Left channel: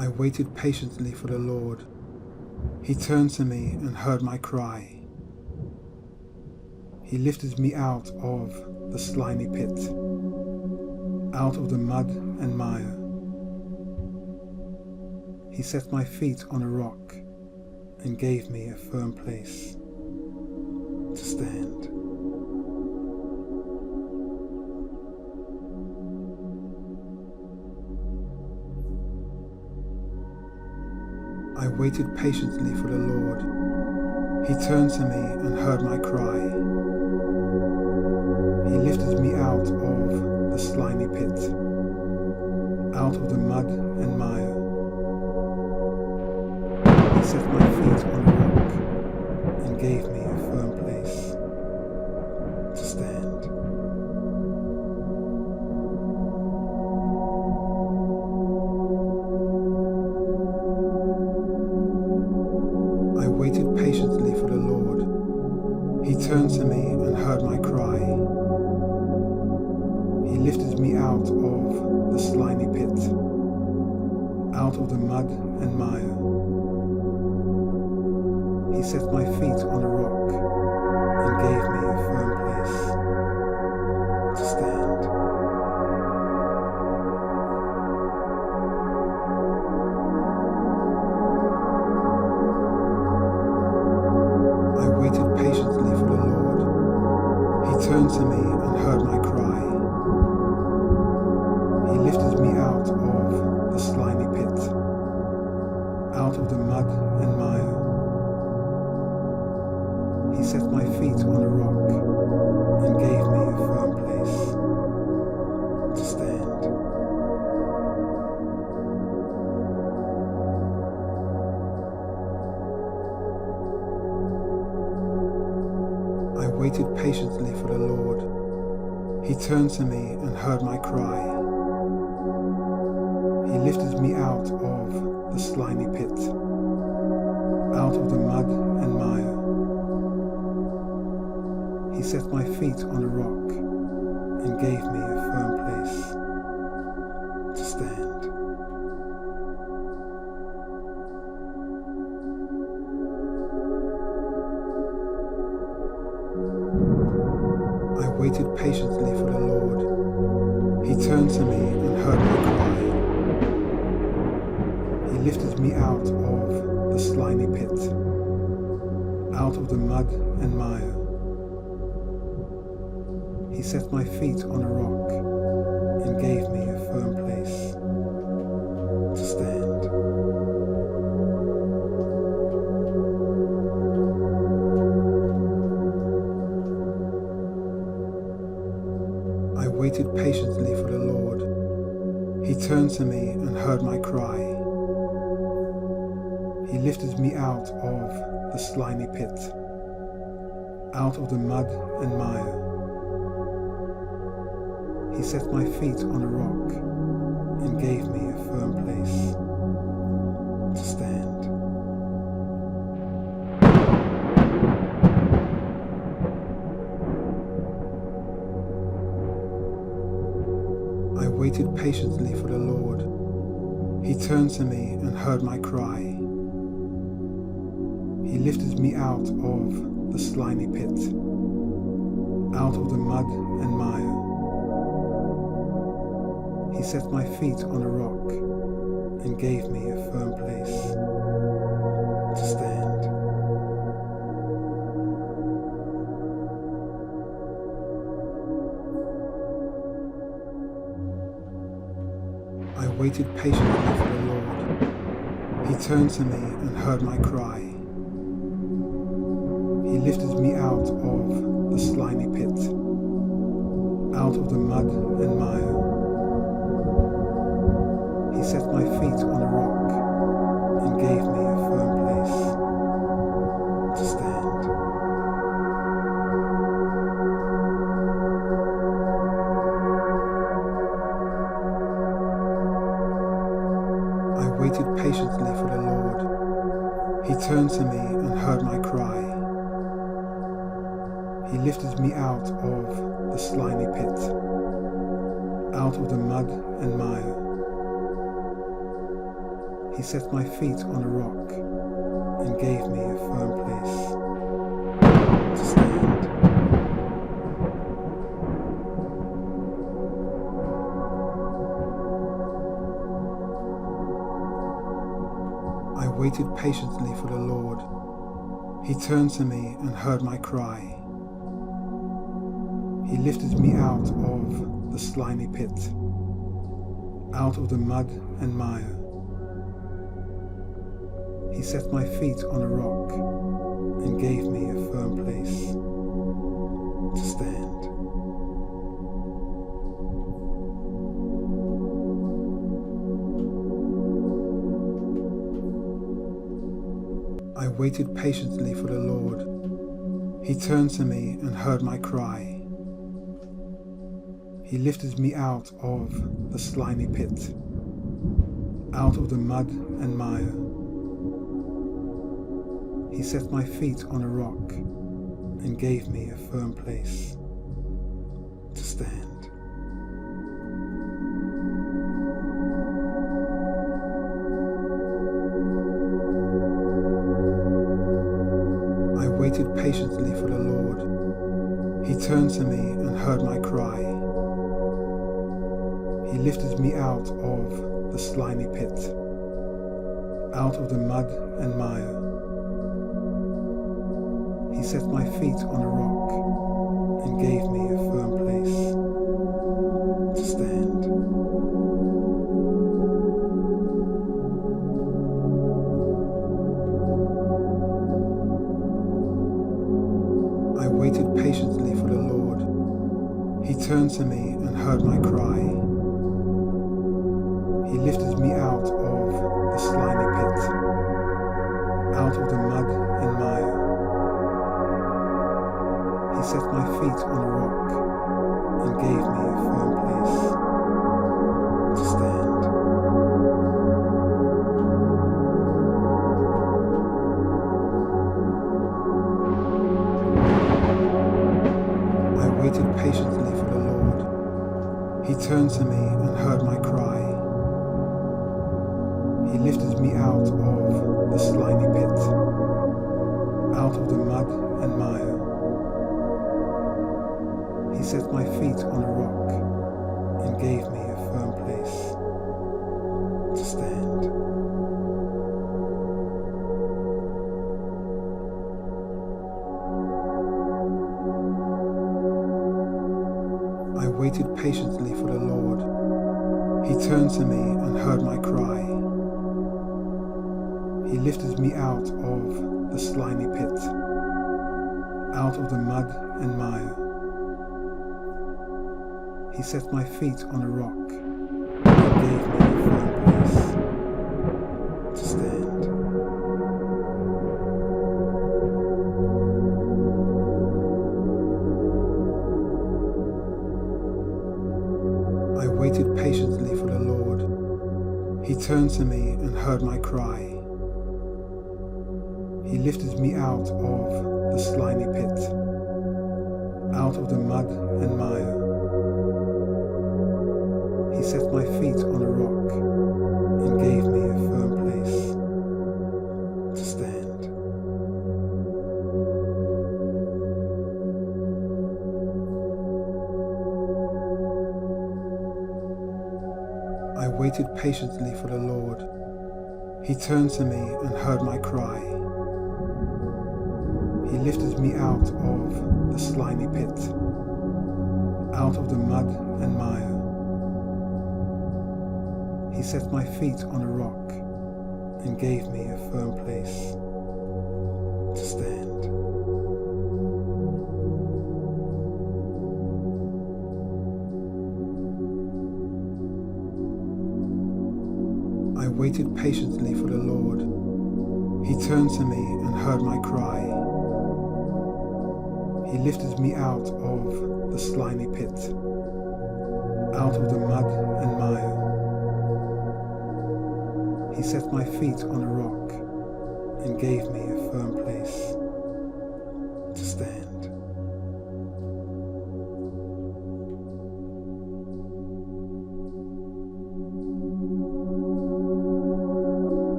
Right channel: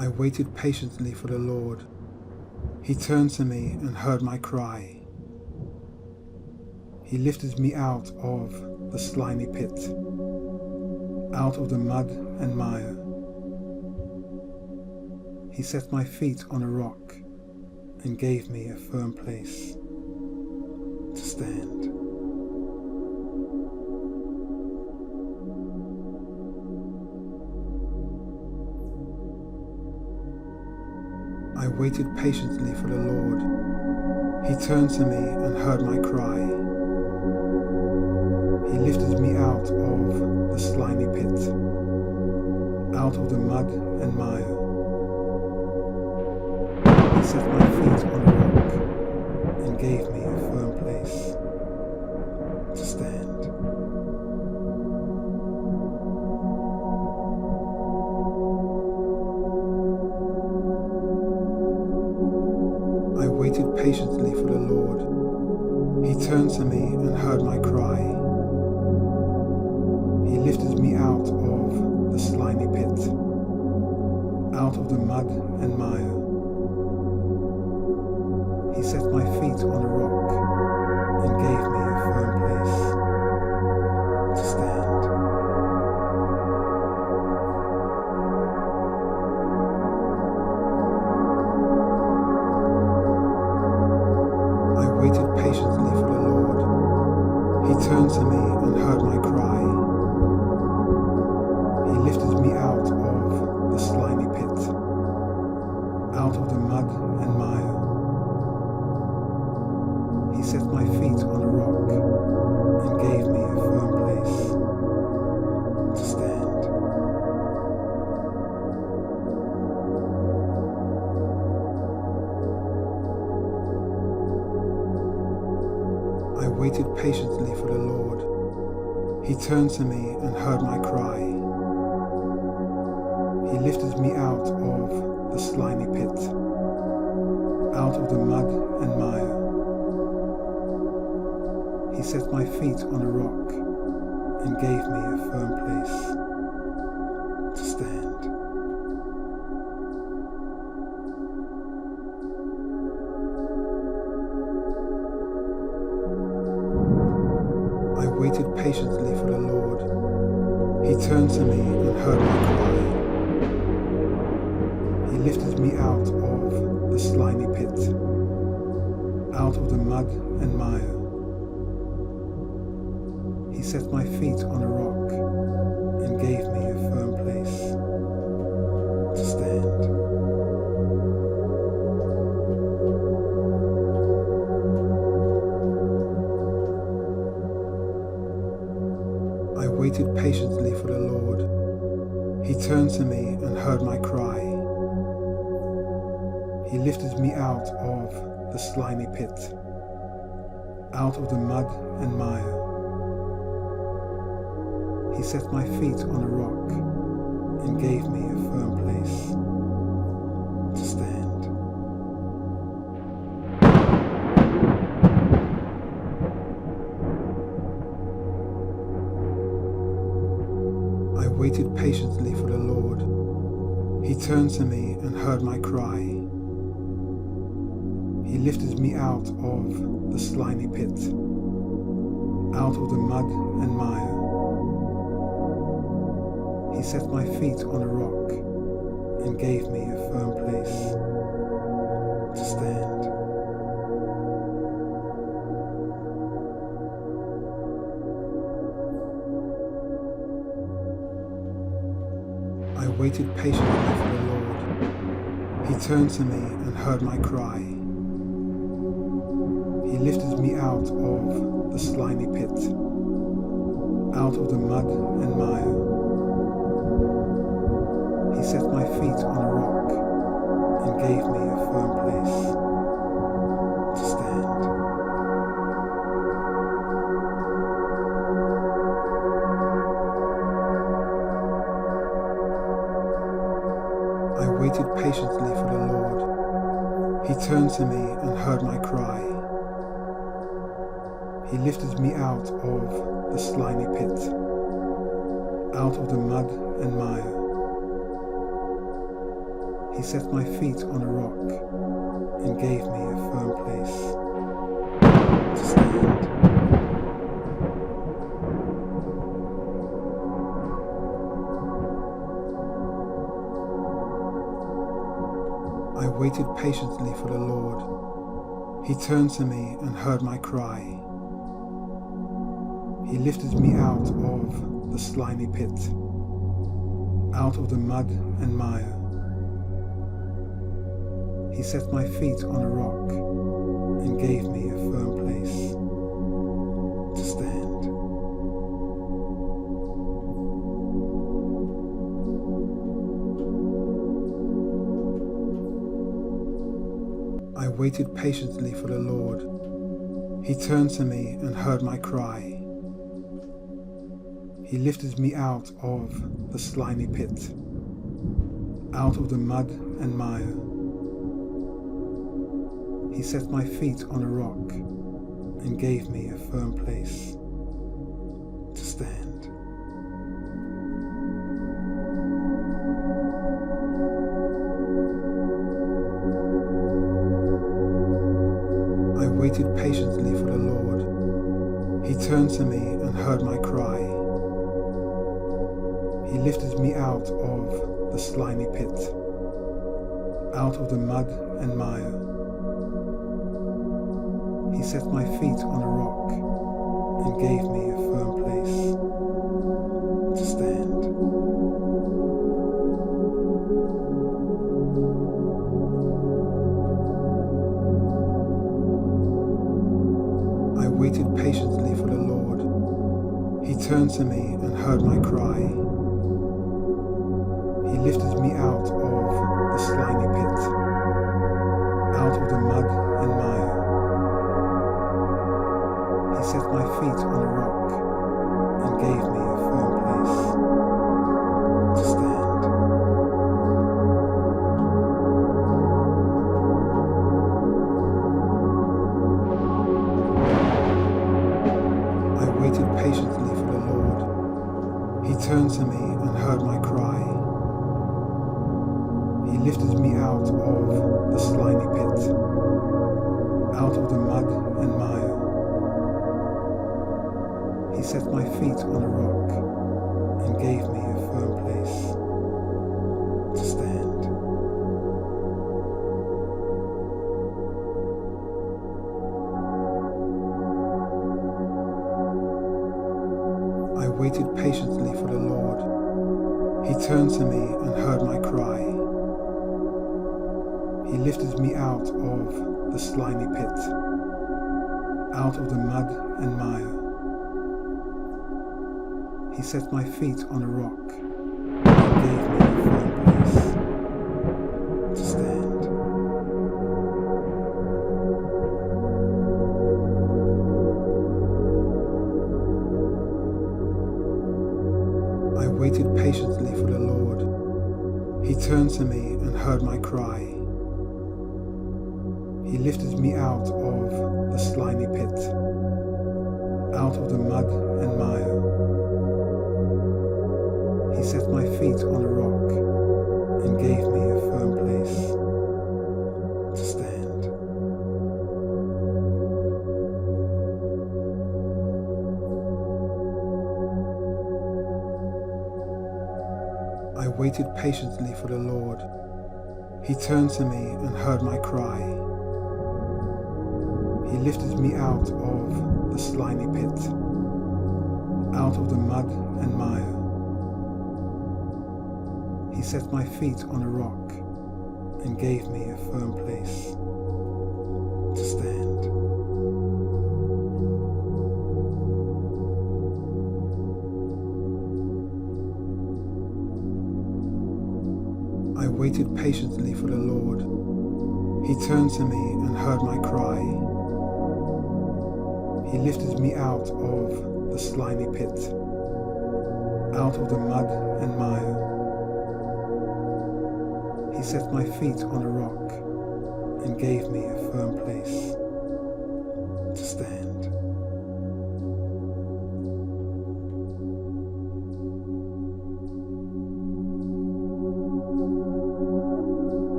I waited patiently for the Lord. He turned to me and heard my cry. He lifted me out of the slimy pit, out of the mud and mire. He set my feet on a rock and gave me a firm place to stand. I waited patiently for the Lord. He turned to me and heard my cry. He lifted me out of the slimy pit, out of the mud and mire. He set my feet on a rock and gave me a firm place to stand. I waited patiently for the Lord. He turned to me and heard my cry. He lifted me out of the slimy pit, out of the mud and mire. He set my feet on a rock and gave me a firm place to stand. I waited patiently for the Lord. He turned to me and heard my cry. He lifted me out of the slimy pit, out of the mud and mire. He set my feet on a rock and gave me a firm place to stand. I waited patiently for the Lord. He turned to me and heard my cry. He lifted me out of the slimy pit, out of the mud and mire. He set my feet on a rock and gave me a firm place to stand. I waited patiently for the Lord. He turned to me and heard my cry. He lifted me out of the slimy pit, out of the mud and mire. He set my feet on a rock and gave me a firm place to stand. I waited patiently for the Lord. He turned to me and heard my cry. He lifted me out of the slimy pit, out of the mud and mire. He set my feet on a rock and gave me a firm place to stand. I waited patiently for the Lord. He turned to me and heard my cry. He lifted me out of the slimy pit, out of the mud and mire. He set my feet on a rock and gave me a firm place to stand. I waited patiently for the Lord. He turned to me and heard my cry. He lifted me out of the slimy pit, out of the mud and mire. He set my feet on a rock and gave me a firm place to stand. I waited patiently for the Lord. He turned to me and heard my cry. He lifted me out of the slimy pit, out of the mud and mire. He set my feet on a rock and gave me a firm place to stand. I waited patiently for the Lord. He turned to me and heard my cry. He lifted me out of the slimy pit, out of the mud and mire. He set my feet on a rock and gave me a firm place to stand. I waited patiently for the Lord. He turned to me and heard my cry. He lifted me out of the slimy pit, out of the mud and mire. He set my feet on a rock and gave me a firm place to stand. I waited patiently for the Lord. He turned to me and heard my cry. He lifted me out of the slimy pit, out of the mud and mire. He set my feet on a rock and gave me a firm place to stand. I waited patiently for the Lord. He turned to me and heard my cry. He lifted me out of the slimy pit, out of the mud and mire. He set my feet on a rock and gave me a firm place to stand. I waited patiently for the Lord. He turned to me and heard my cry. He lifted me out of the slimy pit, out of the mud and mire. He set my feet on a rock and gave me a firm place to stand. I waited patiently for the Lord. He turned to me and heard my cry. He lifted me out of the slimy pit, out of the mud and mire. He set my feet on a rock and gave me a firm place to stand. I waited patiently for the Lord. He turned to me and heard my cry. He lifted me out of the slimy pit, out of the mud and mire. He set my feet on a rock and gave me a firm place to stand. I waited patiently for the Lord. He turned to me and heard my cry. He lifted me out of the slimy pit, out of the mud and mire. He set my feet on a rock and gave me a firm place to stand. I waited patiently for the Lord. He turned to me and heard my cry. He lifted me out of the slimy pit, out of the mud and mire. He set my feet on a rock and gave me a firm place to stand.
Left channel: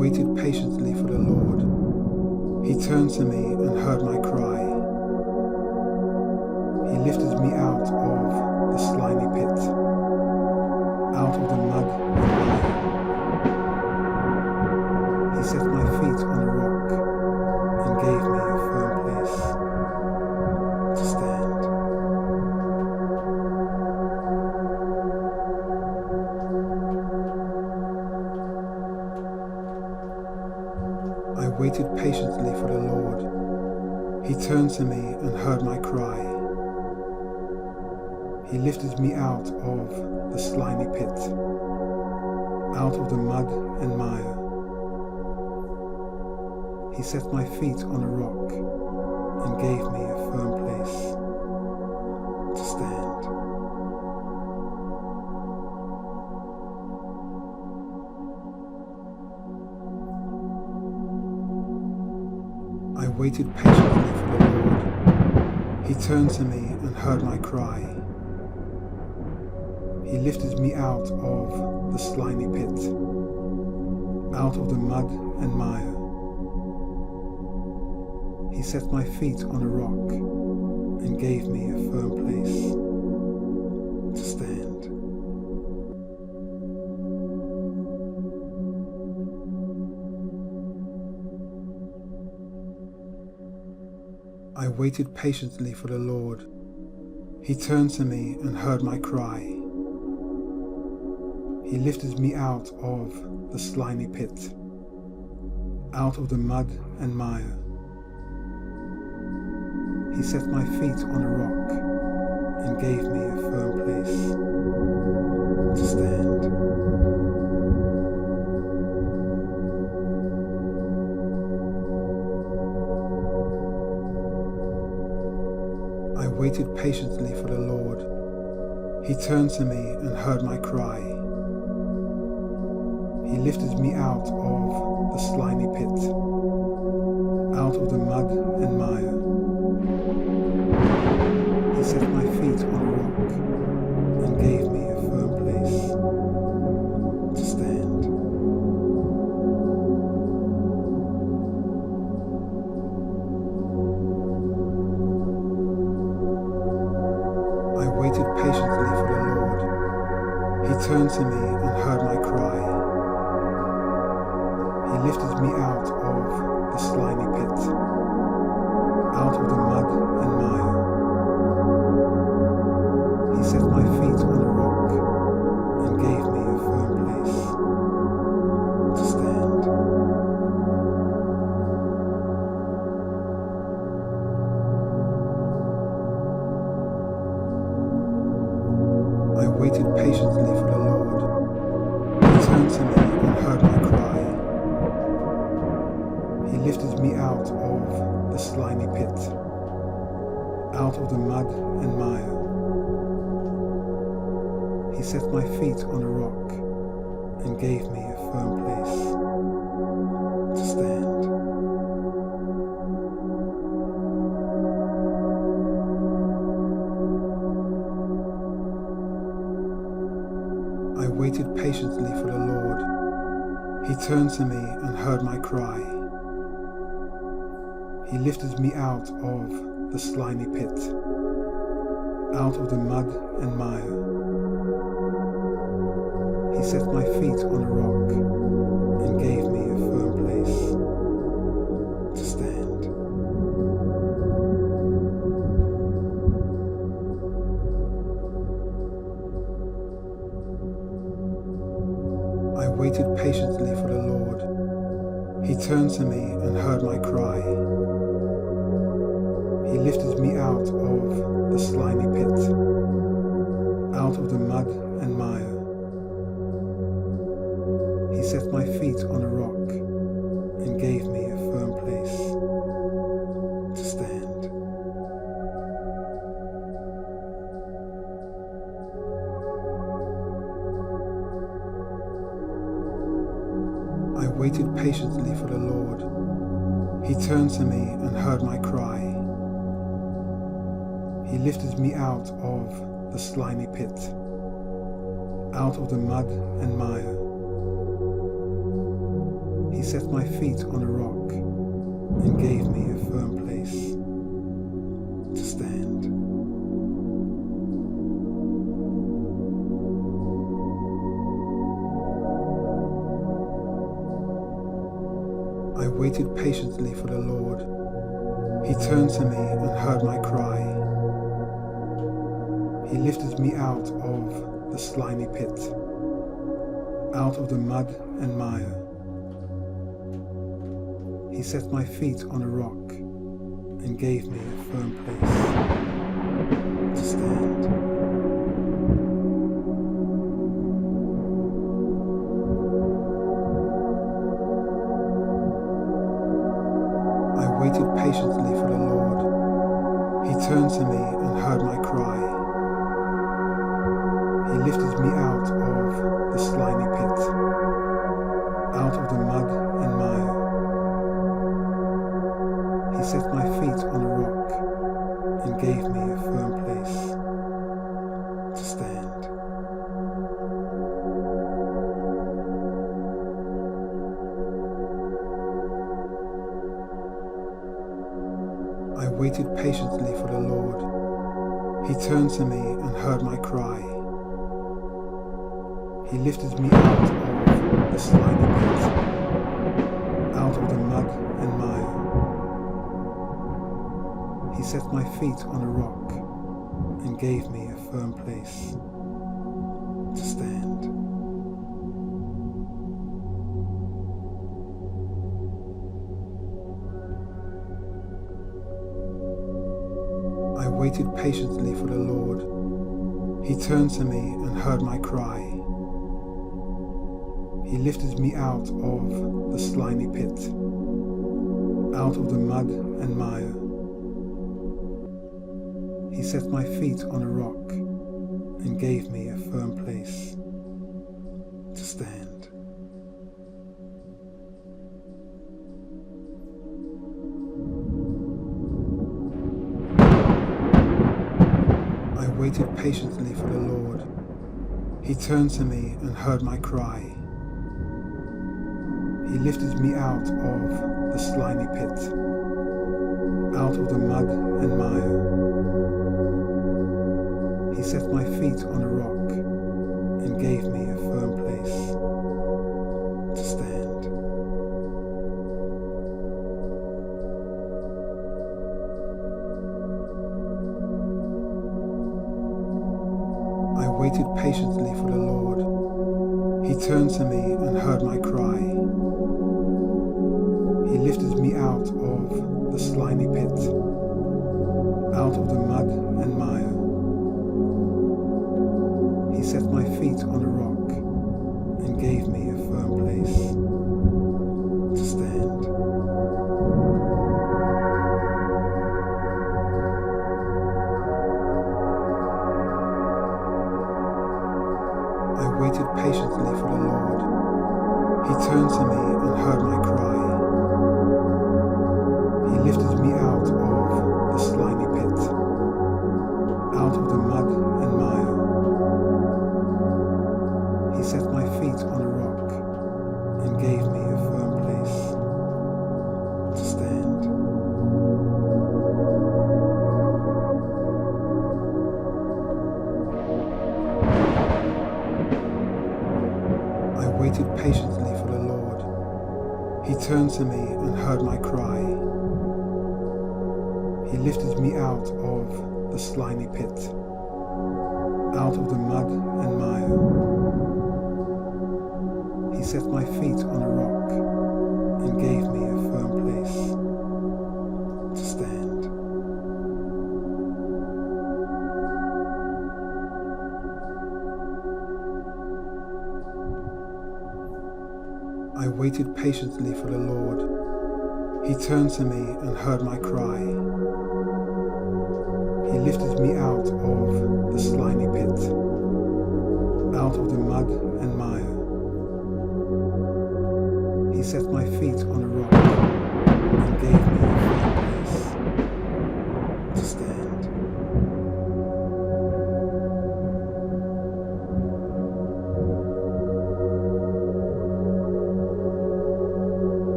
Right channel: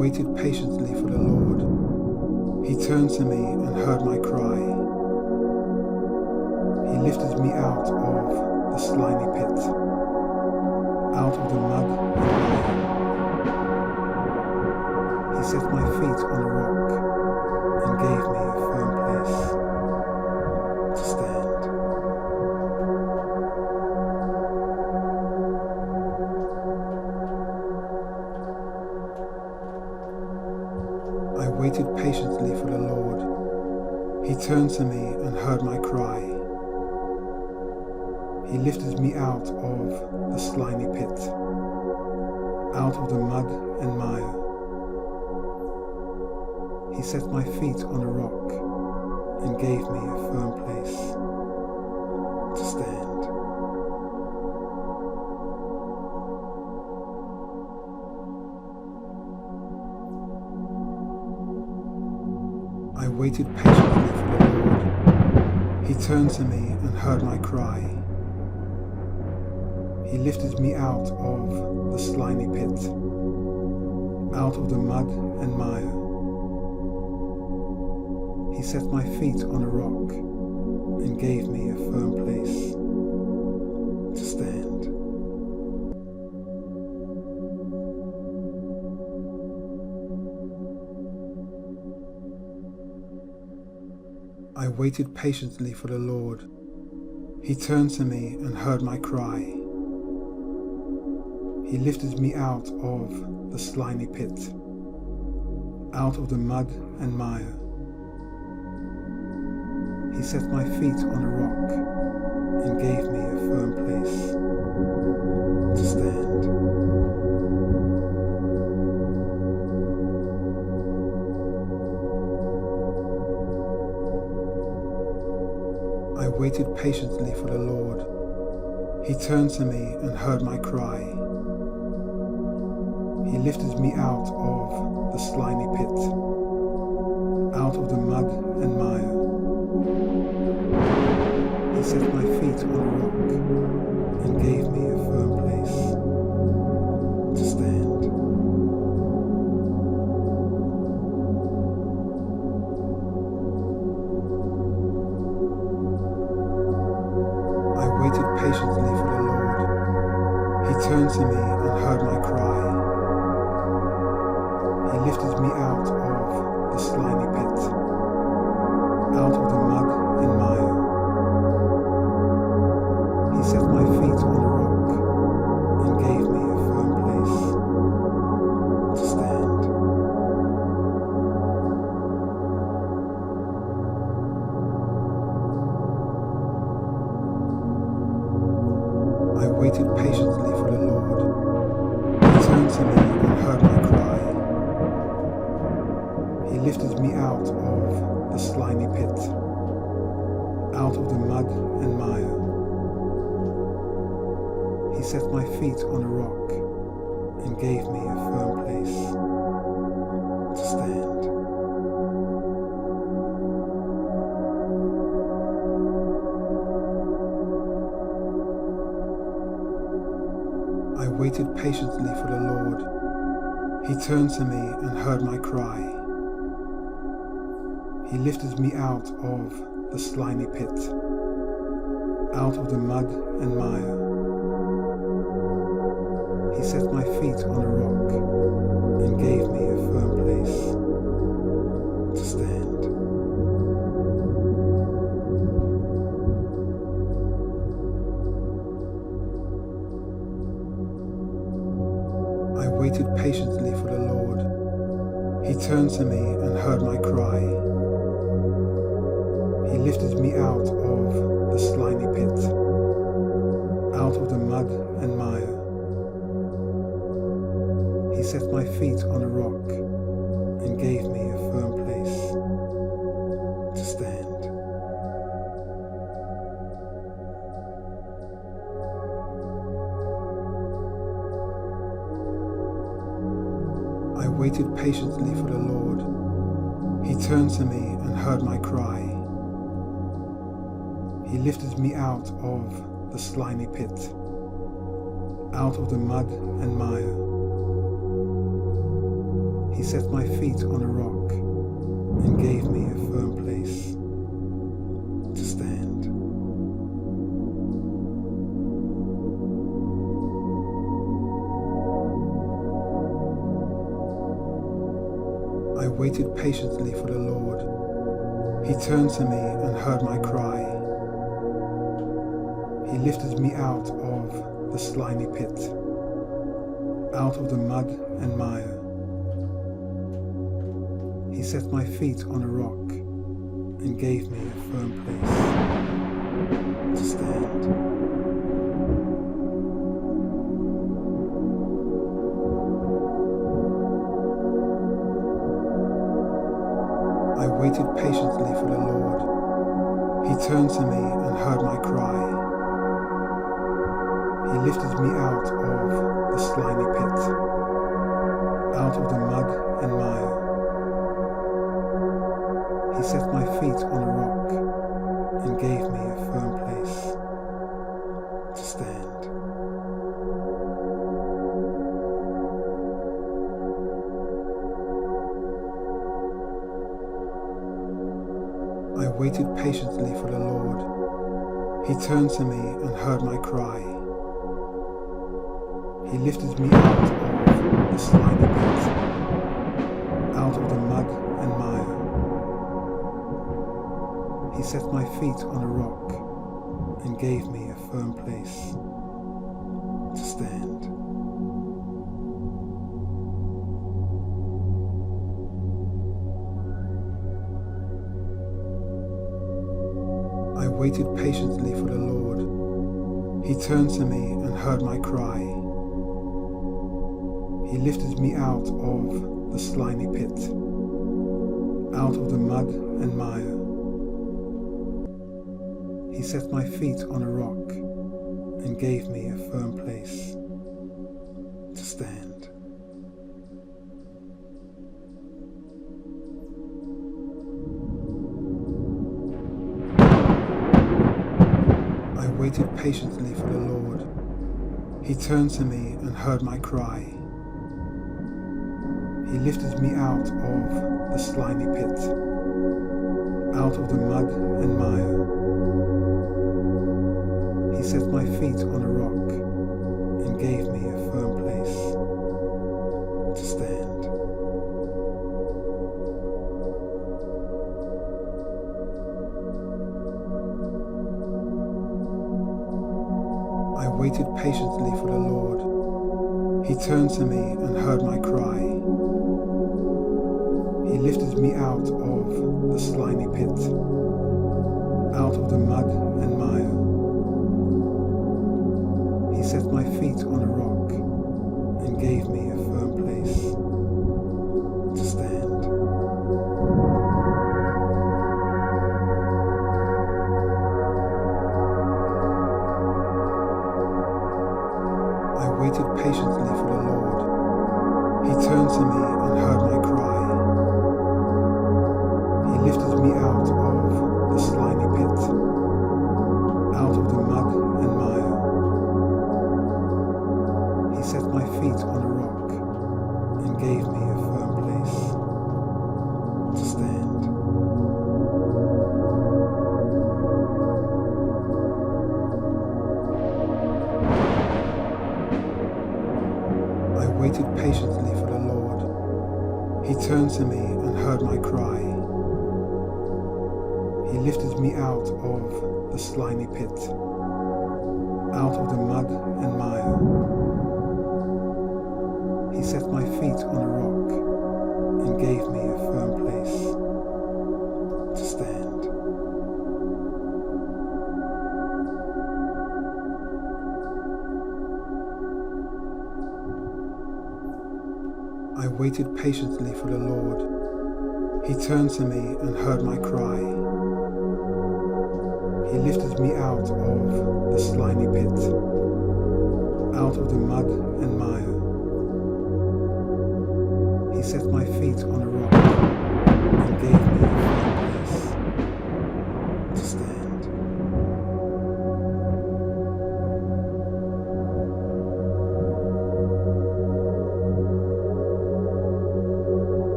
waited patiently for the Lord. He turned to me and heard my cry. He lifted me out of the slimy pit, out of the mud and mire. He set my feet on a rock and gave me a firm place to stand. I waited patiently for the Lord. He turned to me and heard my cry. He lifted me out of the slimy pit, out of the mud and mire. He set my feet on a rock and gave me a firm place to stand. I waited patiently for the Lord. He turned to me and heard my cry. He lifted me out of the slimy pit, out of the mud and mire. He set my feet on a rock and gave me a firm place to stand. I waited patiently for the Lord. He turned to me and heard my cry. He lifted me out of the slimy pit, out of the mud and mire. He set my feet on a rock and gave me a firm place to stand. I waited patiently for the Lord. He turned to me and heard my cry. He lifted me out of the slimy pit, out of the mud and mire. He set my feet on a rock and gave me a firm place to stand. I waited patiently for the Lord. He turned to me and heard my cry. He lifted me out of the slimy pit, out of the mud and mire. He set my feet on a rock and gave me a firm place to stand. I waited patiently for the Lord. He turned to me and heard my cry. He lifted me out of the slimy pit, out of the mud and mire. He set my feet on a rock and gave me a firm place to stand. I waited patiently for the Lord. He turned to me and heard my cry. He lifted me out of the slimy pit, out of the mud and mire. He set my feet on a rock and gave me a firm place to stand. I waited patiently for the Lord. He turned to me and heard my cry. He lifted me out of the slimy pit, out of the mud and mire. He set my feet on a rock and gave me a firm place to stand. I waited patiently for the Lord. He turned to me and heard my cry. He lifted me out of the slimy pit, out of the mud and mire. He He set my feet on a rock and gave me a firm place to stand. I waited patiently for the Lord. He turned to me and heard my cry. He lifted me out of the slimy pit, out of the mud and mire. He set my feet on a rock and gave me a firm place to stand. I waited patiently for the Lord. He turned to me and heard my cry. He lifted me out of the slimy pit, out of the mud and mire. He set my feet on a rock and gave me a firm place to stand. I waited patiently for the Lord. He turned to me and heard my cry. He lifted me out of the slimy pit, out of the mud and mire. He set my feet on a rock and gave me a firm place to stand. I waited patiently for the Lord. He turned to me and heard my cry. He lifted me out of the slimy pit, out of the mud and mire. He set my feet on a rock and gave me a firm place to stand. I waited patiently for the Lord. He turned to me and heard my cry. He lifted me out of the slimy pit, out of the mud and mire. He set my feet on a rock and gave me a firm place to stand. I waited patiently for the Lord. He turned to me and heard my cry. He lifted me out of the slimy pit, out of the mud and mire. He set my feet on a rock and gave me a firm place to stand. I waited patiently for the Lord. He turned to me and heard my cry. He lifted me out of the slimy pit, out of the mud and mire. He set my feet on a rock and gave me a firm place to stand. I waited patiently for the Lord. He turned to me and heard my cry. He lifted me out of the slimy pit, out of the mud and mire. He set my feet on a rock and gave me a firm place to stand. I waited patiently for the Lord. He turned to me and heard my cry. He lifted me out of the slimy pit, out of the mud and mire. He set my feet on a rock and gave me a firm place to stand.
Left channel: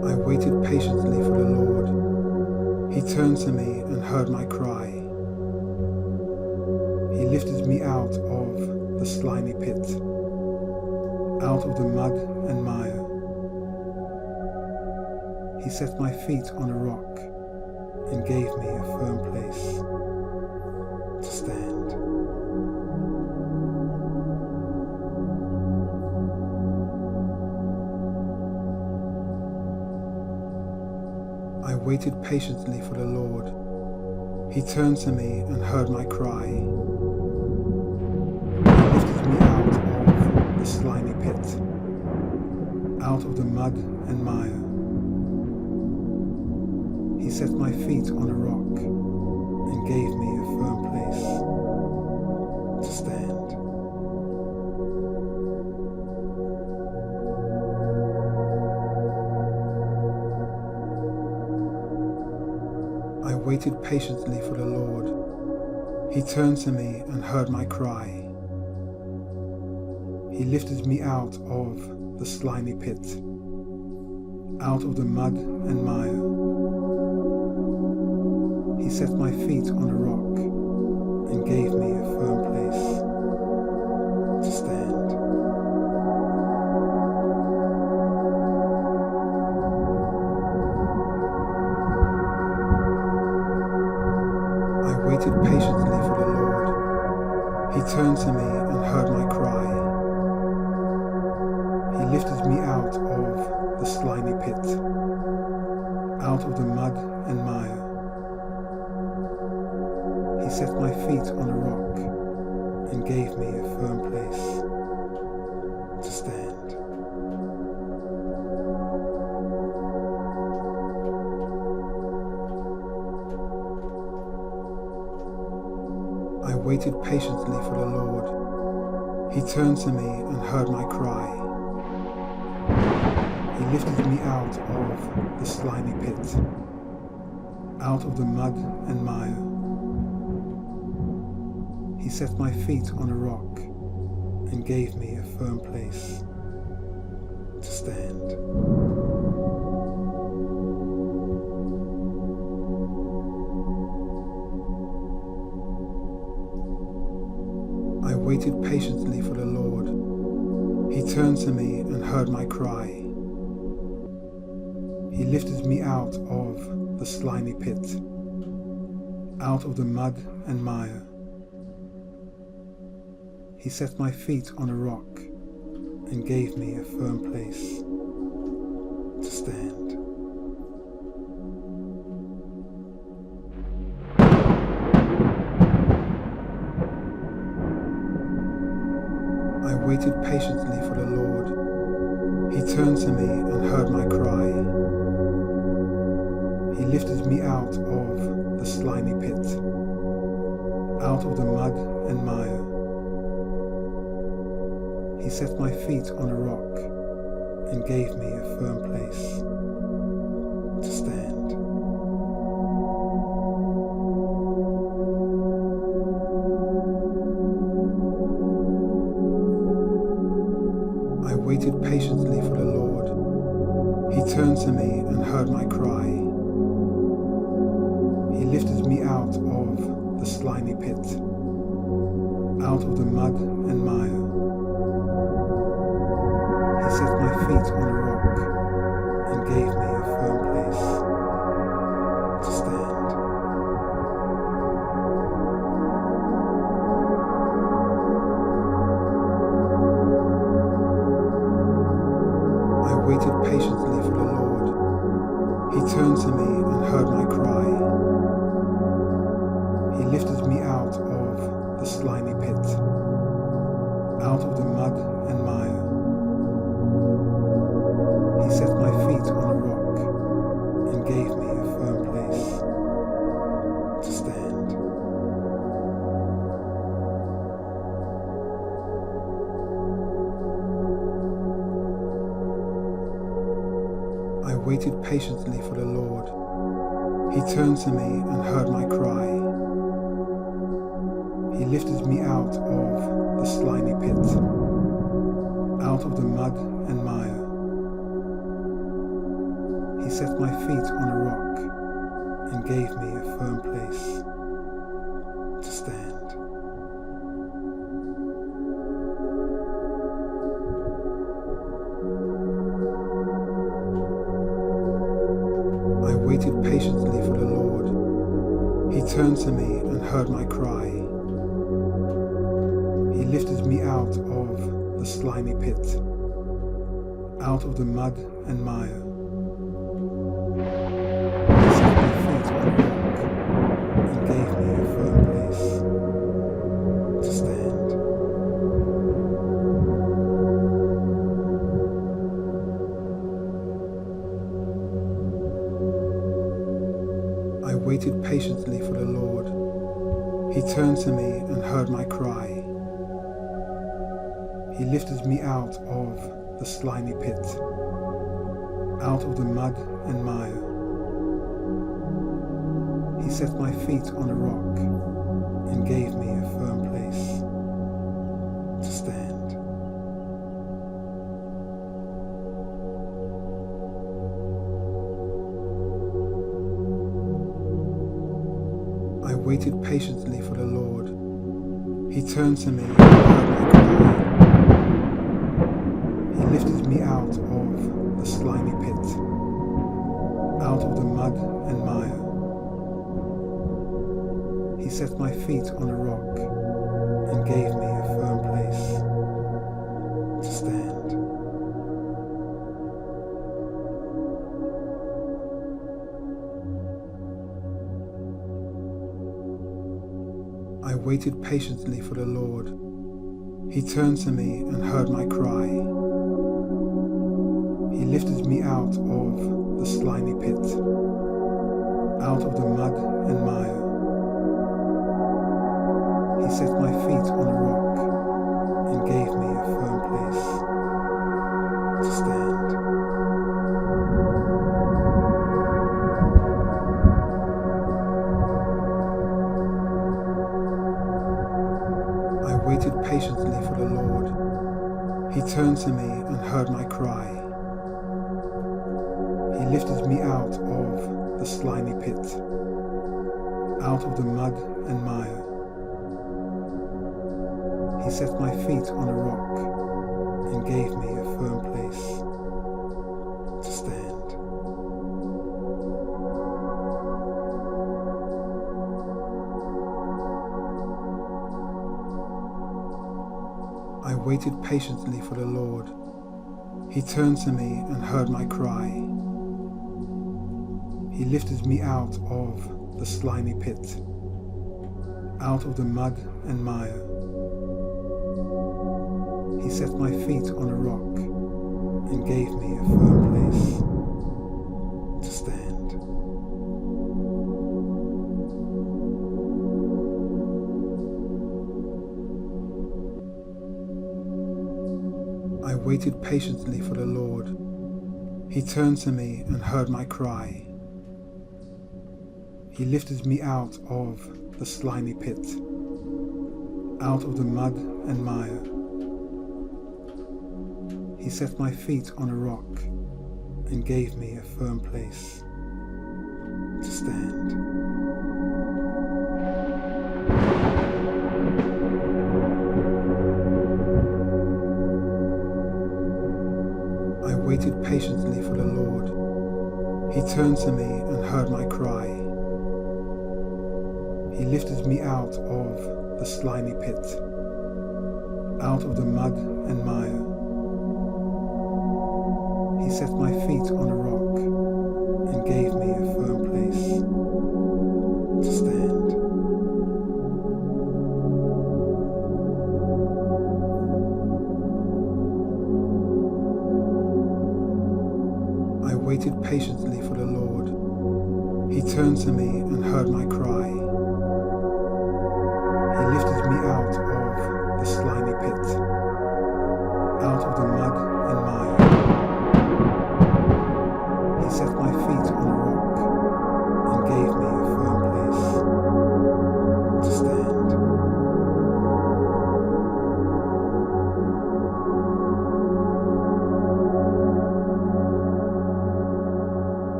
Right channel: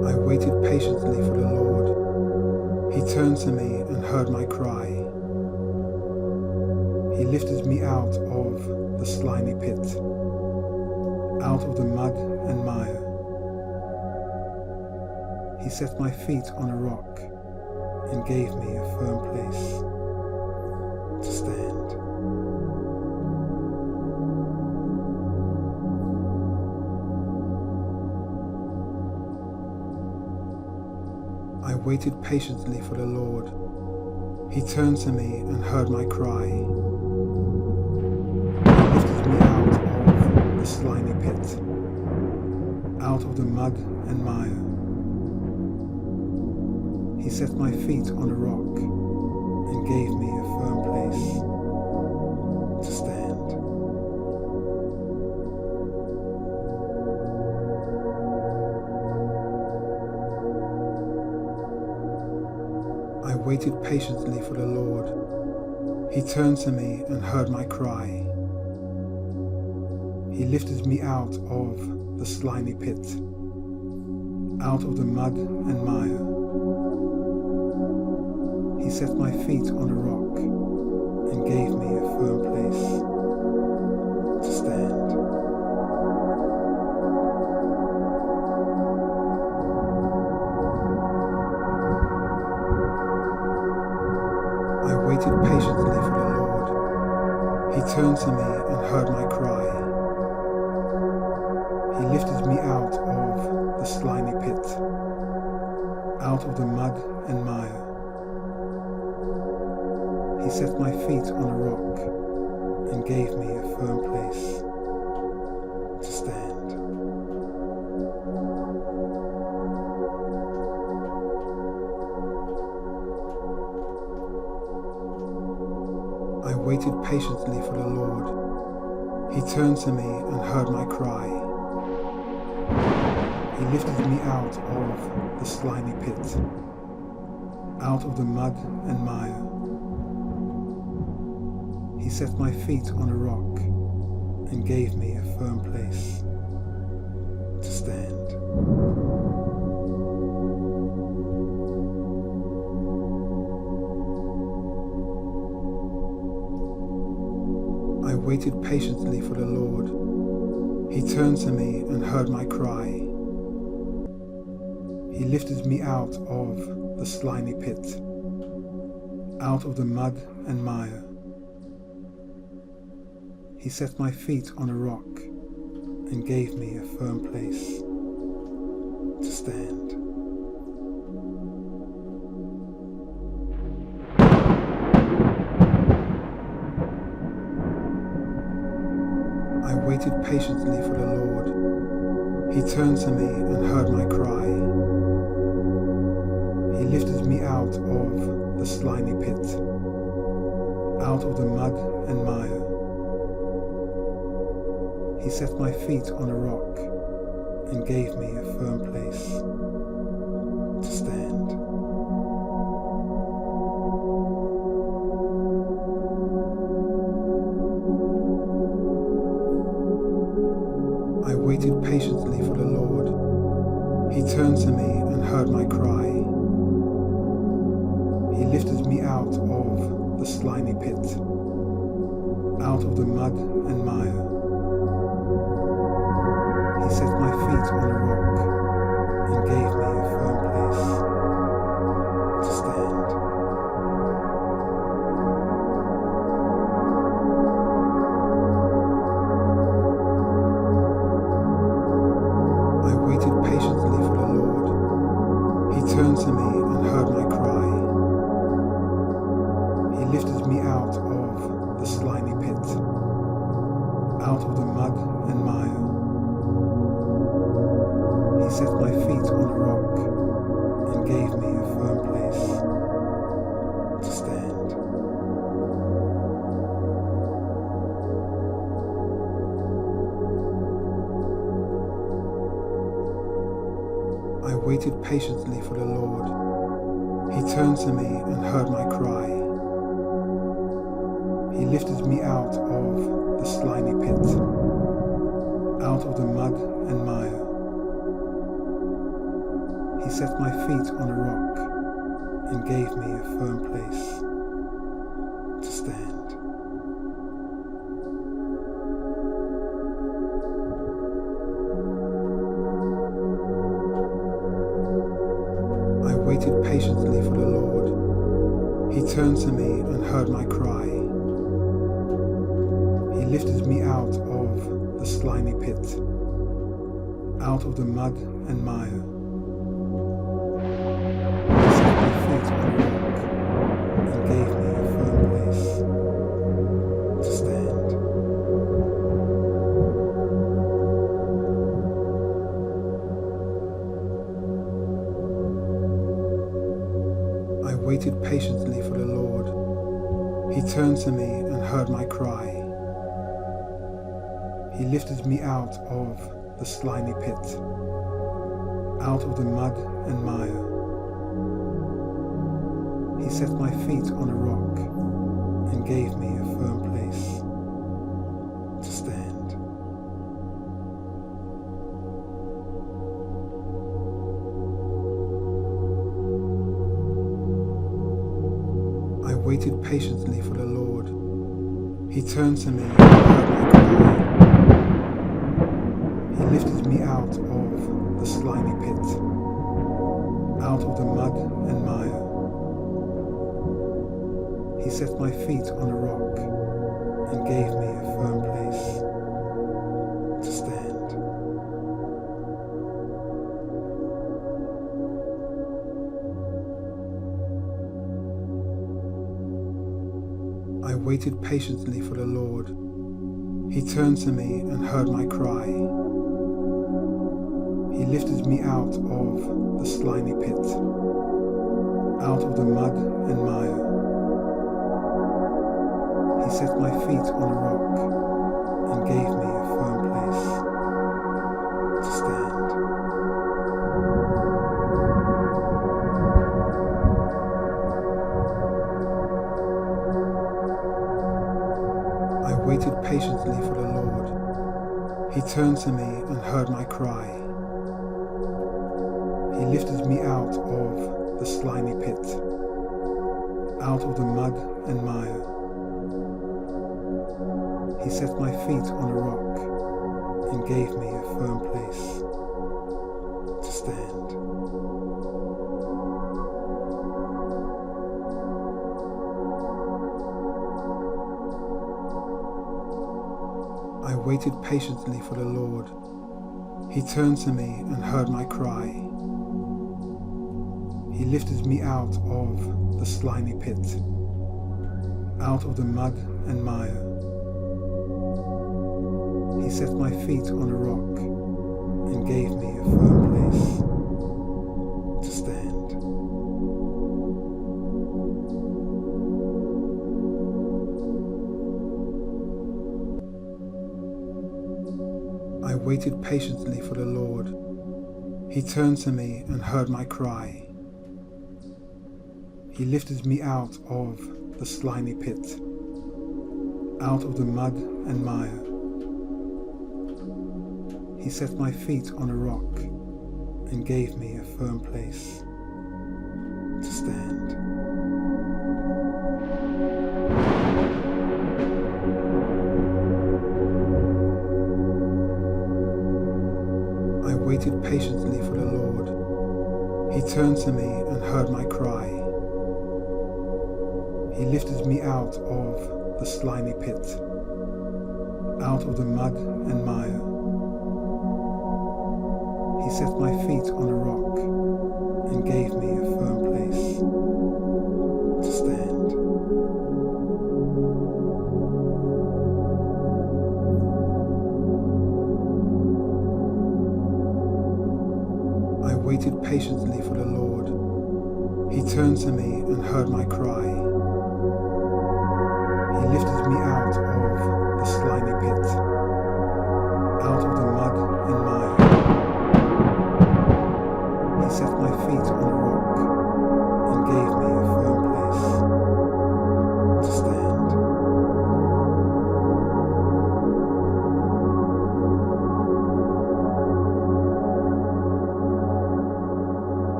waited patiently for the Lord. He turned to me and heard my cry. He lifted me out of the slimy pit, out of the mud and mire. He set my feet on a rock and gave me a firm place to stand. I waited patiently for the Lord. He turned to me and heard my cry. He lifted me out of the slimy pit, out of the mud and mire. He set my feet on a rock and gave me a firm place to stand. I waited patiently for the Lord. He turned to me and heard my cry. He lifted me out of the slimy pit, out of the mud and mire. He set my feet on a rock and gave me a firm place to stand. I waited patiently for the Lord. He turned to me and heard my cry. He lifted me out of the slimy pit, out of the mud and mire. He set my feet on a rock and gave me a firm place to stand. I waited patiently for the Lord. He turned to me and heard my cry. He lifted me out of the slimy pit, out of the mud and mire. He set my feet on a rock and gave me a firm place to stand. I waited patiently for the Lord. He turned to me and heard my cry. He lifted me out of the slimy pit, out of the mud and mire. He set my feet on a rock and gave me a firm place to stand. I waited patiently for the Lord. He turned to me and heard my cry. He lifted me out of the slimy pit, out of the mud and mire. He set my feet on a rock and gave me a firm place to stand. I waited patiently for the Lord. He turned to me and heard my cry. He lifted me out of the slimy pit, out of the mud and mire. He set my feet on a rock and gave me a firm place to stand. I waited patiently for the Lord. He turned to me and heard my cry. He lifted me out of the slimy pit, out of the mud and mire. He set my feet on a rock and gave me a firm place to stand. I waited patiently for the Lord. He turned to me and heard my cry. He lifted me out of the slimy pit, out of the mud and mire. He set my feet on a rock and gave me a firm place to stand. I waited patiently for the Lord. He turned to me and heard my cry. He lifted me out of the slimy pit, out of the mud and mire. He set my feet on a rock and gave me a firm place to stand. I waited patiently for the Lord. He turned to me and heard my cry. He lifted me out of the slimy pit, out of the mud and mire. He set my feet on a rock and gave me a firm place to stand. I waited patiently for the Lord. He turned to me and heard my cry. He lifted me out of the slimy pit, out of the mud and mire. He set my feet on a rock and gave me a firm place to stand. I waited patiently for the Lord. He turned to me and heard my cry. He lifted me out of the slimy pit, out of the mud and mire. He set my feet on a rock and gave me a firm place to stand. I waited patiently for the Lord. He turned to me and heard my cry. He lifted me out of the slimy pit, out of the mud and mire. He set my feet on a rock and gave me a firm place to stand. I waited patiently for the Lord. He turned to me and heard my cry. He lifted me out of the slimy pit, out of the mud and mire. He set my feet on a rock and gave me a firm place to stand. I waited patiently for the Lord. He turned to me and heard my cry. He lifted me out of the slimy pit, out of the mud and mire. He set my feet on a rock and gave me a firm place to stand. I waited patiently for the Lord. He turned to me and heard my cry. He lifted me out of the slimy pit, out of the mud and mire. He set my feet on a rock and gave me a firm place to stand. I waited patiently for the Lord. He turned to me and heard my cry. He lifted me out of the slimy pit, out of the mud and mire. He set my feet on a rock and gave me a firm place to stand.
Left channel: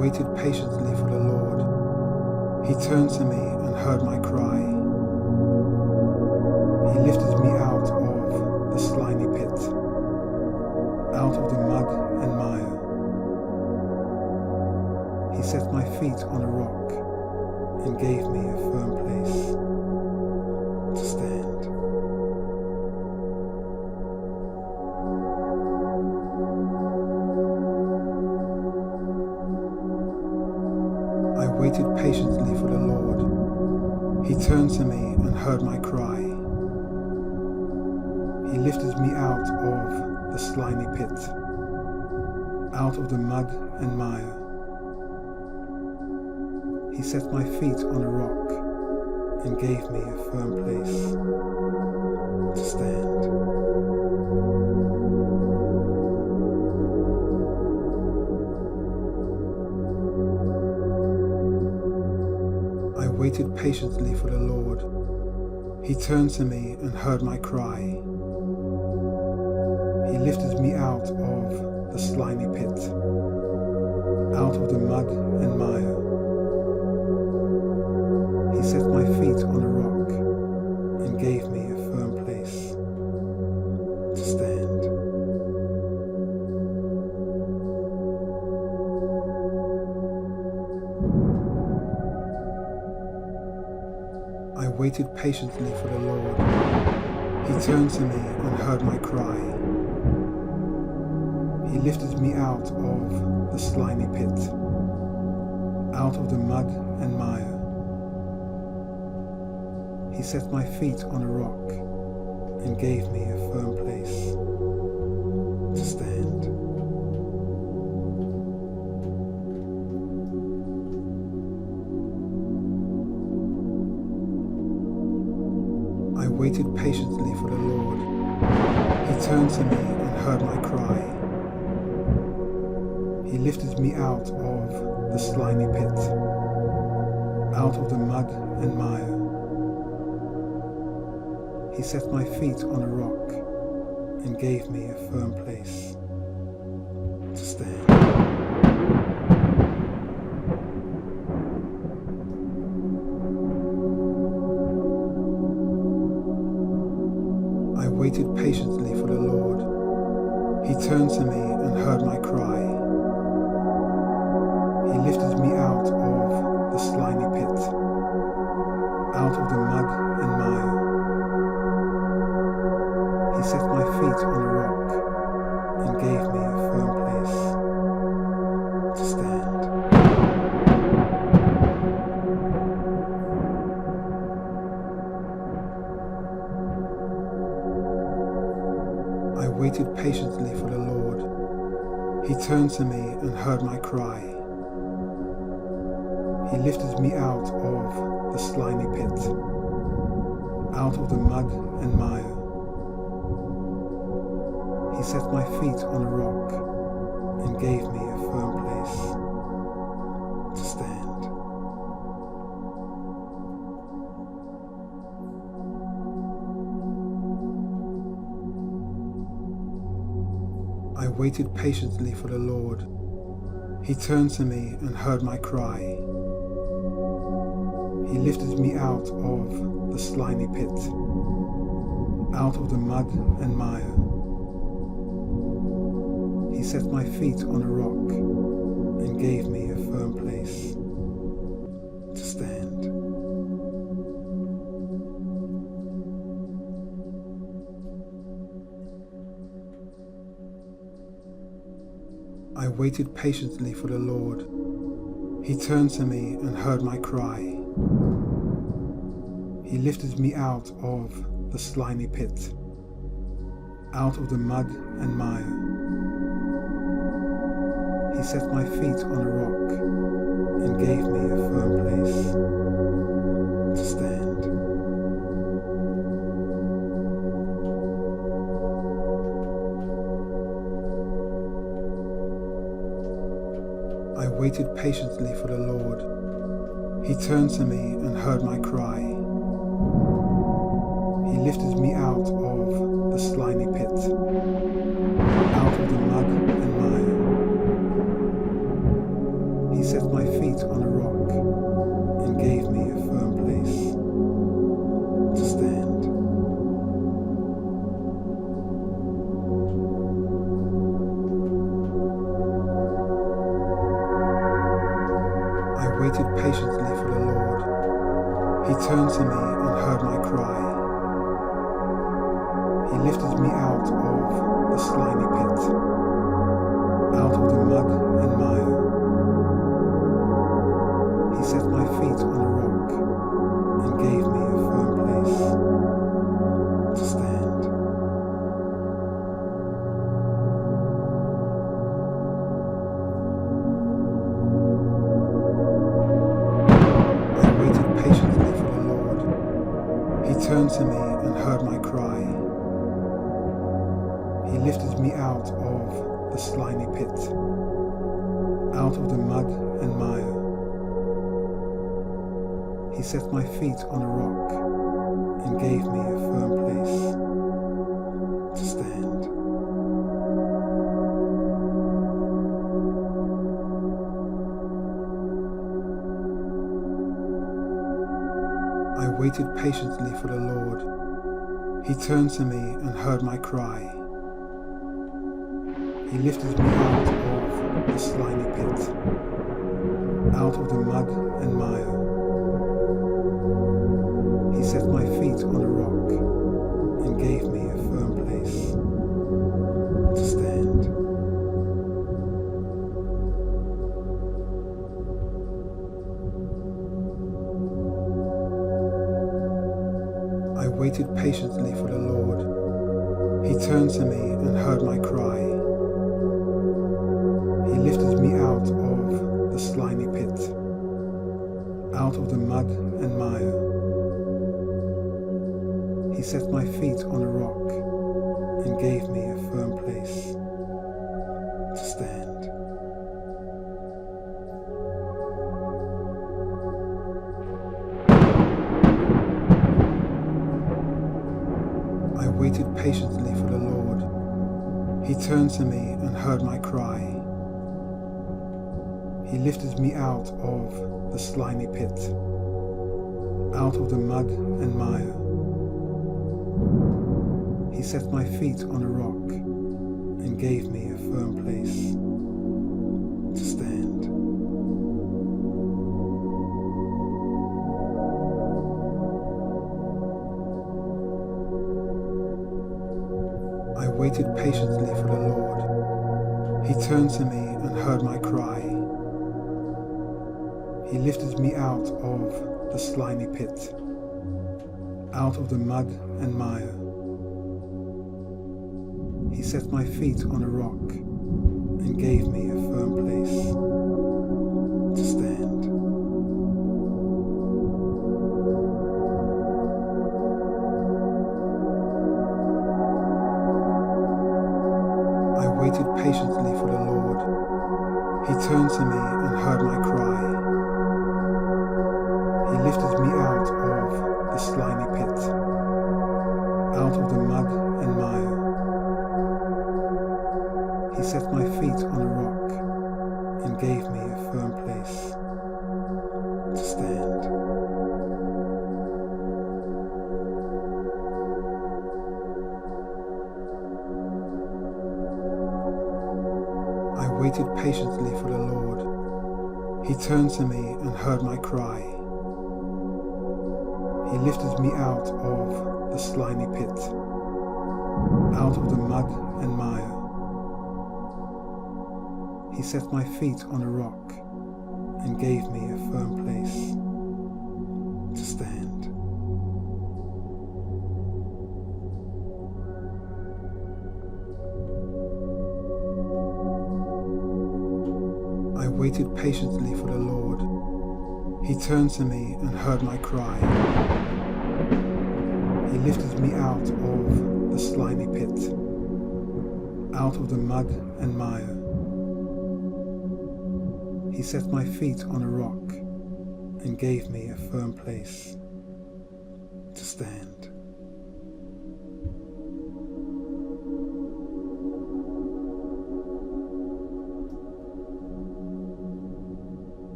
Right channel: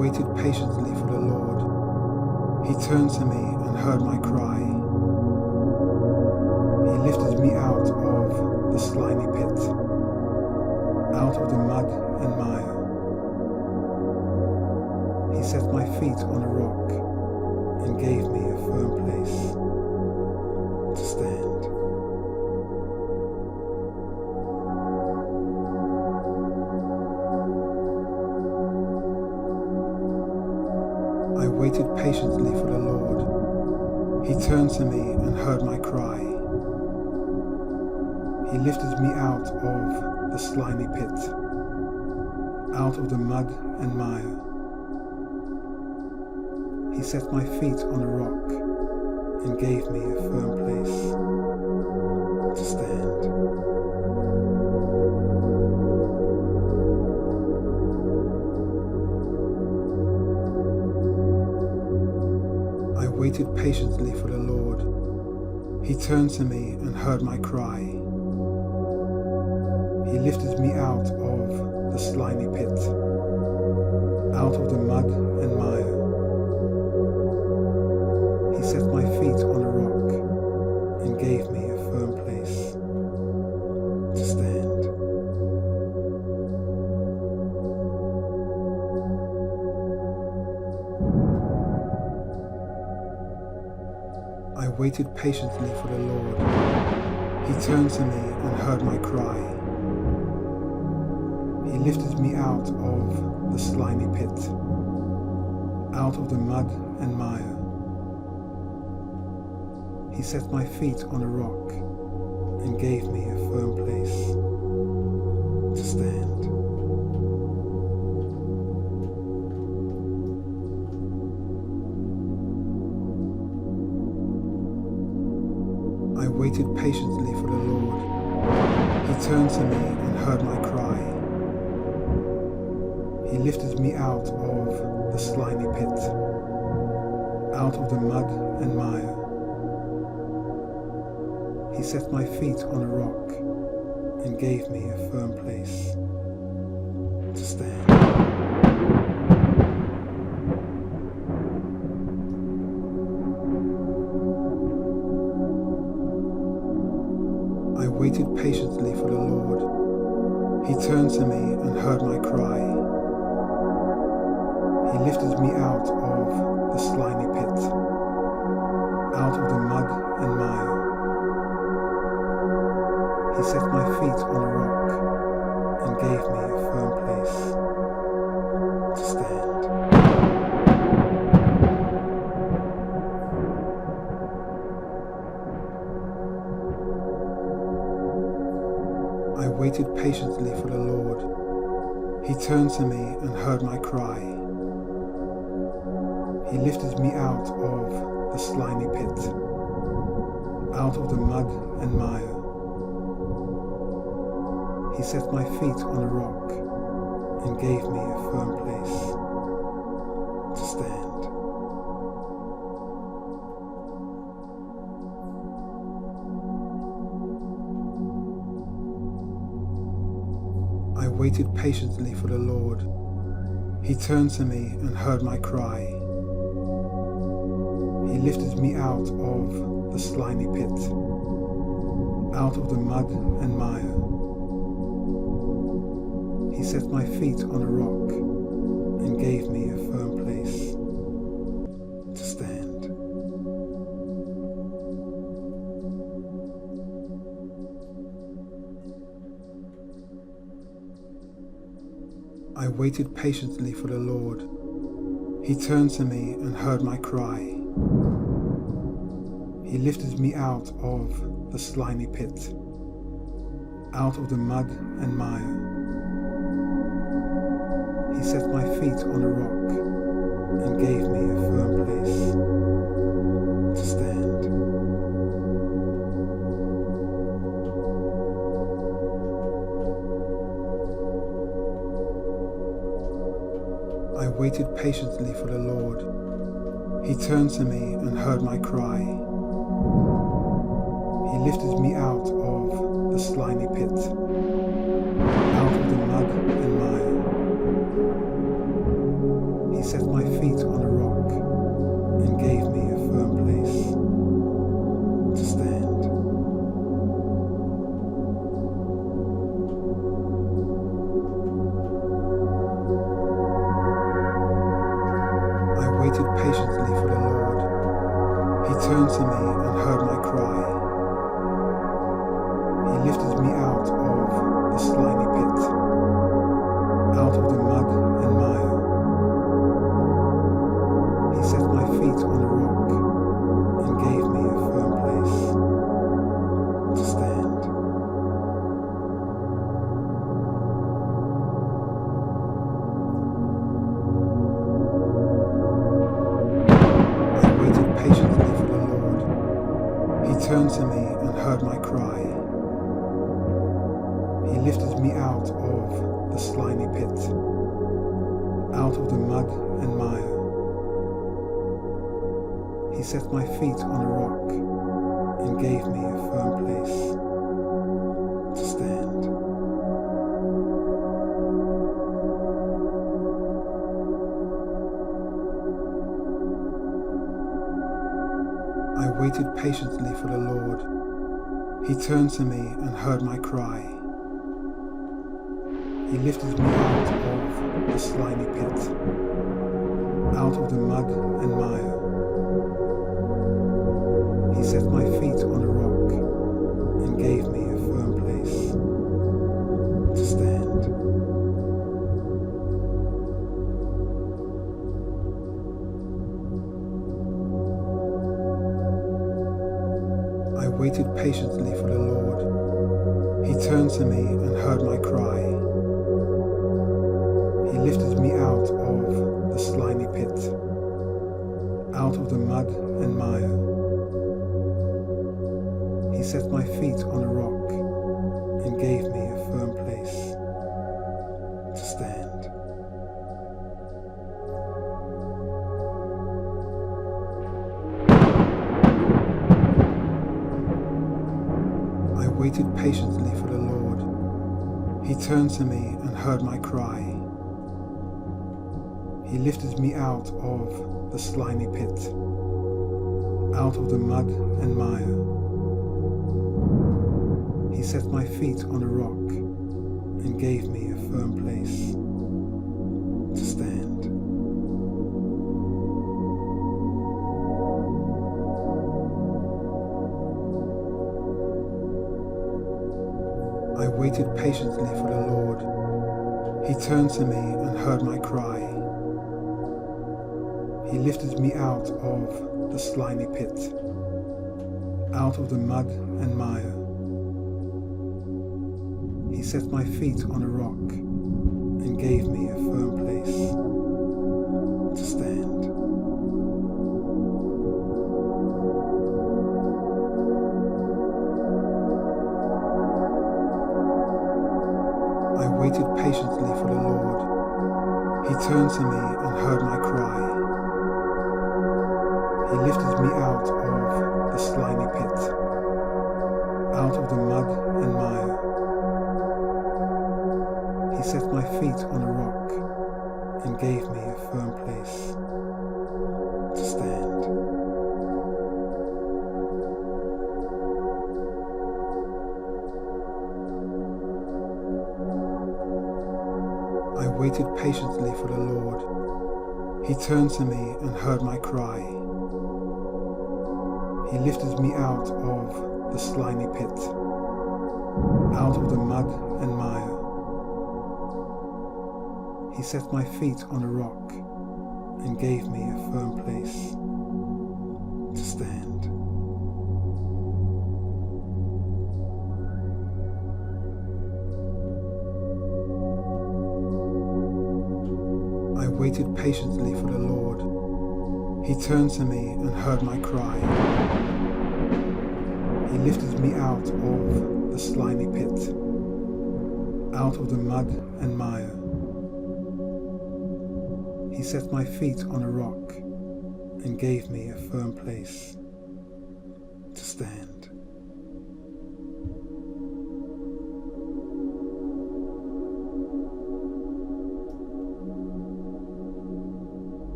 waited patiently for the Lord. He turned to me and heard my cry. He lifted me out of the slimy pit, out of the mud and mire. He set my feet on a rock and gave me a firm place to stand. I waited patiently for the Lord. He turned to me and heard my cry. He lifted me out of the slimy pit, out of the mud and mire. He set my feet on a rock and gave me a firm place to stand. I waited patiently for the Lord. He turned to me and heard my cry. He lifted me out of the slimy pit, out of the mud and mire. He set my feet on a rock and gave me a firm place to stand. I waited patiently for the Lord. He turned to me and heard my cry. He lifted me out of the slimy pit, out of the mud and mire. He set my feet on a rock and gave me a firm place to stand. I waited patiently for the Lord. He turned to me and heard my cry. He lifted me out of the slimy pit, out of the mud and mire. He set my feet on a rock and gave me a firm place to stand. I waited patiently for the Lord. He turned to me and heard my cry. He lifted me out of the slimy pit, out of the mud and mire. He set my feet on a rock and gave me a firm place to stand. I waited patiently for the Lord. He turned to me and heard my cry. He lifted me out of the slimy pit, out of the mud and mire. He set my feet on a rock and gave me a firm place to stand. I waited patiently for the Lord. He turned to me and heard my cry. He lifted me out of the slimy pit, out of the mud and mire. He set my feet on a rock and gave me a firm place to stand. I waited patiently for the Lord. He turned to me and heard my cry. He lifted me out of the slimy pit, out of the mud and mire. He set my feet on a rock and gave me a firm place to stand. I waited patiently for the Lord. He turned to me and heard my cry. He lifted me out of the slimy pit, out of the mud and mire. He He set my feet on a rock and gave me a firm place to stand. I waited patiently for the Lord. He turned to me and heard my cry. He lifted me out of the slimy pit, out of the mud and mire. He set my feet on a rock and gave me a firm place to stand. I waited patiently for the Lord. He turned to me and heard my cry. He lifted me out of the slimy pit, out of the mud and mire. He set my feet on a rock and gave me a firm place to stand. I waited patiently for the Lord. He turned to me and heard my cry. He lifted me out of the slimy pit, out of the mud and mire. He set my feet on a rock and gave me a firm place to stand. I waited patiently for the Lord. He turned to me and heard my cry. He lifted me out of the slimy pit, out of the mud and mire. He set my feet on a rock and gave me a firm place to stand. I waited patiently for the Lord. He turned to me and heard my cry. He lifted me out of the slimy pit, out of the mud and mire. He set my feet on a rock and gave me a firm place to stand. I waited patiently for the Lord. He turned to me and heard my cry. He lifted me out of the slimy pit, out of the mud and mire. He set my feet on a rock and gave me a firm place to stand. I waited patiently for the Lord. He turned to me and heard my cry. He lifted me out of the slimy pit, out of the mud and mire. He set my feet on a rock and gave me a firm place to stand. I waited patiently for the Lord. He turned to me and heard my cry. He lifted me out of the slimy pit, out of the mud and mire. He set my feet on a rock and gave me a firm place to stand. I waited patiently for the Lord. He turned to me and heard my cry. He lifted me out of the slimy pit, out of the mud and mire. He set my feet on a rock and gave me a firm place to stand.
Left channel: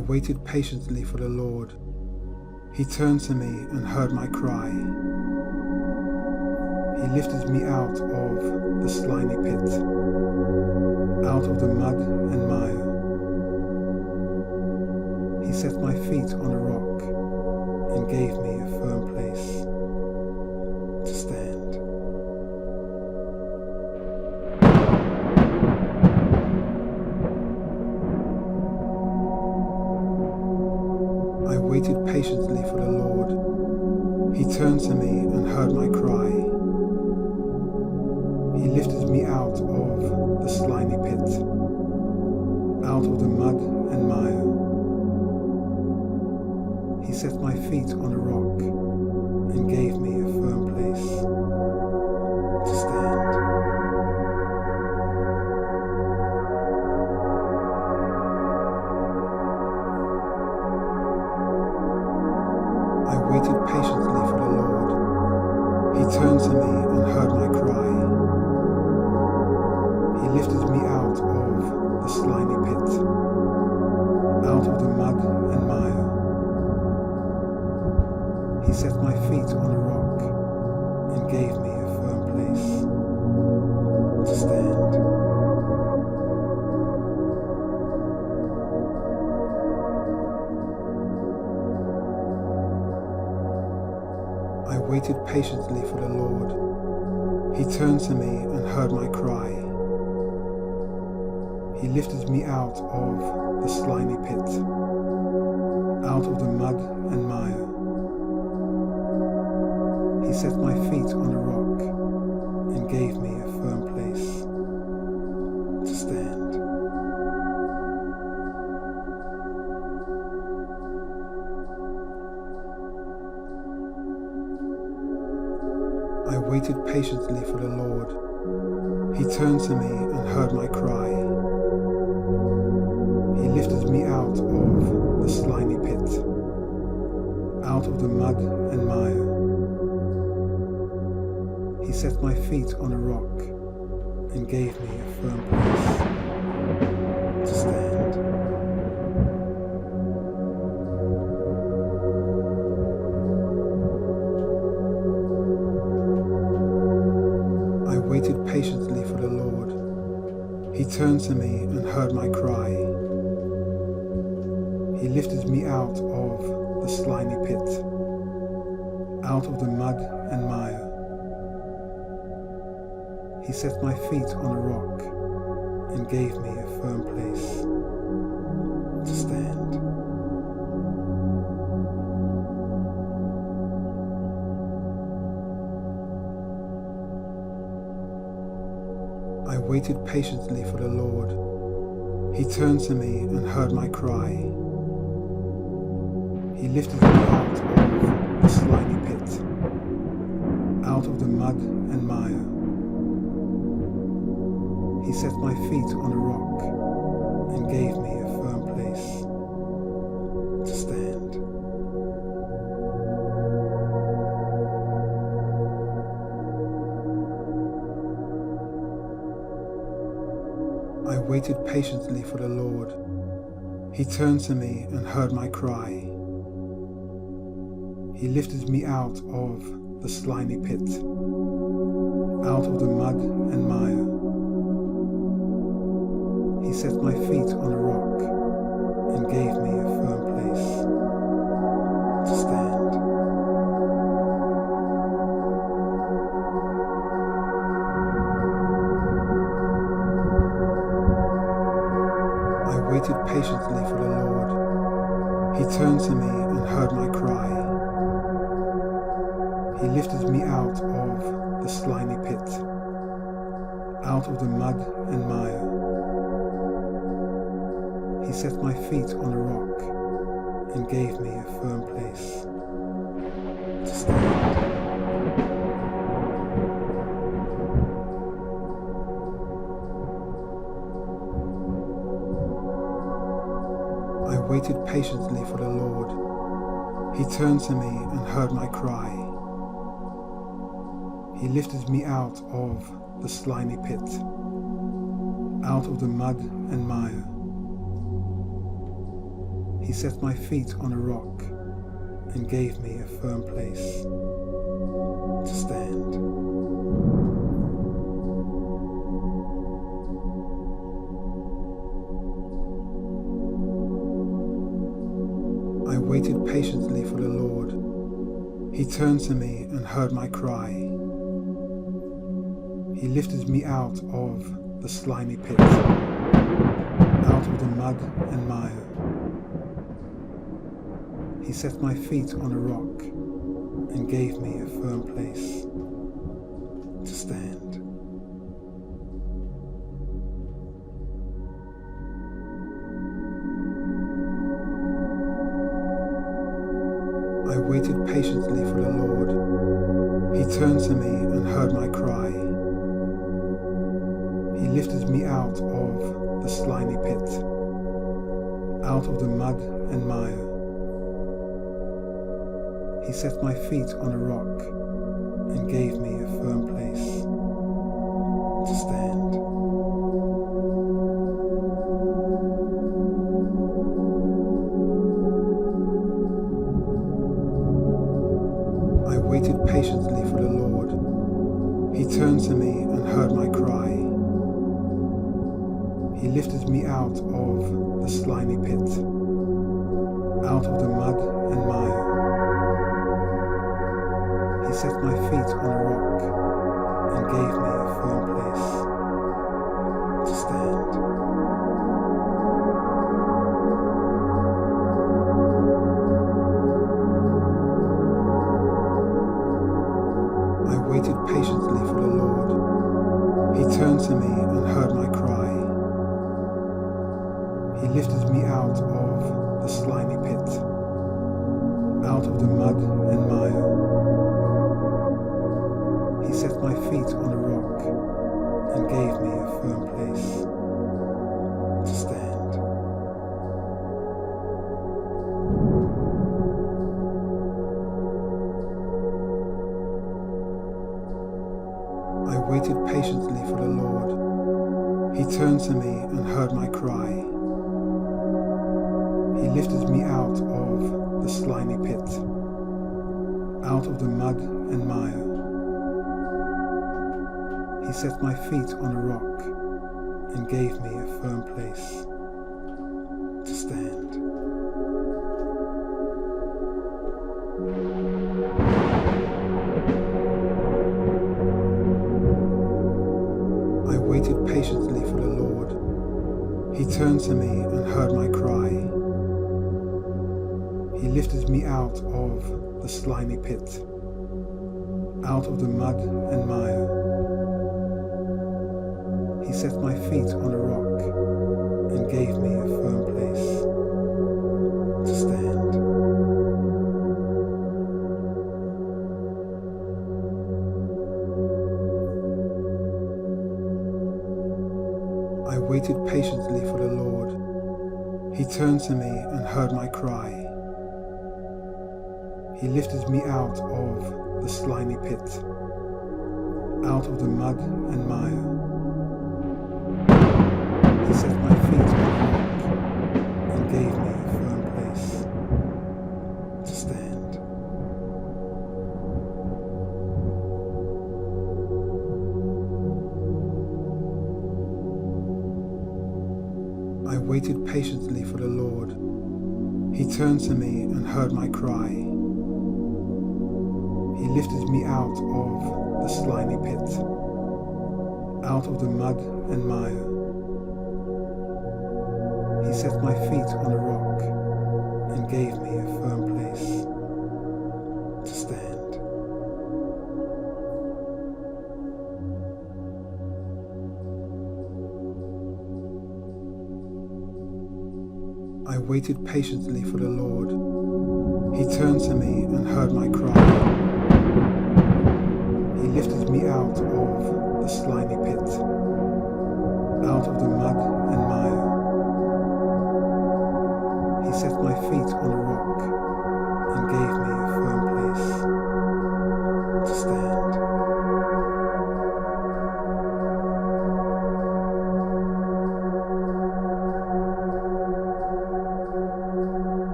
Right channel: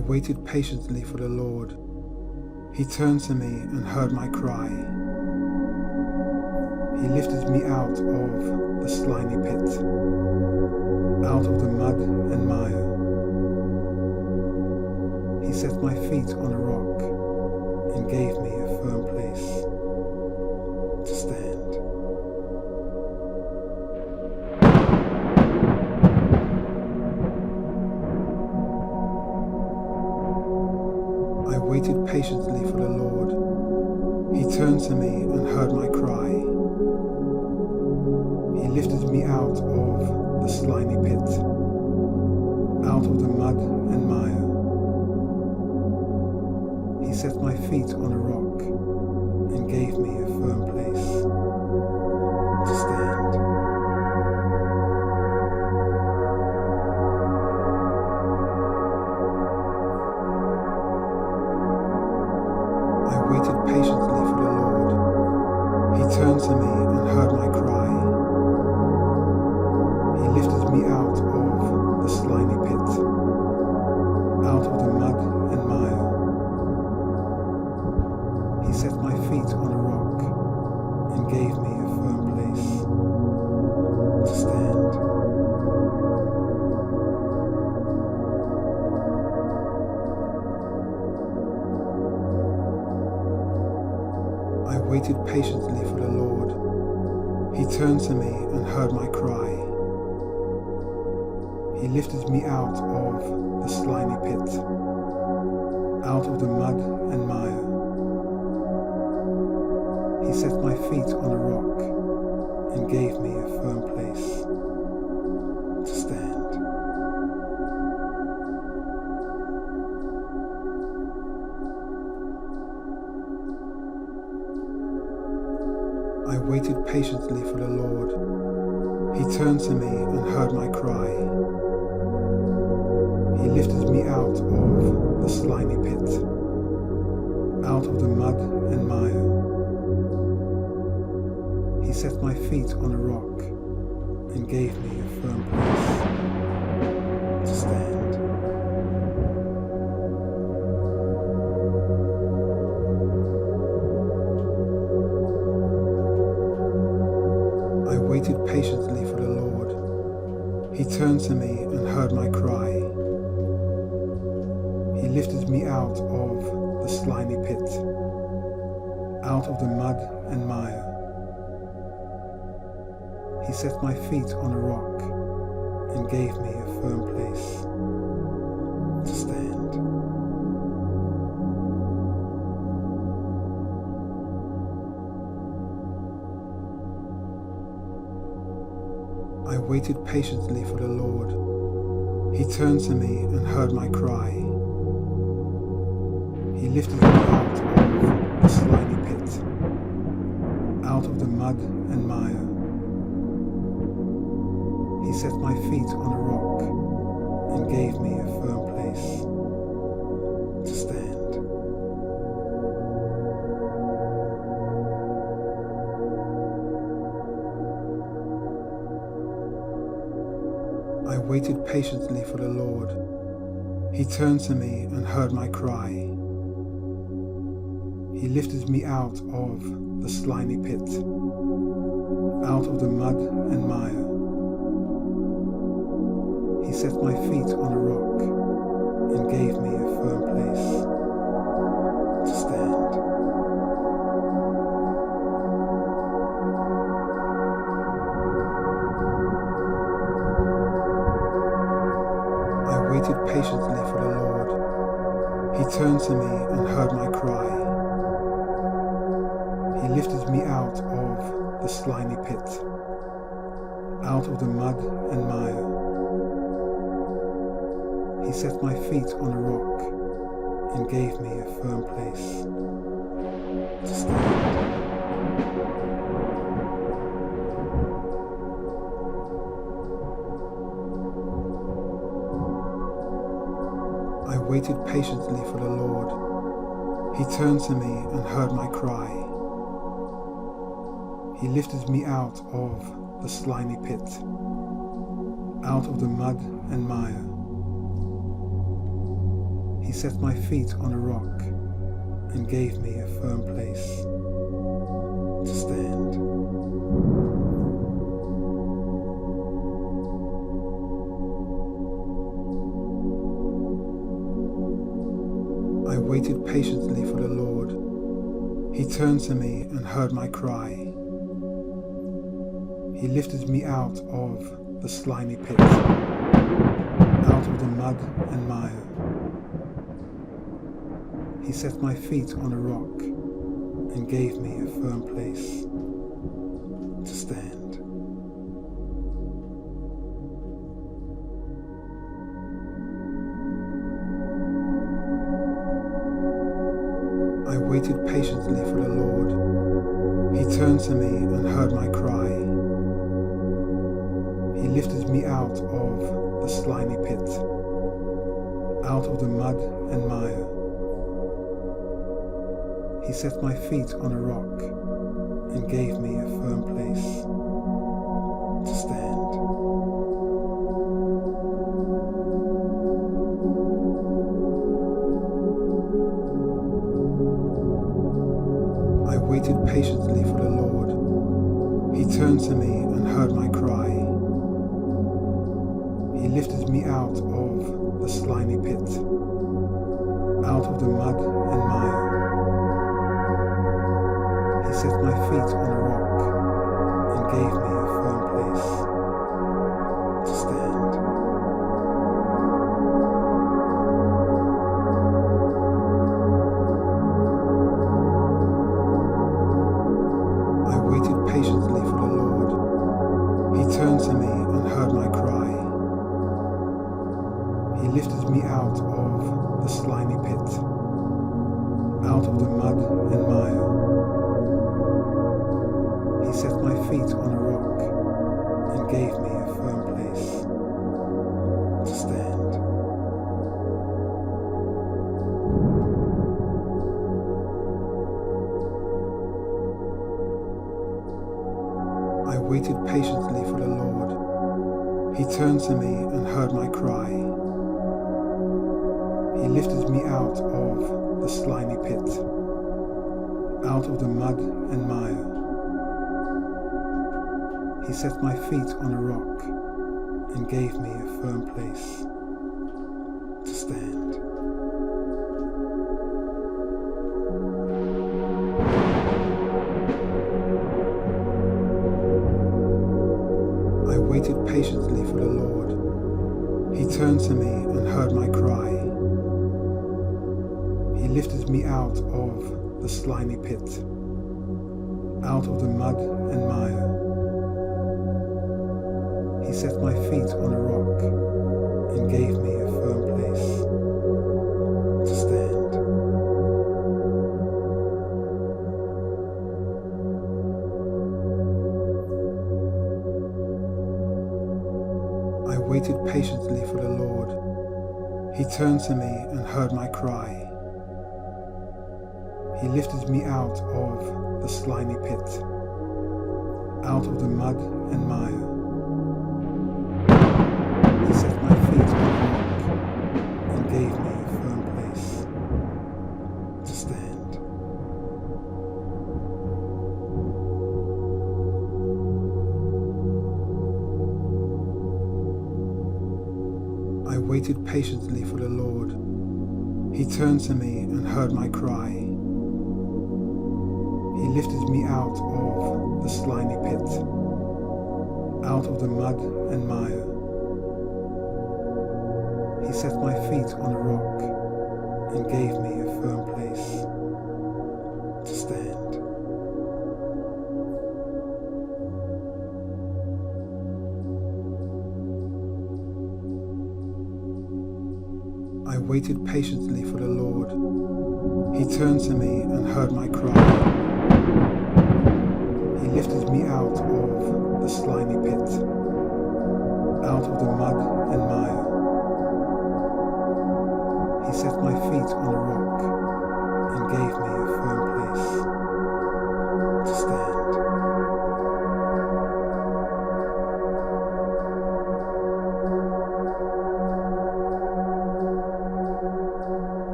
waited patiently for the Lord. He turned to me and heard my cry. He lifted me out of the slimy pit, out of the mud and mire. He set my feet on a rock and gave me a firm place to stand. I waited patiently for the Lord. He turned to me and heard my cry. He lifted me out of the slimy pit, out of the mud and mire. He set my feet on a rock and gave me a firm place to stand. I waited patiently for the Lord. He turned to me and heard my cry. He lifted me out of the slimy pit, out of the mud and mire. He set my feet on a rock and gave me a firm place to stand. I waited patiently for the Lord. He turned to me and heard my cry. He lifted me out of the slimy pit, out of the mud and mire. He set my feet on a rock and gave me a firm place to stand. I waited patiently for the Lord. He turned to me and heard my cry. He lifted me out of the slimy pit, out of the mud and mire. He set my feet on a rock and gave me a firm place to stand. I waited patiently for the Lord. He turned to me and heard my cry. He lifted me out of the slimy pit, out of the mud and mire. He set my feet on a rock and gave me a firm place to stand. I waited patiently for the Lord. He turned to me and heard my cry. He lifted me out of the slimy pit, out of the mud and mire. He set my feet on a rock and gave me a firm place to stand. I waited patiently for the Lord. He turned to me and heard my cry. He lifted me out of the slimy pit, out of the mud and mire. He set my feet on a rock and gave me a firm place to stand. I waited patiently for the Lord. He turned to me and heard my cry. He lifted me out of the slimy pit, out of the mud and mire. He set my feet on a rock and gave me a firm place to stand. I waited patiently for the Lord. He turned to me and heard my cry. He lifted me out of the slimy pit, out of the mud and mire. He set my feet on a rock and gave me a firm place to stand. I waited patiently for the Lord. He turned to me and heard my cry. He lifted me out of the slimy pit, out of the mud and mire. He set my feet on a rock and gave me a firm place to stand. I waited patiently for the Lord. He turned to me and heard my cry. He lifted me out of the slimy pit, out of the mud and mire. He set my feet on a rock and gave me a firm place to stand. I waited patiently for the Lord. He turned to me and heard my cry. He lifted me out of the slimy pit, out of the mud and mire. He set my feet on a rock and gave me a firm place to stand. I waited patiently for the Lord. He turned to me and heard my cry. He lifted me out of the slimy pit, out of the mud and mire. He set my feet on a rock and gave me a firm place to stand. I waited patiently for the Lord. He turned to me and heard my cry. He lifted me out of the slimy pit, out of the mud and mire. He set my feet on a rock and gave me a firm place to stand. I waited patiently for the Lord. He turned to me and heard my cry. He lifted me out of the slimy pit, out of the mud and mire. He set my feet on a rock and gave me a firm place to stand. I waited patiently for the Lord. He turned to me and heard my cry. He lifted me out of the slimy pit, out of the mud and mire. He set my feet on a rock and gave me a firm place to stand. I waited patiently for the Lord. He turned to me and heard my cry. He lifted me out of the slimy pit, out of the mud and mire. He set my feet on a rock and gave me a firm place to stand. I waited patiently for the Lord. He turned to me and heard my cry. He lifted me out of the slimy pit, out of the mud and mire. He set my feet on a rock and gave me a firm place to stand.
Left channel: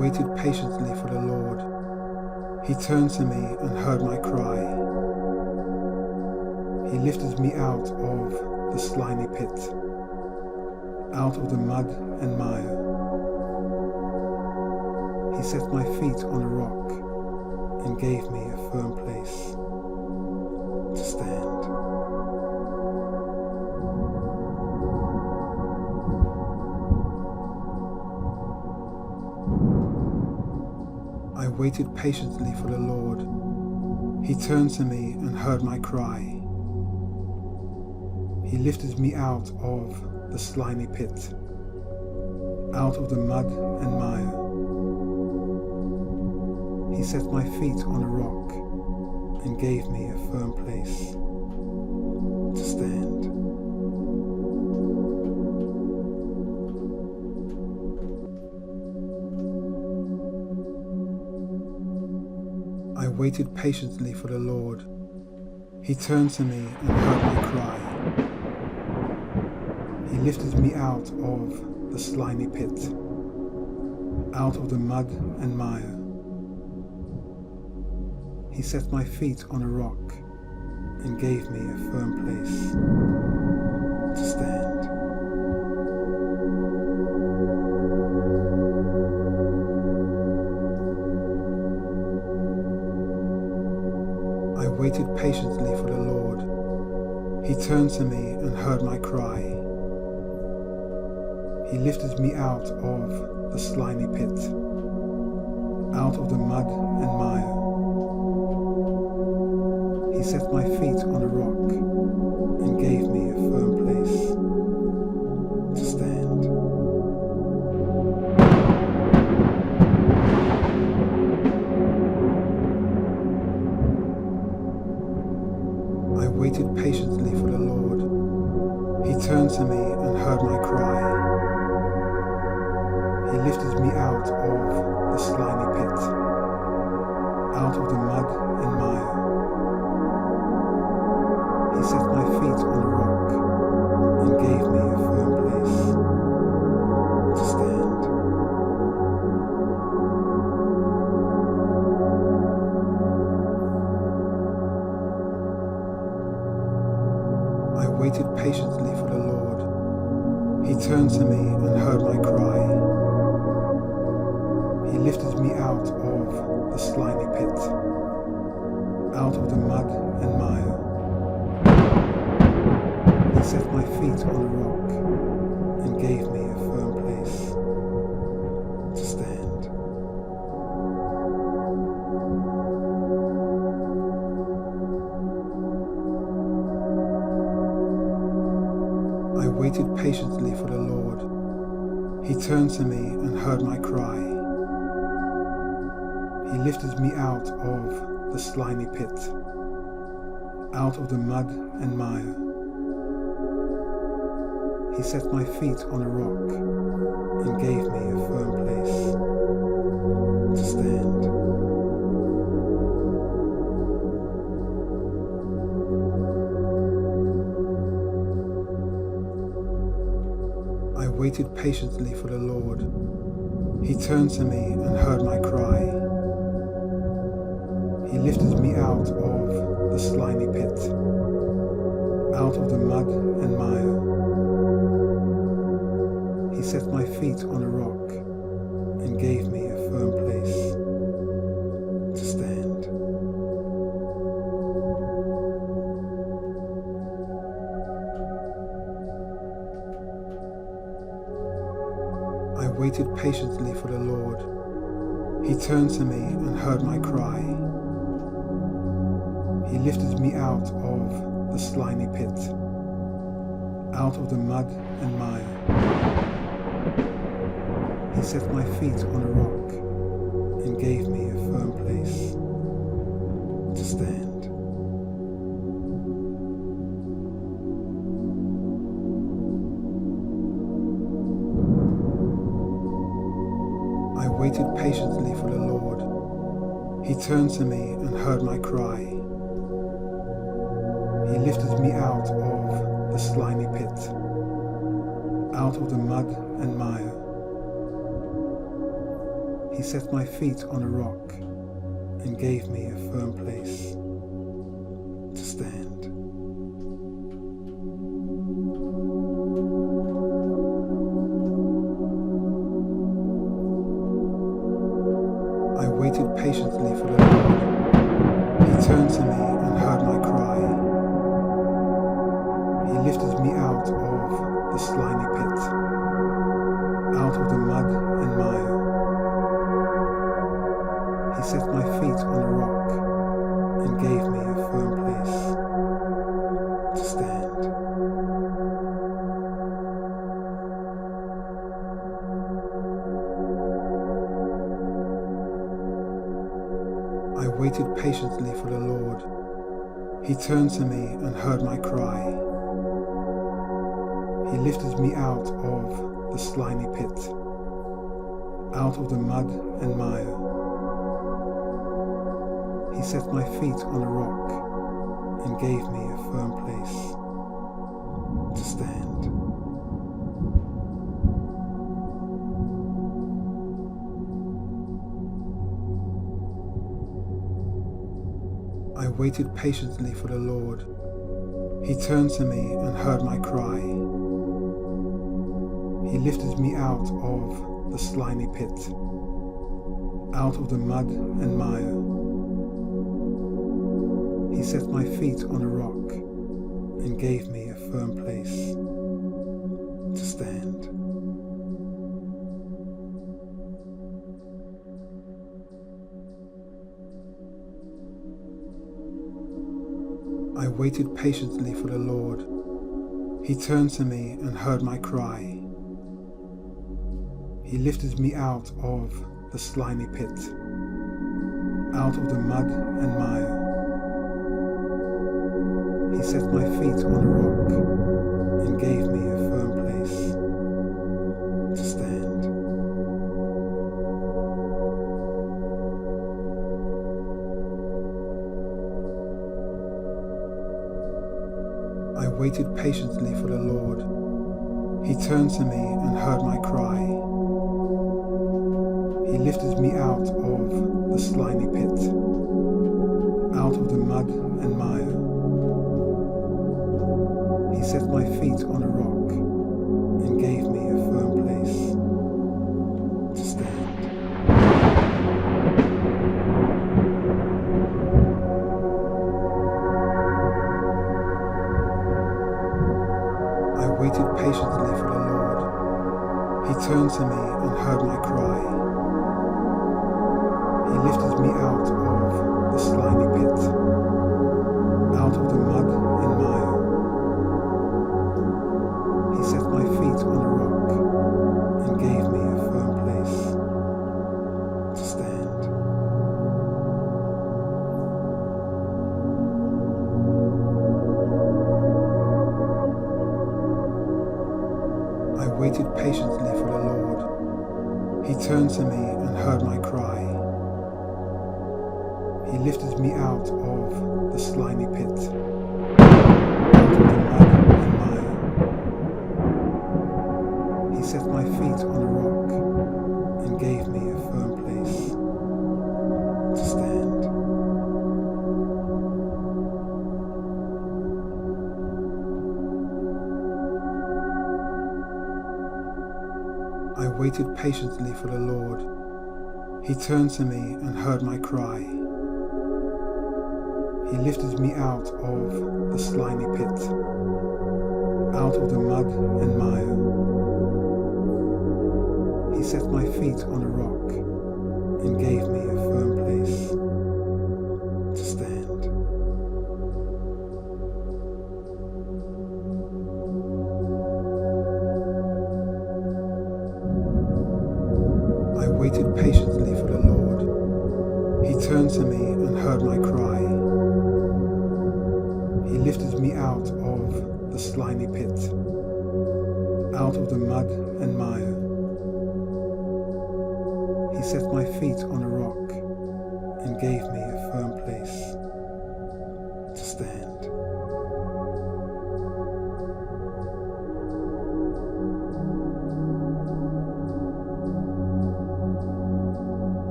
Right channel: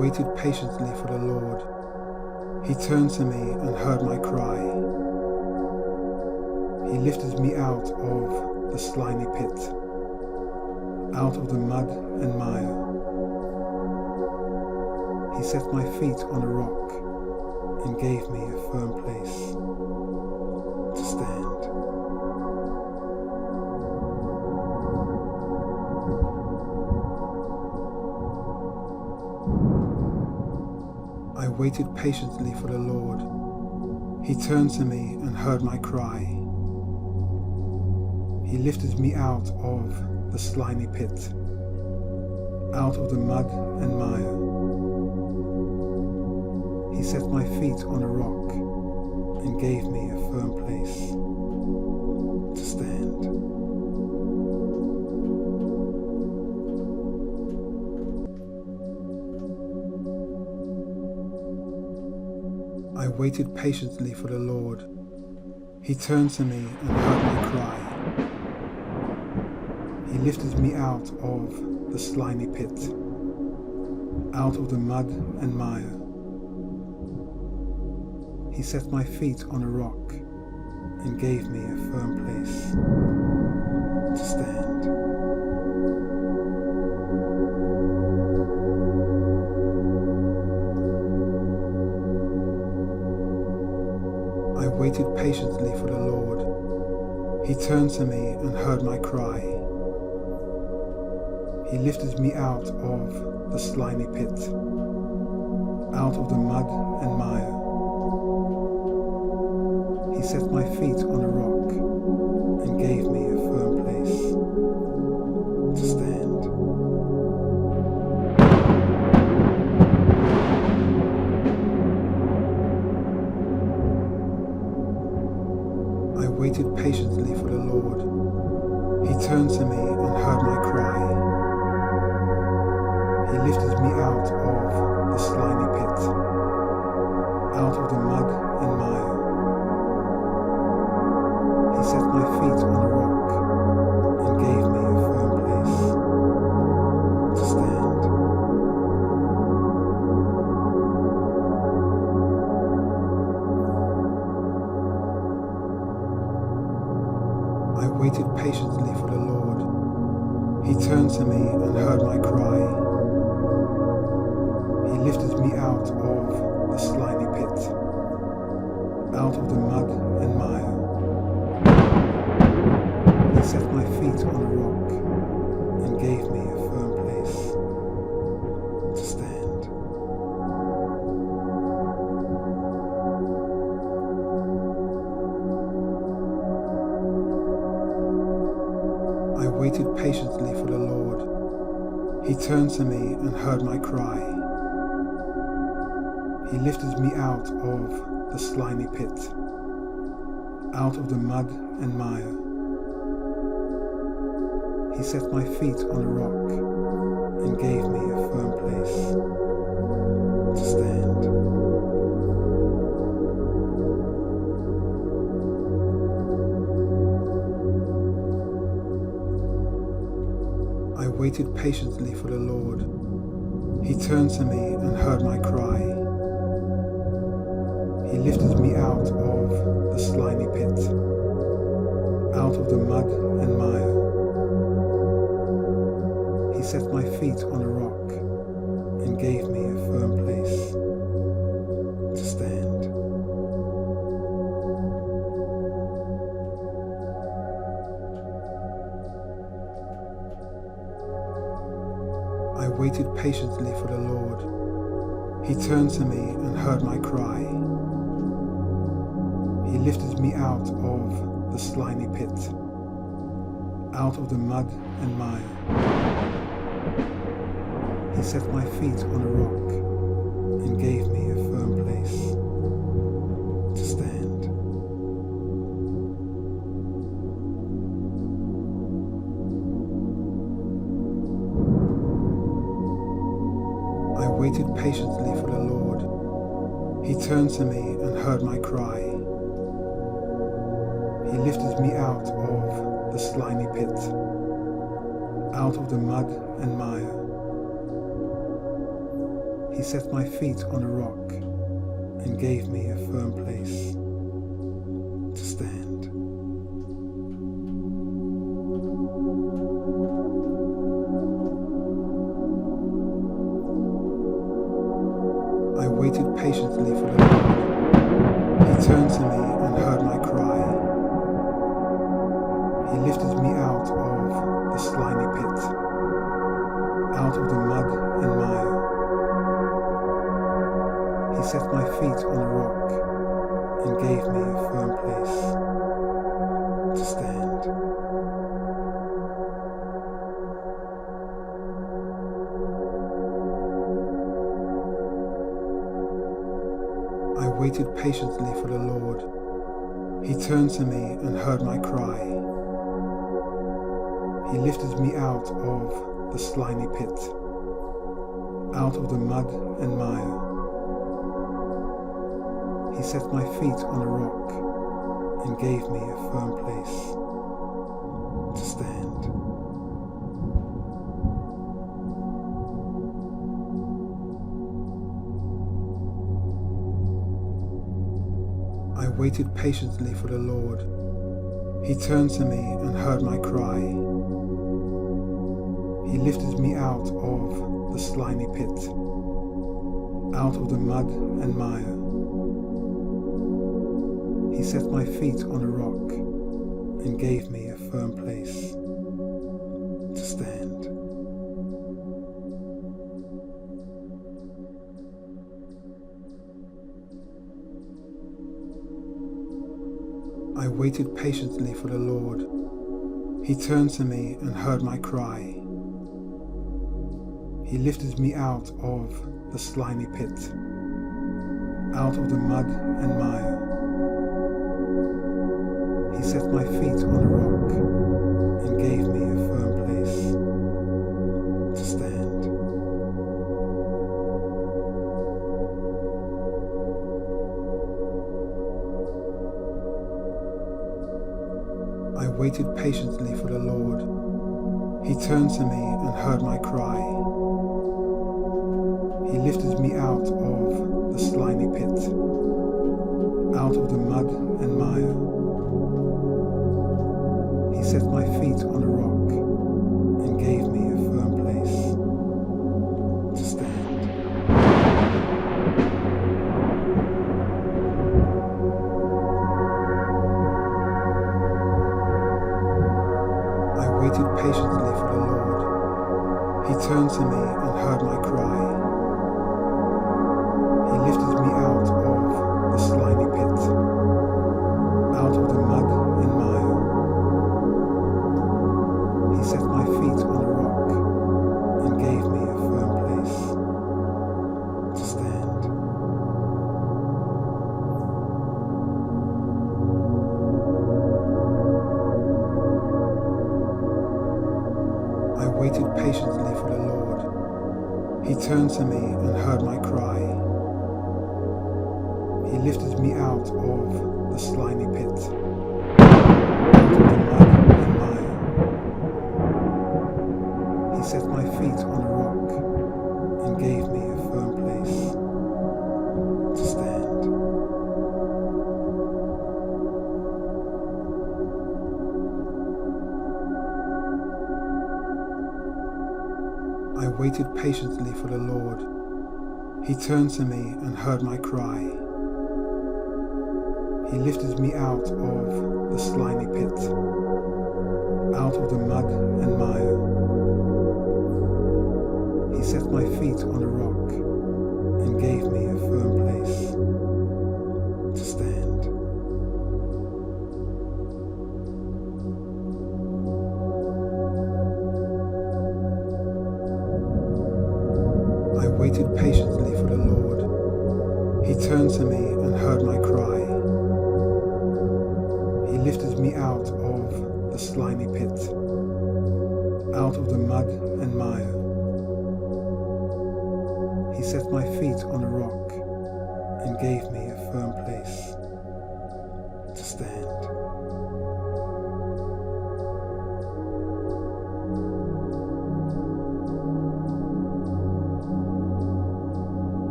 waited patiently for the Lord. He turned to me and heard my cry. He lifted me out of the slimy pit, out of the mud and mire. He set my feet on a rock and gave me a firm place to stand. I waited patiently for the Lord. He turned to me and heard my cry. He lifted me out of the slimy pit, out of the mud and mire. He set my feet on a rock and gave me a firm place to stand. I waited patiently for the Lord. He turned to me and heard my cry. He lifted me out of the slimy pit, out of the mud and mire. He set my feet on a rock and gave me a firm place to stand. I waited patiently for the Lord. He turned to me and heard my cry. He lifted me out of the slimy pit, out of the mud and mire. He set my feet on a rock and gave me a firm place to stand. I waited patiently for the Lord. He turned to me and heard my cry. He lifted me out of the slimy pit, out of the mud and mire. He set my feet on a rock and gave me a firm place to stand. I waited patiently for the Lord. He turned to me and heard my cry. He lifted me out of the slimy pit, out of the mud and mire. He set my feet on a rock and gave me a firm place to stand. I waited patiently for the Lord. He turned to me and heard my cry. He lifted me out of the slimy pit, out of the mud and mire. He set my feet on a rock and gave me a firm place to stand. I waited patiently for the Lord. He turned to me and heard my cry. He lifted me out of the slimy pit, out of the mud and mire. He set my feet on a rock and gave me a firm place to stand. I waited patiently for the Lord. He turned to me and heard my cry. He lifted me out of the slimy pit, out of the mud and mire. He set my feet on a rock and gave me a firm place to stand. I waited patiently for the Lord. He turned to me and heard my cry. He lifted me out of the slimy pit, out of the mud and mire. He He set my feet on a rock and gave me a firm place to stand. I waited patiently for the Lord. He turned to me and heard my cry. He lifted me out of the slimy pit, out of the mud and mire. He set my feet on a rock and gave me a firm place to stand. I waited patiently for the Lord. He turned to me and heard my cry. He lifted me out of the slimy pit, out of the mud and mire. He set my feet on a rock and gave me a firm place to stand. I waited patiently for the Lord. He turned to me and heard my cry. He lifted me out of the slimy pit, out of the mud and mire. He set my feet on a rock and gave me a firm place to stand. I waited patiently for the Lord. He turned to me and heard my cry. He lifted me out of the slimy pit, out of the mud and mire. He set my feet on a rock and gave me a firm place to stand. I waited patiently for the Lord. He turned to me and heard my cry. He lifted me out of the slimy pit, out of the mud and mire. He set my feet on a rock and gave me a firm place to stand. I waited patiently for the Lord. He turned to me and heard my cry. He lifted me out of the slimy pit, out of the mud and mire. He set my feet on a rock and gave me a firm place to stand. I waited patiently for the Lord. He turned to me and heard my cry. He lifted me out of the slimy pit, out of the mud and mire. He set my feet on a rock and gave me a firm place to stand. I waited patiently for the Lord. He turned to me and heard my cry. He lifted me out of the slimy pit, out of the mud and mire. He set my feet on a rock and gave me a firm place to stand. I waited patiently for the Lord. He turned to me and heard my cry. He lifted me out of the slimy pit, out of the mud and mire. He set my feet on a rock and gave me a firm place to stand.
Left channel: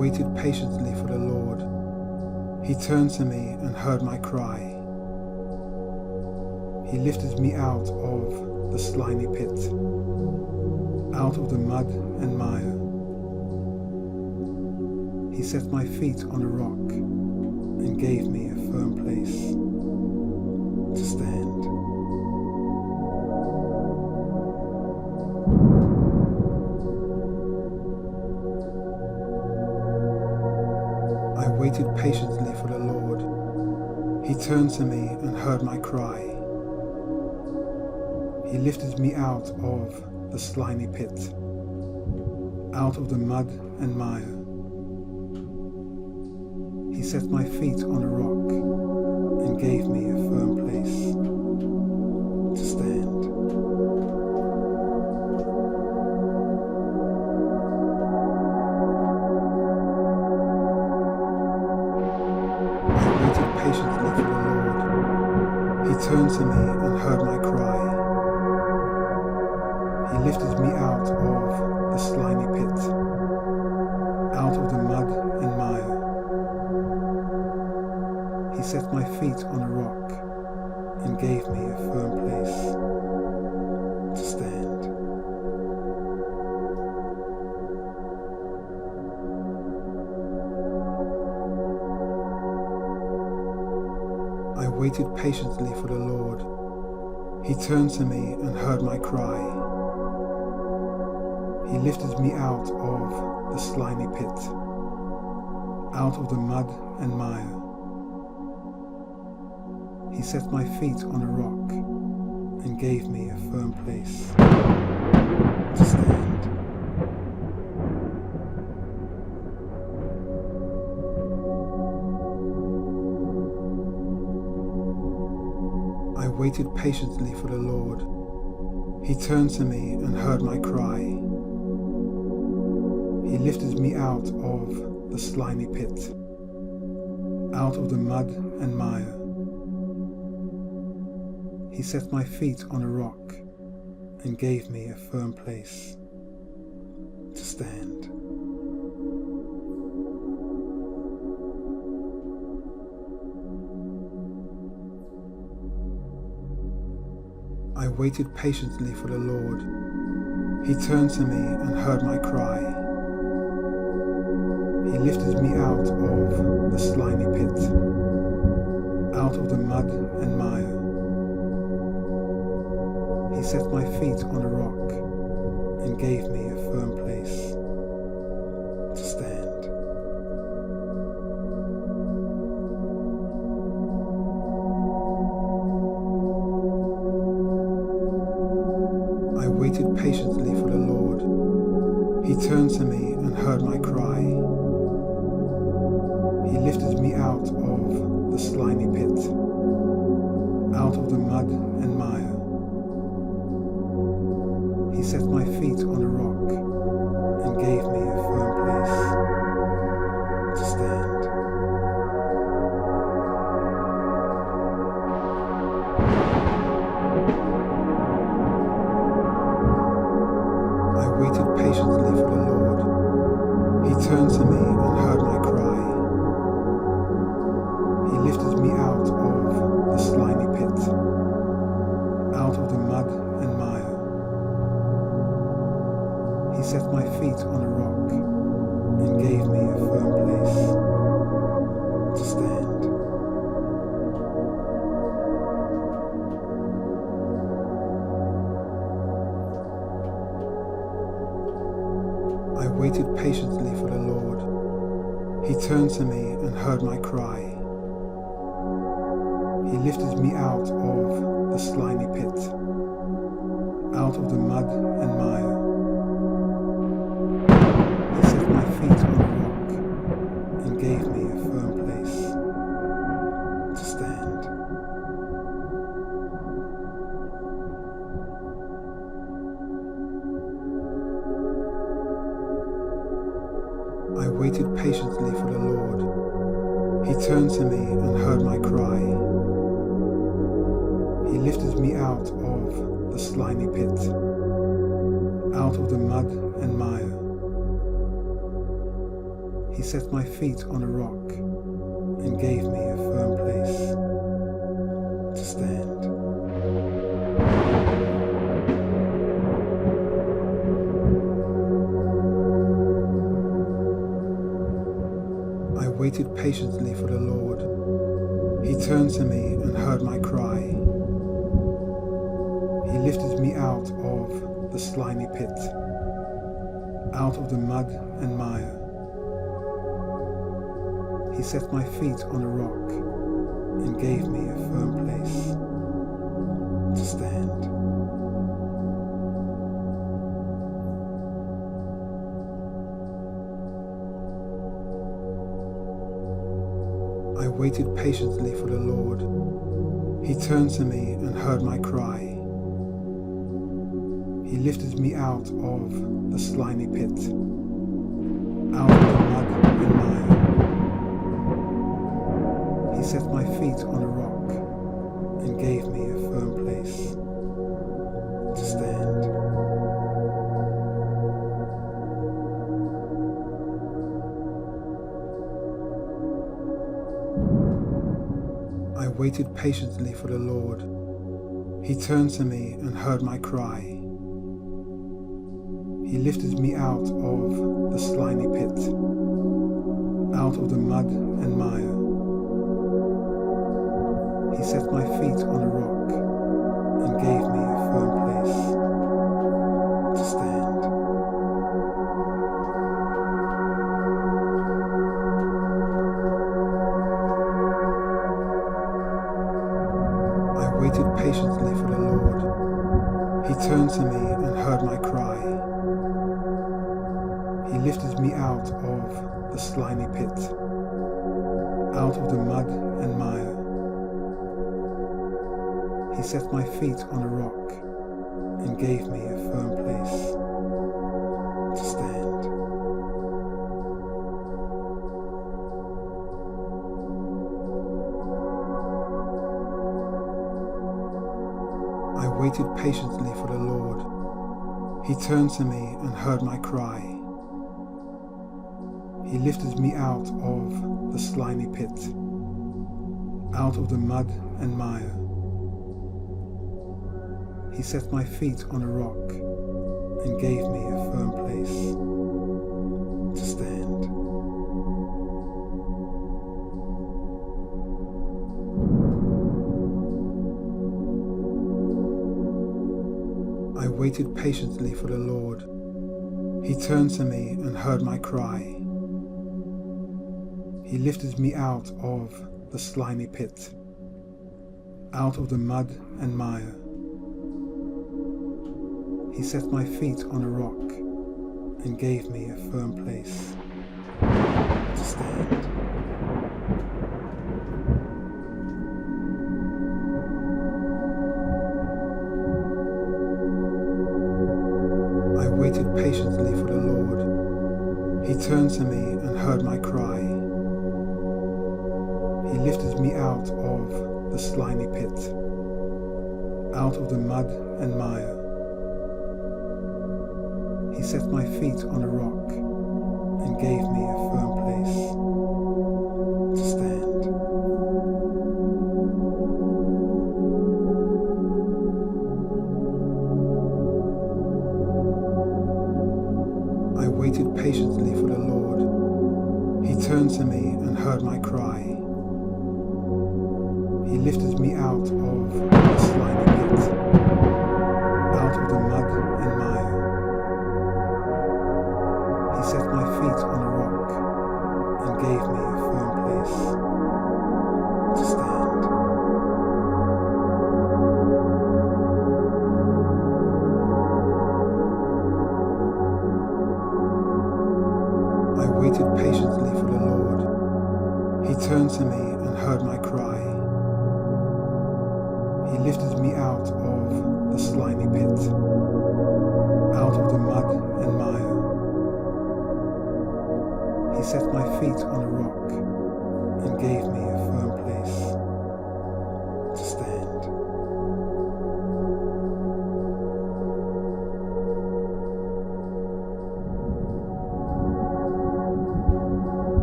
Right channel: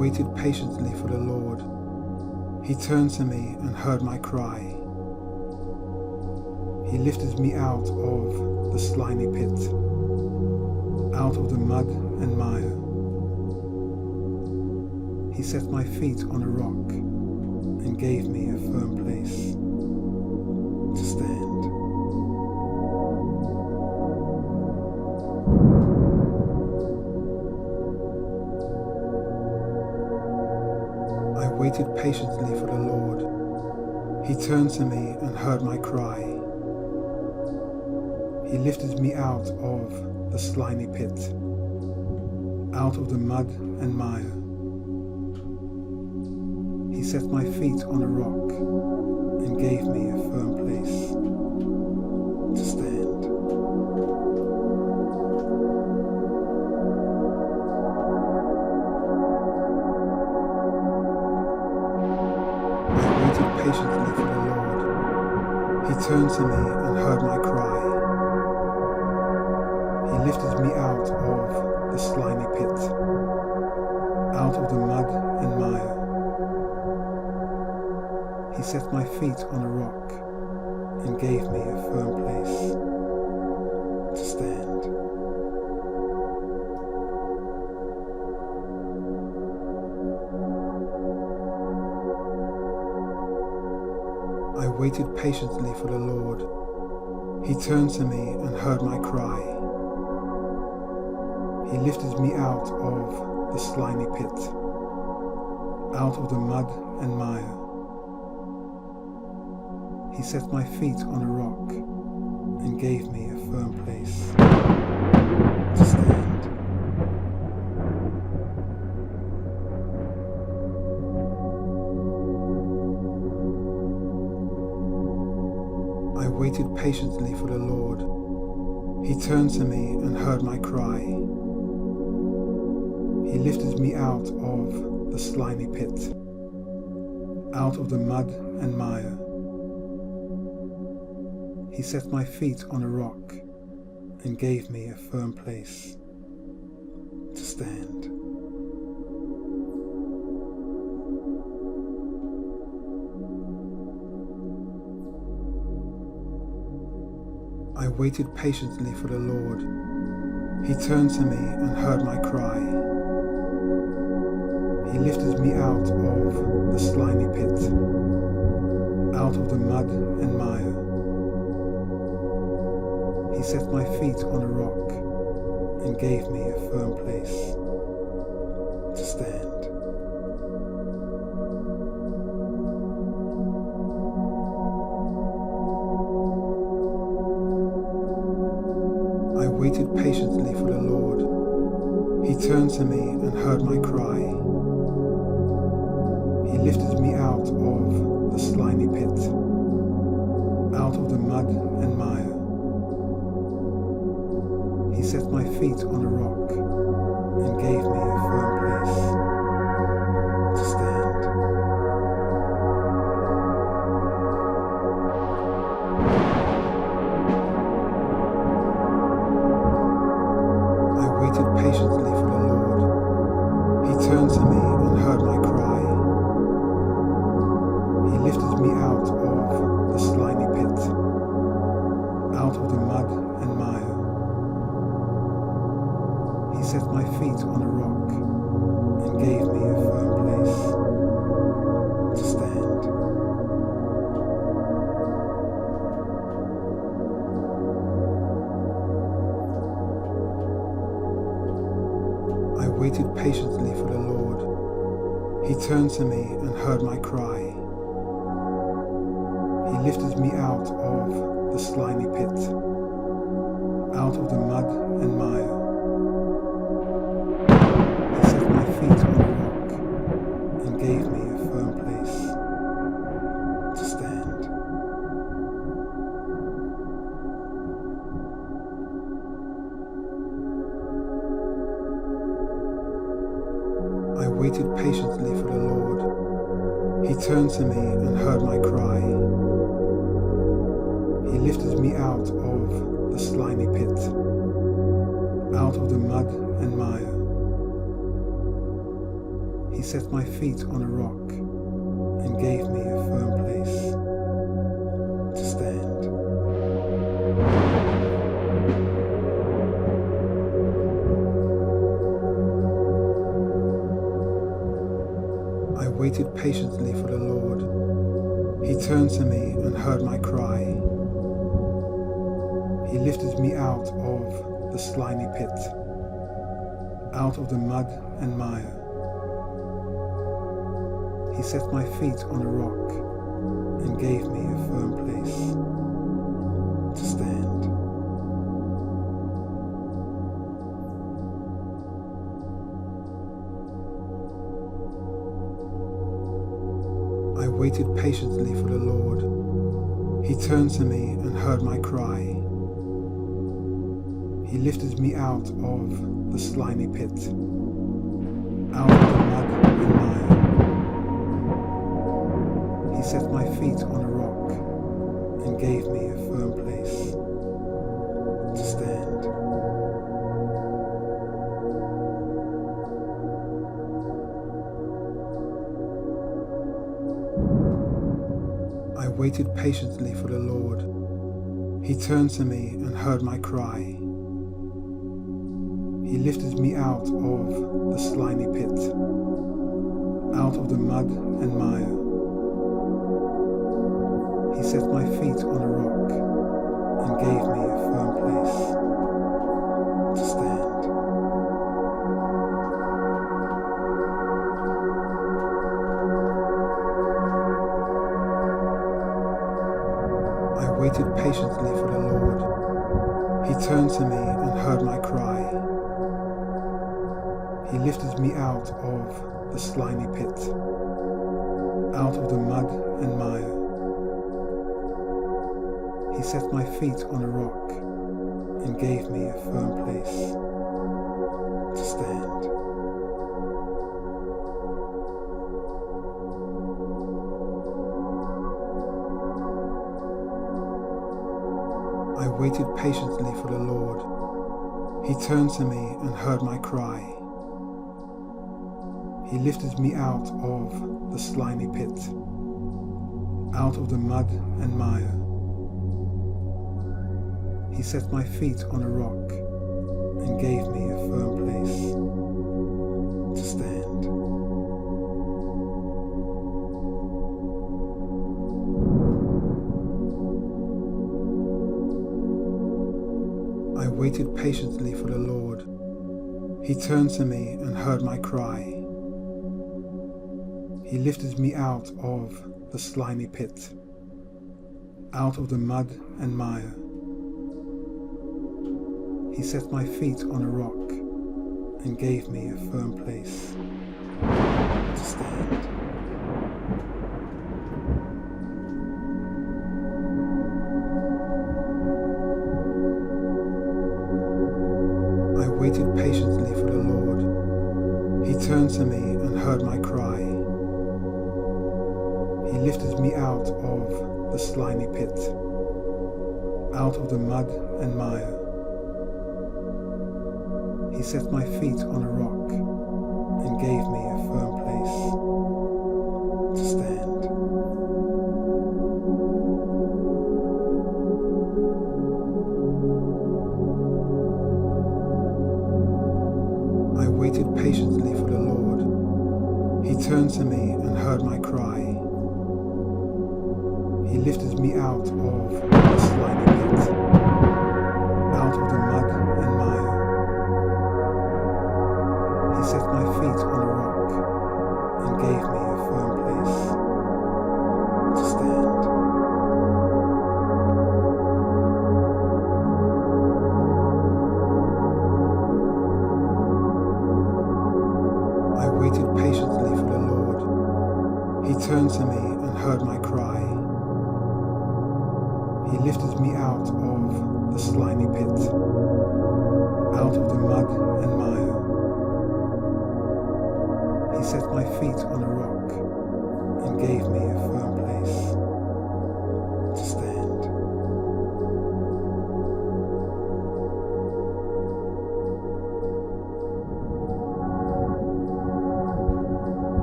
waited patiently for the Lord. He turned to me and heard my cry. He lifted me out of the slimy pit, out of the mud and mire. He set my feet on a rock and gave me a firm place to stand. I waited patiently for the Lord. He turned to me and heard my cry. He lifted me out of the slimy pit, out of the mud and mire. He set my feet on a rock and gave me a firm place to stand. I waited patiently for the Lord. He turned to me and heard my cry. He lifted me out of the slimy pit, out of the mud and mire. He set my feet on a rock and gave me a firm place to stand. I waited patiently for the Lord. He turned to me and heard my cry. He lifted me out of the slimy pit, out of the mud and mire. He set my feet on a rock and gave me a firm place to stand. I waited patiently for the Lord. He turned to me and heard my cry. He lifted me out of the slimy pit, out of the mud and mire. He set my feet on a rock and gave me a firm place to stand. I waited patiently for the Lord. He turned to me and heard my cry. He lifted me out of the slimy pit, out of the mud and mire. He set my feet on a rock and gave me a firm place to stand. I waited patiently for the Lord. He turned to me and heard my cry. He lifted me out of the slimy pit, out of the mud and mire. He set my feet on a rock and gave me a firm place to stand. I waited patiently for the Lord. He turned to me and heard my cry. He lifted me out of the slimy pit, out of the mud and mire. He set my feet on a rock and gave me a firm place to stand. I waited patiently for the Lord. He turned to me and heard my cry. He lifted me out of the slimy pit, out of the mud and mire. Feet on a rock and gave me a firm place to stand. I waited patiently for the Lord. He turned to me and heard my cry. He lifted me out of the slimy pit, out of the mud and mire. He set my feet on a rock and gave me a firm place to stand. I waited patiently for the Lord. He turned to me and heard my cry. He lifted me out of the slimy pit, out of the mud and mire. He set my feet on a rock and gave me a firm place to stand. I waited patiently for the Lord. He turned to me and heard my cry. He lifted me out of the slimy pit, out of the mud and mire. He set my feet on a rock and gave me a firm place to stand. I waited patiently for the Lord. He turned to me and heard my cry. He lifted me out of the slimy pit, out of the mud and mire. He set my feet on a rock and gave me a firm place to stand. I waited patiently for the Lord. He turned to me and heard my cry. He lifted me out of the slimy pit, out of the mud and mire. He set my feet on a rock and gave me a firm place to stand. I waited patiently for the Lord. He turned to me and heard my cry. He lifted me out of the slimy pit, out of the mud and mire. He set my feet on a rock and gave me a firm place to stand. I waited patiently for the Lord. He turned to me and heard my cry. He lifted me out of the slimy pit, out of the mud and mire. He set my feet on a rock and gave me a firm place to stand. I waited patiently for the Lord. He turned to me and heard my cry. He lifted me out of the slimy pit, out of the mud and mire. He set my feet on a rock and gave me a firm place to stand. I waited patiently for the Lord. He turned to me and heard my cry. He lifted me out of the slimy pit, out of the mud and mire. He set my feet on a rock and gave me a firm place to stand. I waited patiently for the Lord. He turned to me and heard my cry. He lifted me out of the slimy pit, out of the mud and mire. He set my feet on a rock and gave me a firm place to stand.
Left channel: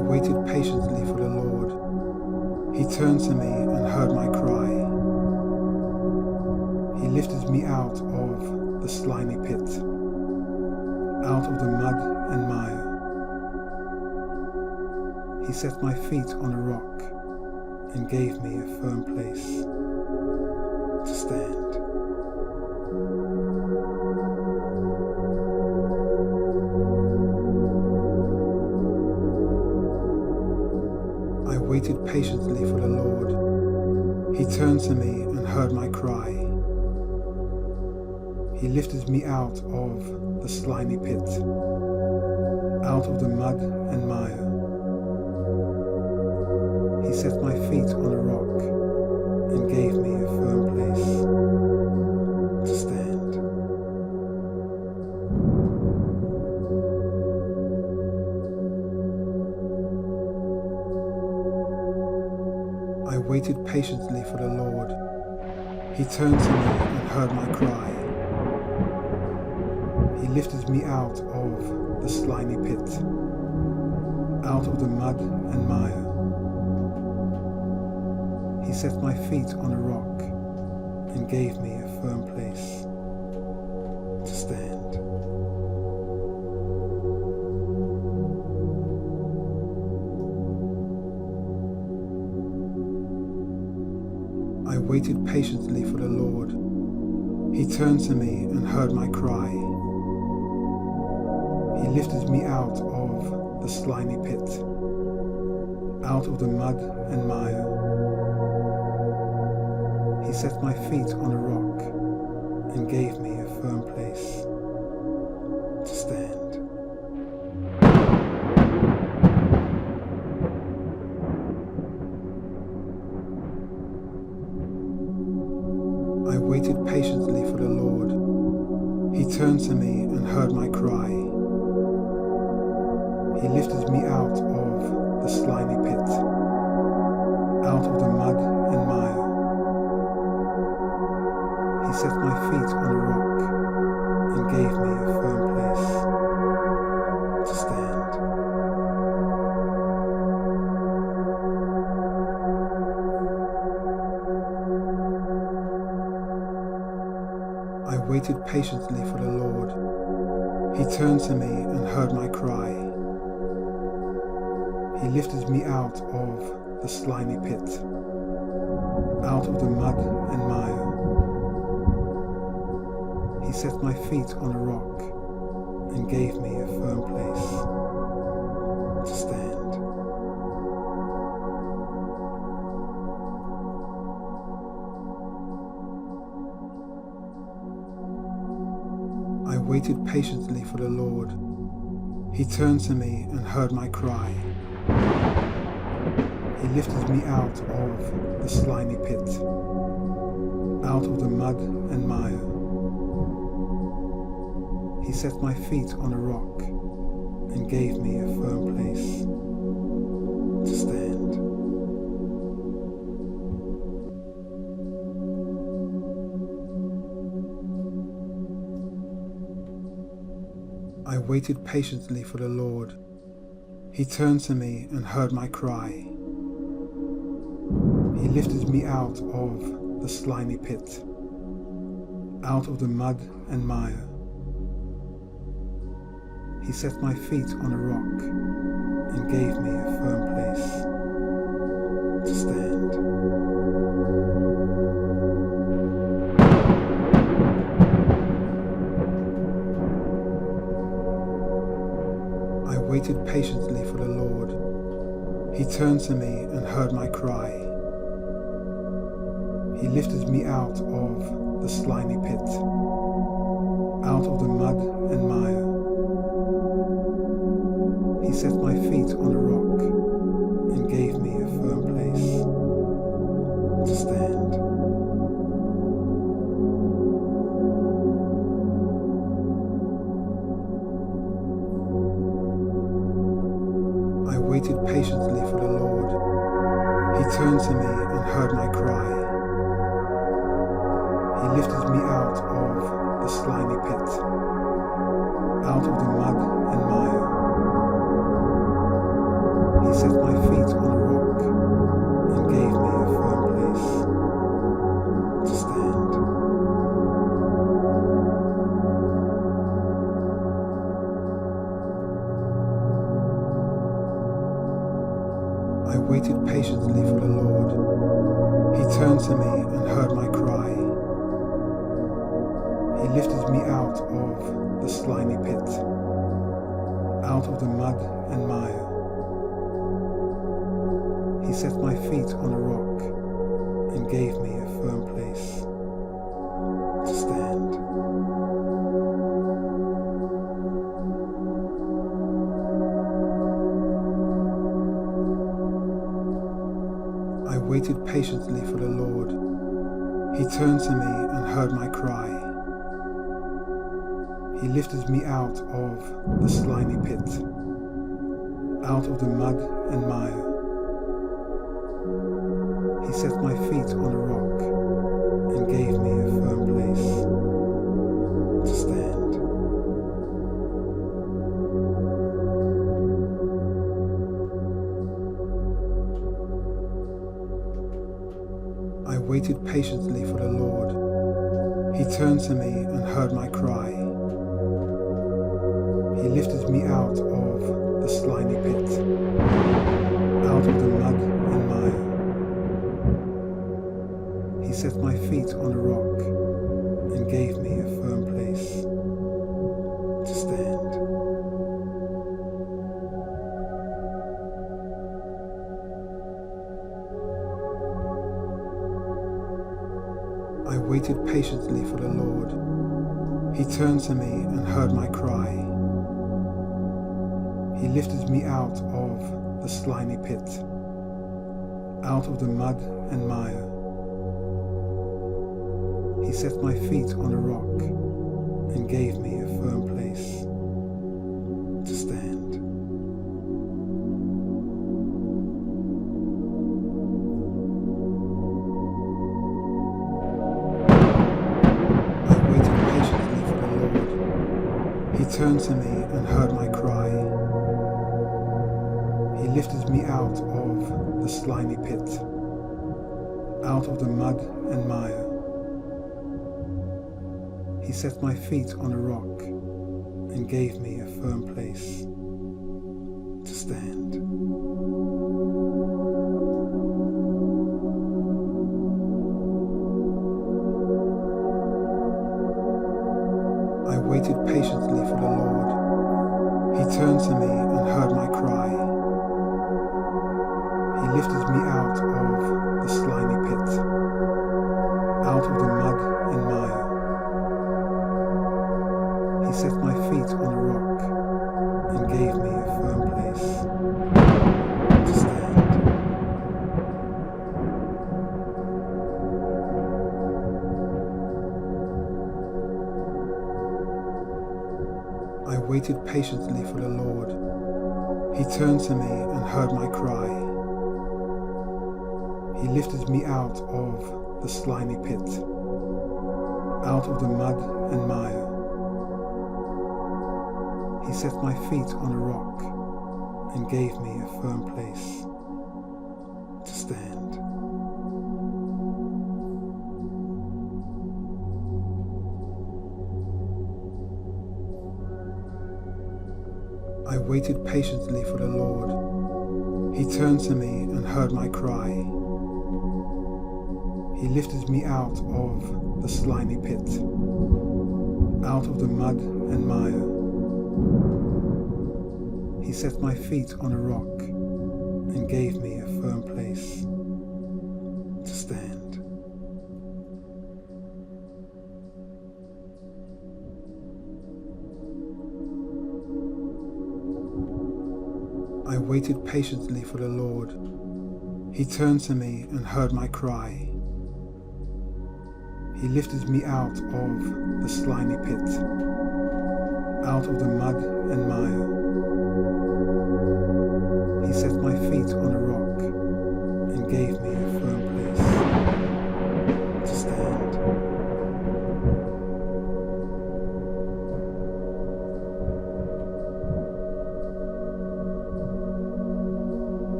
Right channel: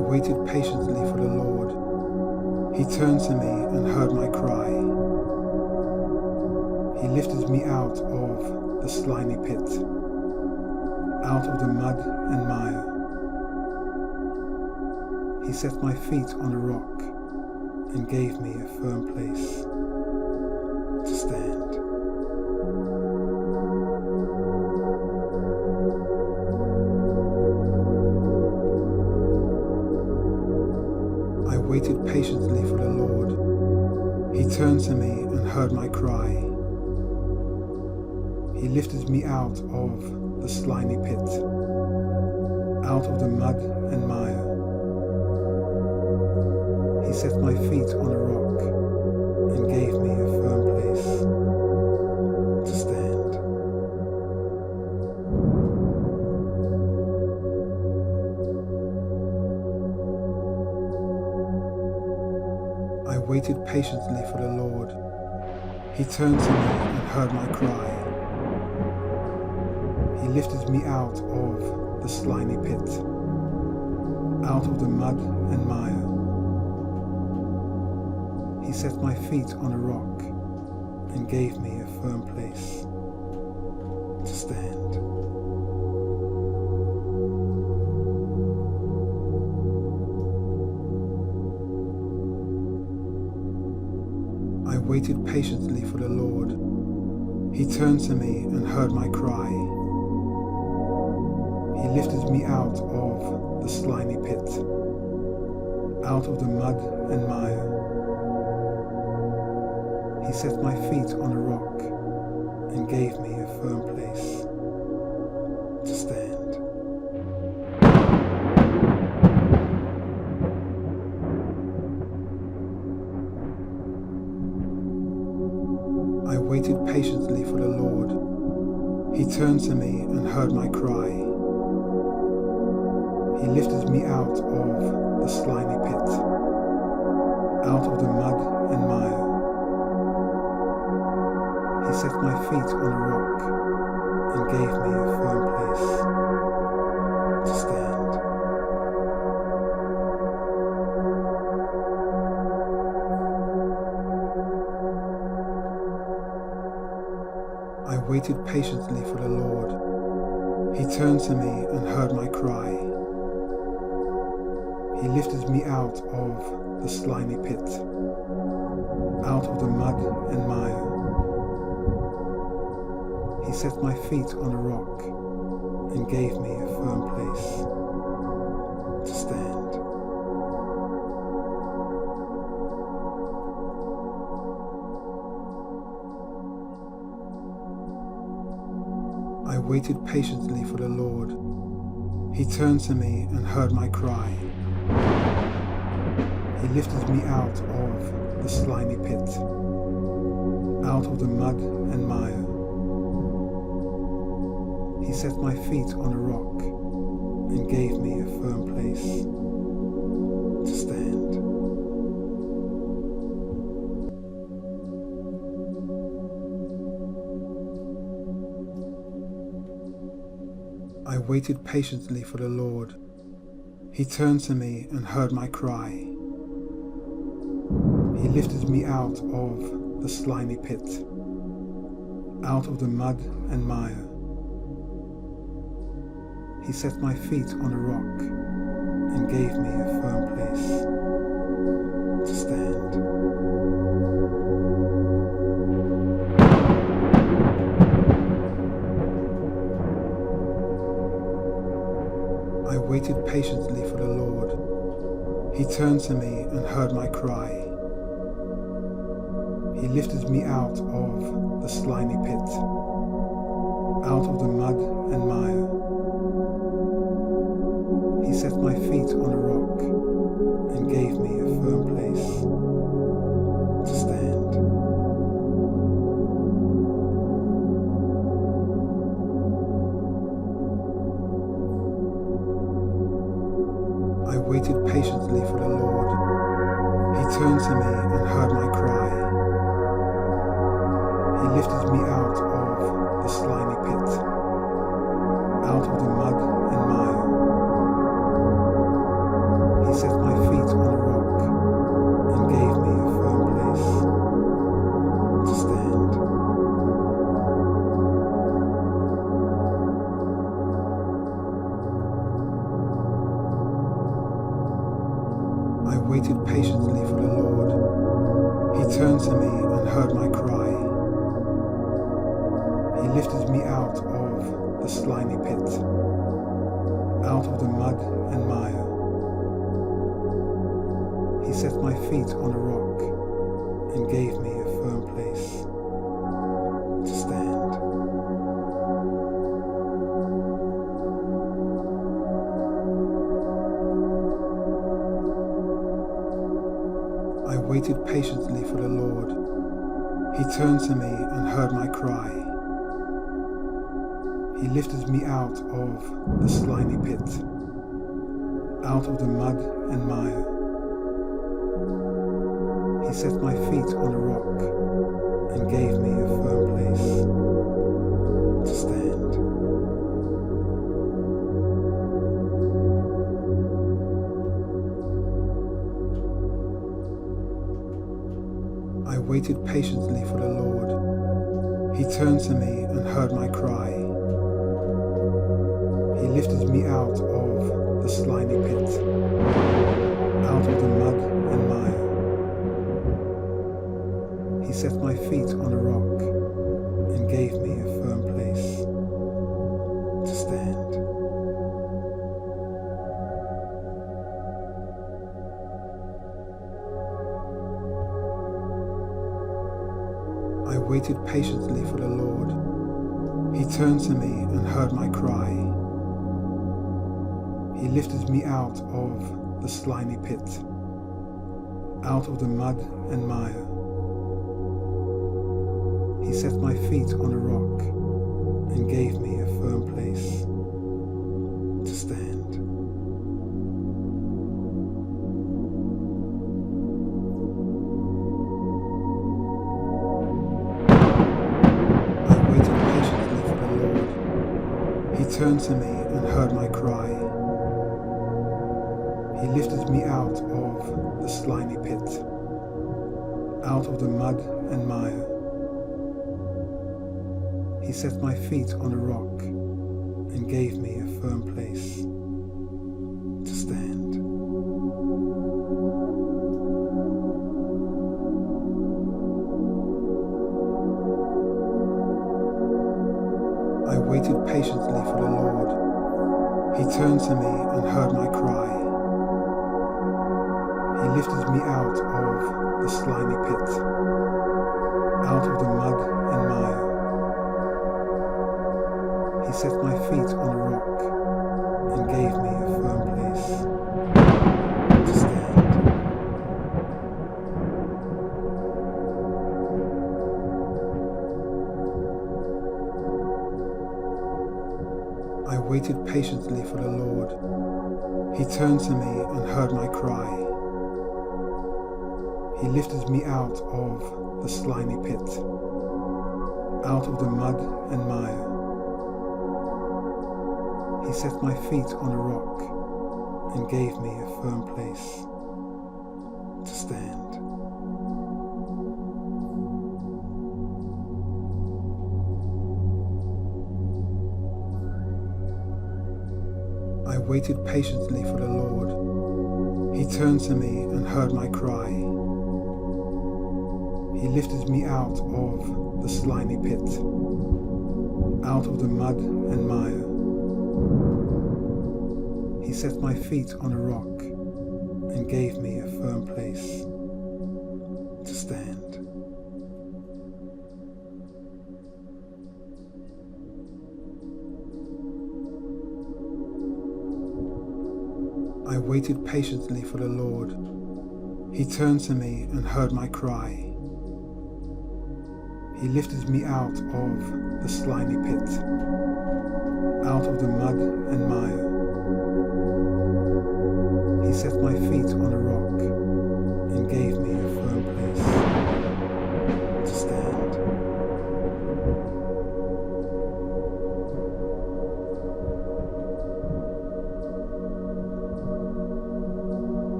waited patiently for the Lord. He turned to me and heard my cry. He lifted me out of the slimy pit, out of the mud and mire. He set my feet on a rock and gave me a firm place to stand. I waited patiently for the Lord. He turned to me and heard my cry. He lifted me out of the slimy pit, out of the mud and mire. He set my feet on a rock and gave me a firm place to stand. I waited patiently for the Lord. He turned to me and heard my cry. He lifted me out of the slimy pit, out of the mud and mire. He set my feet on a rock and gave me a firm place to stand. I waited patiently for the Lord. He turned to me and heard my cry. He lifted me out of the slimy pit, out of the mud and mire. He set my feet on a rock and gave me a firm place to stand. I waited patiently for the Lord. He turned to me and heard my cry. He lifted me out of the slimy pit, out of the mud and mire. He set my feet on a rock and gave me a firm place to stand. I waited patiently for the Lord. He turned to me and heard my cry. He lifted me out of the slimy pit, out of the mud and mire. He set my feet on a rock and gave me a firm place to stand. I waited patiently for the Lord. He turned to me and heard my cry. He lifted me out of the slimy pit, out of the mud and mire. He set my feet on a rock and gave me a firm place to stand. I waited patiently for the Lord. He turned to me and heard my cry. He lifted me out of the slimy pit, out of the mud and mire. He set my feet on a rock and gave me a firm place to stand. I waited patiently for the Lord. He turned to me and heard my cry. He lifted me out of the slimy pit, out of the mud and mire. He set my feet on a rock and gave me a firm place to stand. I waited patiently for the Lord. He turned to me and heard my cry. He lifted me out of the slimy pit, out of the mud and mire. He He set my feet on a rock and gave me a firm place to stand. I waited patiently for the Lord. He turned to me and heard my cry. He lifted me out of the slimy pit, out of the mud and mire. He set my feet on a rock and gave me a firm place to stand. I waited patiently for the Lord. He turned to me and heard my cry. He lifted me out of the slimy pit, out of the mud and mire. He set my feet on a rock and gave me a firm place to stand. I waited patiently for the Lord. He turned to me and heard my cry. He lifted me out of the slimy pit, out of the mud and mire. He set my feet on a rock and gave me a firm place to stand. I waited patiently for the Lord. He turned to me and heard my cry. He lifted me out of the slimy pit, out of the mud and mire. He set my feet on a rock and gave me a firm place to stand. I waited patiently for the Lord. He turned to me and heard my cry. He lifted me out of the slimy pit, out of the mud and mire. He set my feet on a rock and gave me a firm place to stand. I waited patiently for the Lord. He turned to me and heard my cry. He lifted me out of the slimy pit, out of the mud and mire. He set my feet on a rock and gave me a firm place to stand. I waited patiently for the Lord. He turned to me and heard my cry. He lifted me out of the slimy pit, out of the mud and mire. He set my feet on a rock and gave me a firm place to stand. I waited patiently for the Lord. He turned to me and heard my cry. He lifted me out of the slimy pit, out of the mud and mire. He set my feet on a rock and gave me a firm place to stand. I waited patiently for the Lord. He turned to me and heard my cry. He lifted me out of the slimy pit, out of the mud and mire. He set my feet on a rock and gave me a firm place to stand.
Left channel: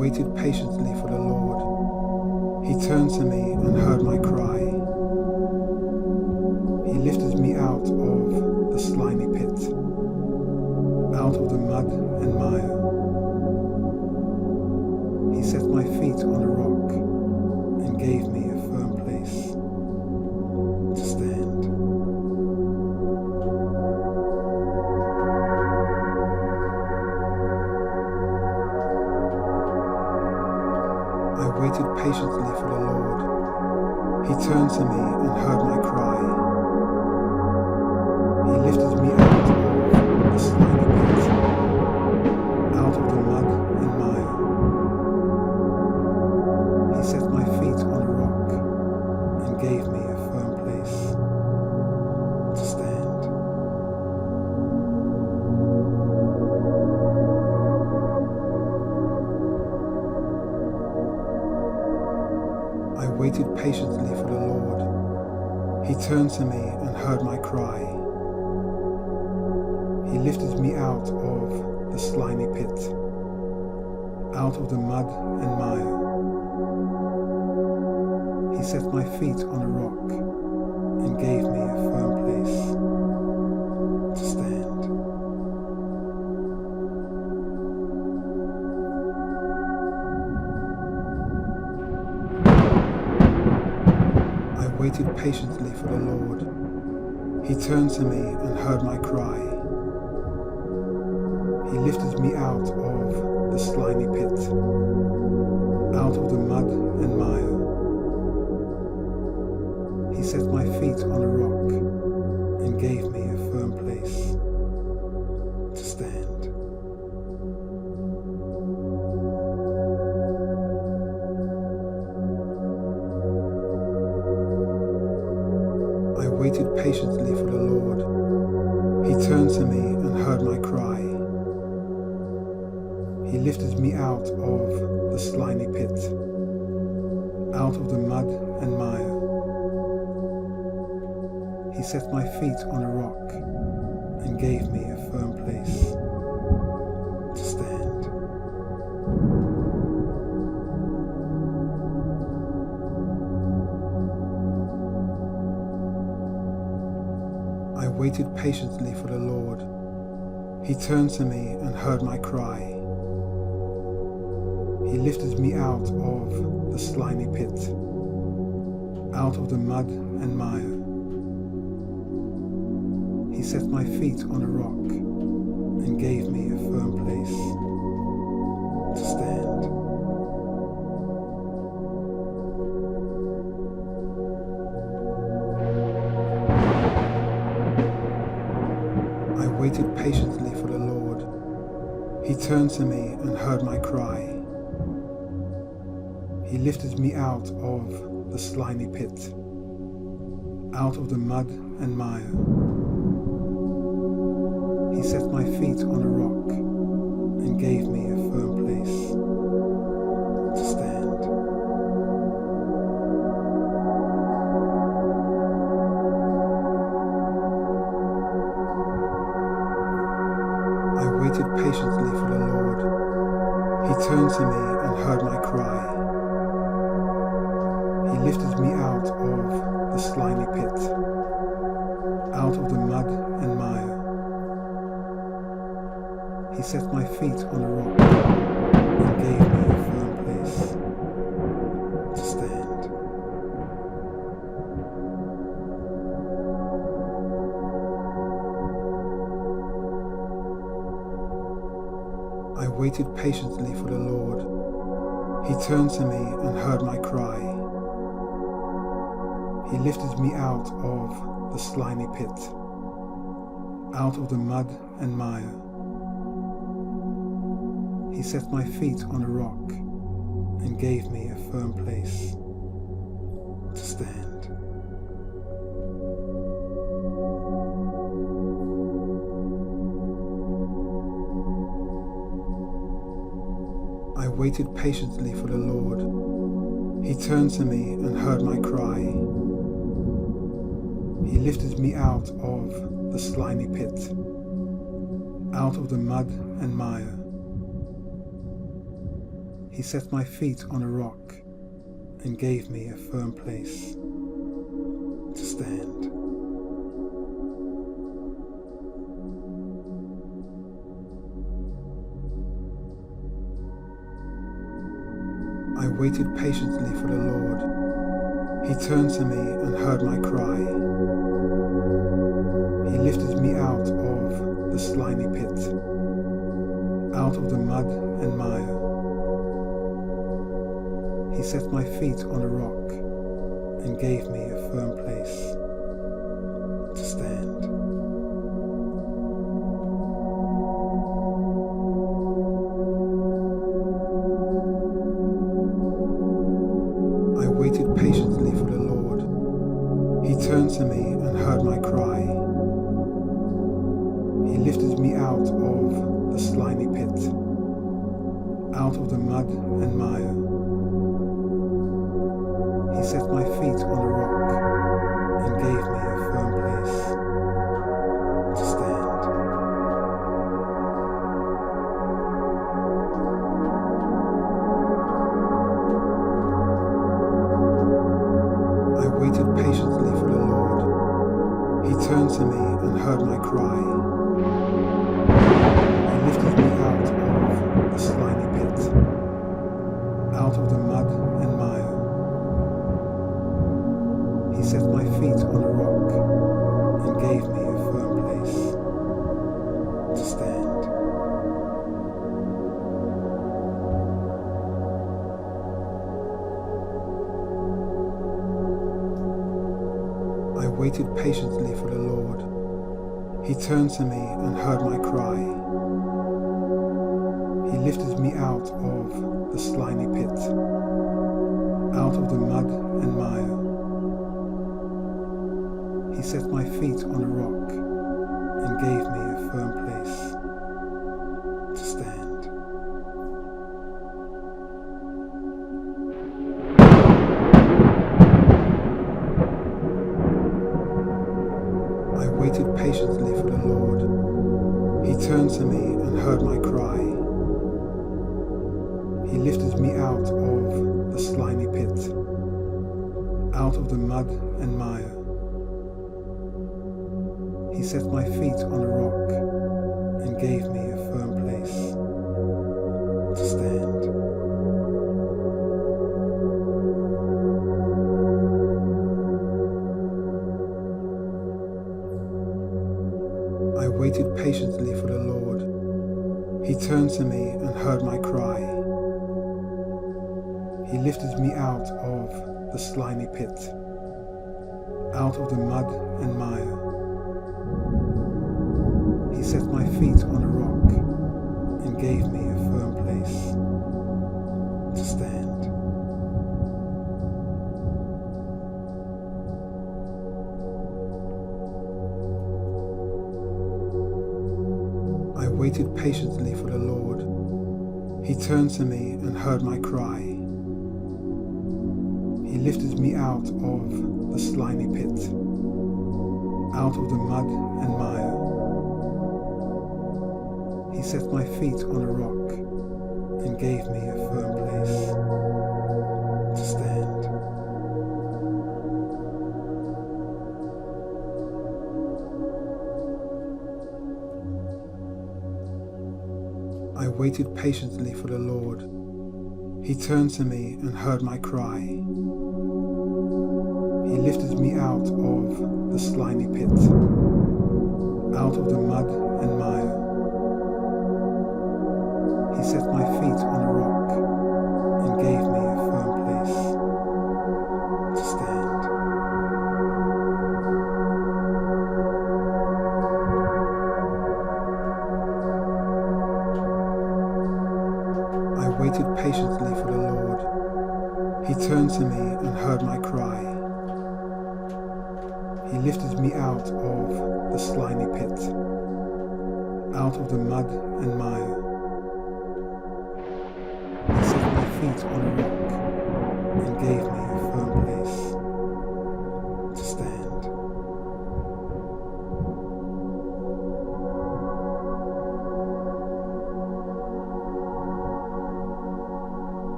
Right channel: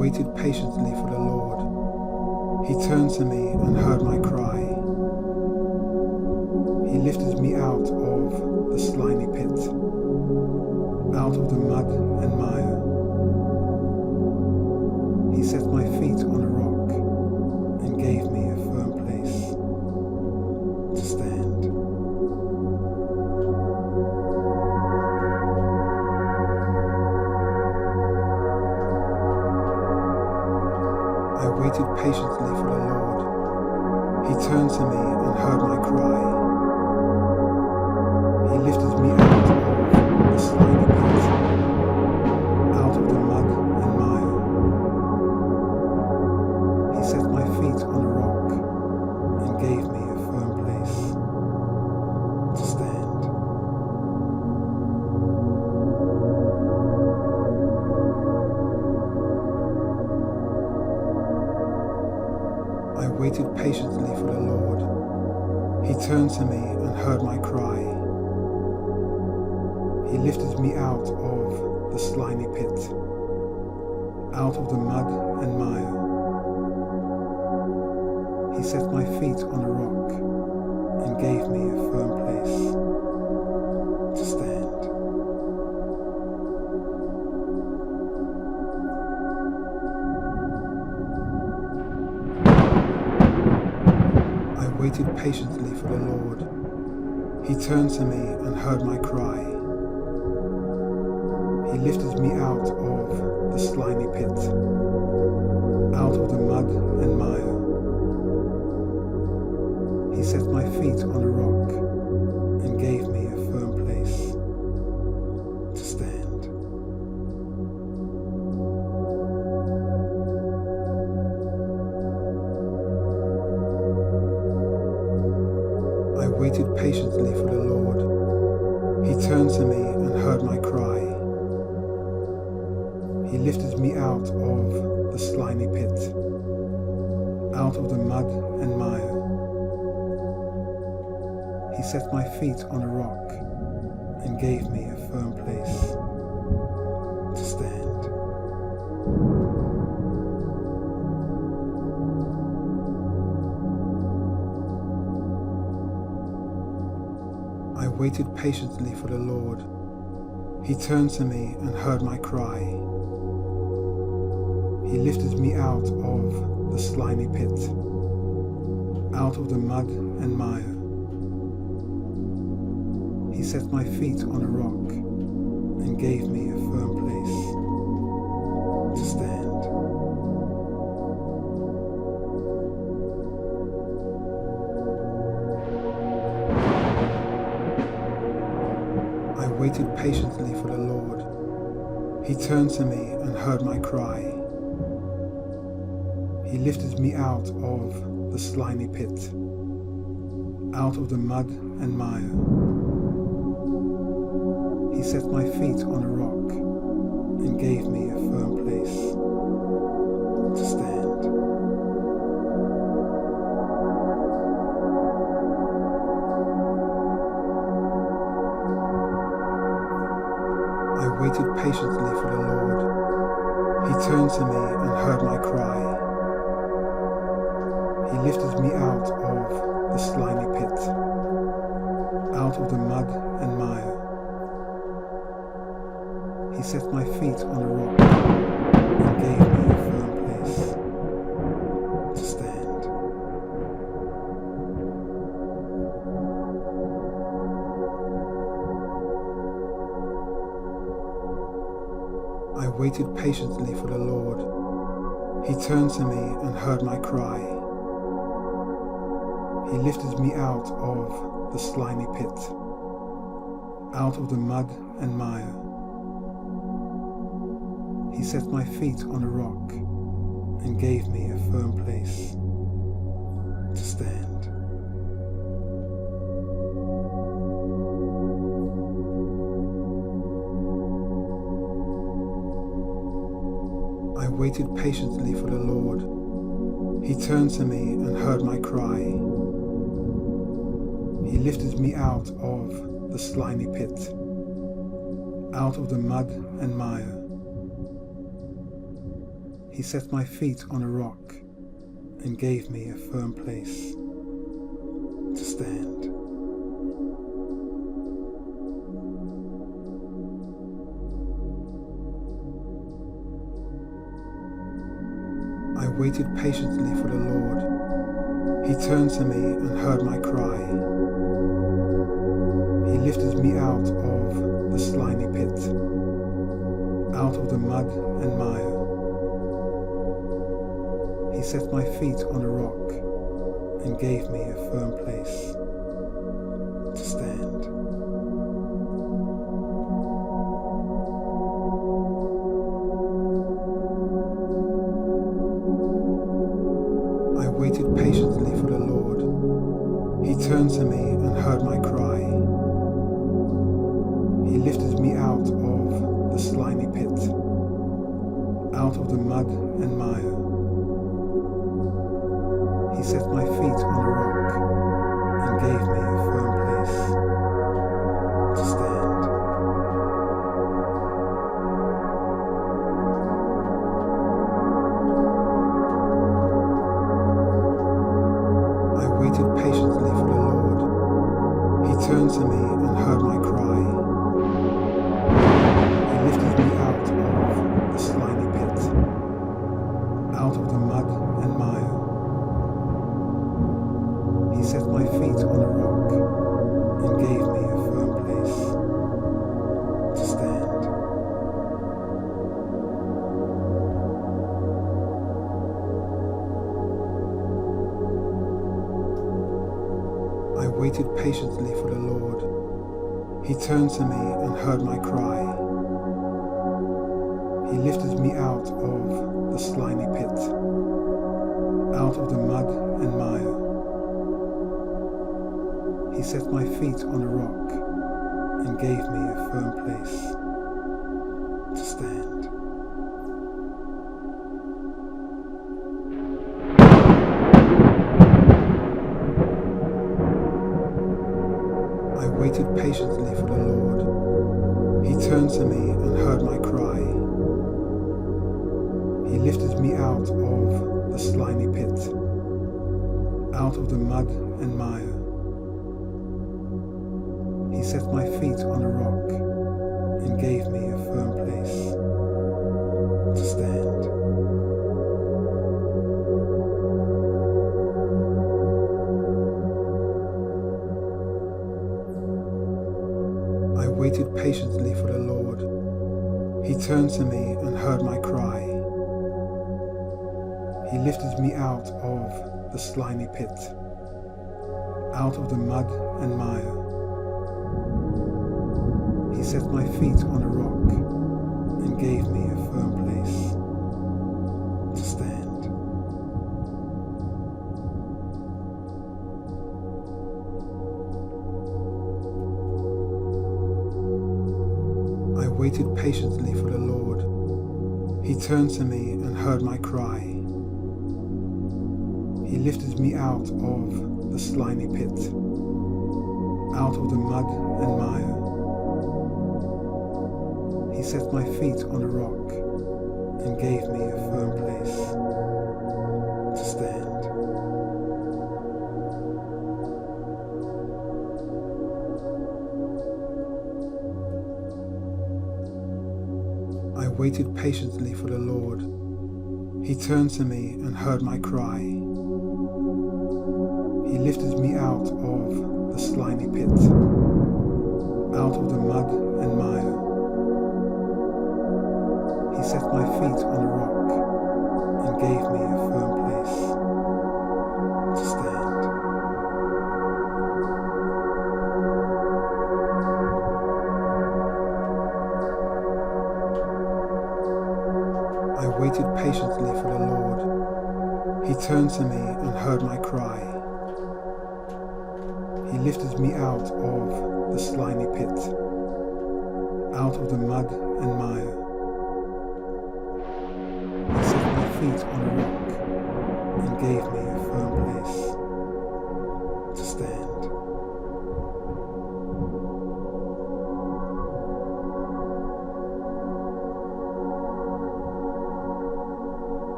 waited patiently for the Lord. He turned to me and heard my cry. He lifted me out of the slimy pit, out of the mud and mire. He set my feet on a rock and gave me a firm place to stand. I waited patiently for the Lord. He turned to me and heard my cry. He lifted me out of the slimy pit, out of the mud and mire. He set my feet on a rock and gave me a firm place to stand. I waited patiently for the Lord. He turned to me and heard my cry. He lifted me out of the slimy pit, out of the mud and mire. He set my feet on a rock and gave me a firm place to stand. I waited patiently for the Lord. He turned to me and heard my cry. He lifted me out of the slimy pit, out of the mud and mire. He set my feet on a rock and gave me a firm place to stand. I waited patiently for the Lord. He turned to me and heard my cry. He lifted me out of the slimy pit, out of the mud and mire. He set my feet on a rock and gave me a firm place to stand. I waited patiently for the Lord. He turned to me and heard my cry. He lifted me out of the slimy pit, out of the mud and mire. He set my feet on a rock and gave me a firm place to stand. I waited patiently for the Lord. He turned to me and heard my cry. He lifted me out of the slimy pit, out of the mud and mire. He set my feet on a rock and gave me a firm place to stand. I waited patiently for the Lord. He turned to me and heard my cry. He lifted me out of the slimy pit, out of the mud and mire. He set my feet on a rock and gave me a firm place to stand. I waited patiently for the Lord. He turned to me and heard my cry. He lifted me out of the slimy pit, out of the mud and mire. He set my feet on a rock and gave me a firm place to stand. I waited patiently for the Lord. He turned to me and heard my cry. He lifted me out of the slimy pit, out of the mud and mire. He set my feet on a rock and gave me a firm place to stand. I waited patiently for the Lord. He turned to me and heard my cry. He lifted me out of the slimy pit, out of the mud and mire. He set my feet on a rock and gave me a firm place to stand. I waited patiently for the Lord. He turned to me and heard my cry. He lifted me out of the slimy pit, out of the mud and mire. He set my feet on a rock and gave me a firm place to stand. I waited patiently for the Lord. He turned to me and heard my cry. He lifted me out of the slimy pit, out of the mud and mire. He set my feet on a rock and gave me a firm place to stand. I waited patiently for the Lord. He turned to me and heard my cry. He lifted me out of the slimy pit, out of the mud and mire. He set my feet on a rock and gave me a firm place to stand. I waited patiently for the Lord. He turned to me and heard my cry. He lifted me out of the slimy pit, out of the mud and mire. He set my feet on a rock and gave me a firm place to stand. I waited patiently for the Lord. He turned to me and heard my cry. He lifted me out of the slimy pit, out of the mud and mire. He set my feet on a rock and gave me a firm place to stand. I waited patiently for the Lord. He turned to me and heard my cry. He lifted me out of the slimy pit, out of the mud and mire. He set my feet on a rock and gave me a firm place to stand. I waited patiently for the Lord. He turned to me and heard my cry. He lifted me out of the slimy pit, out of the mud and mire. He set my feet on a rock and gave me a firm place to stand. I waited patiently for the Lord. He turned to me and heard my cry. He lifted me out of the slimy pit, out of the mud and mire. He set my feet on a rock and gave me a firm place to stand.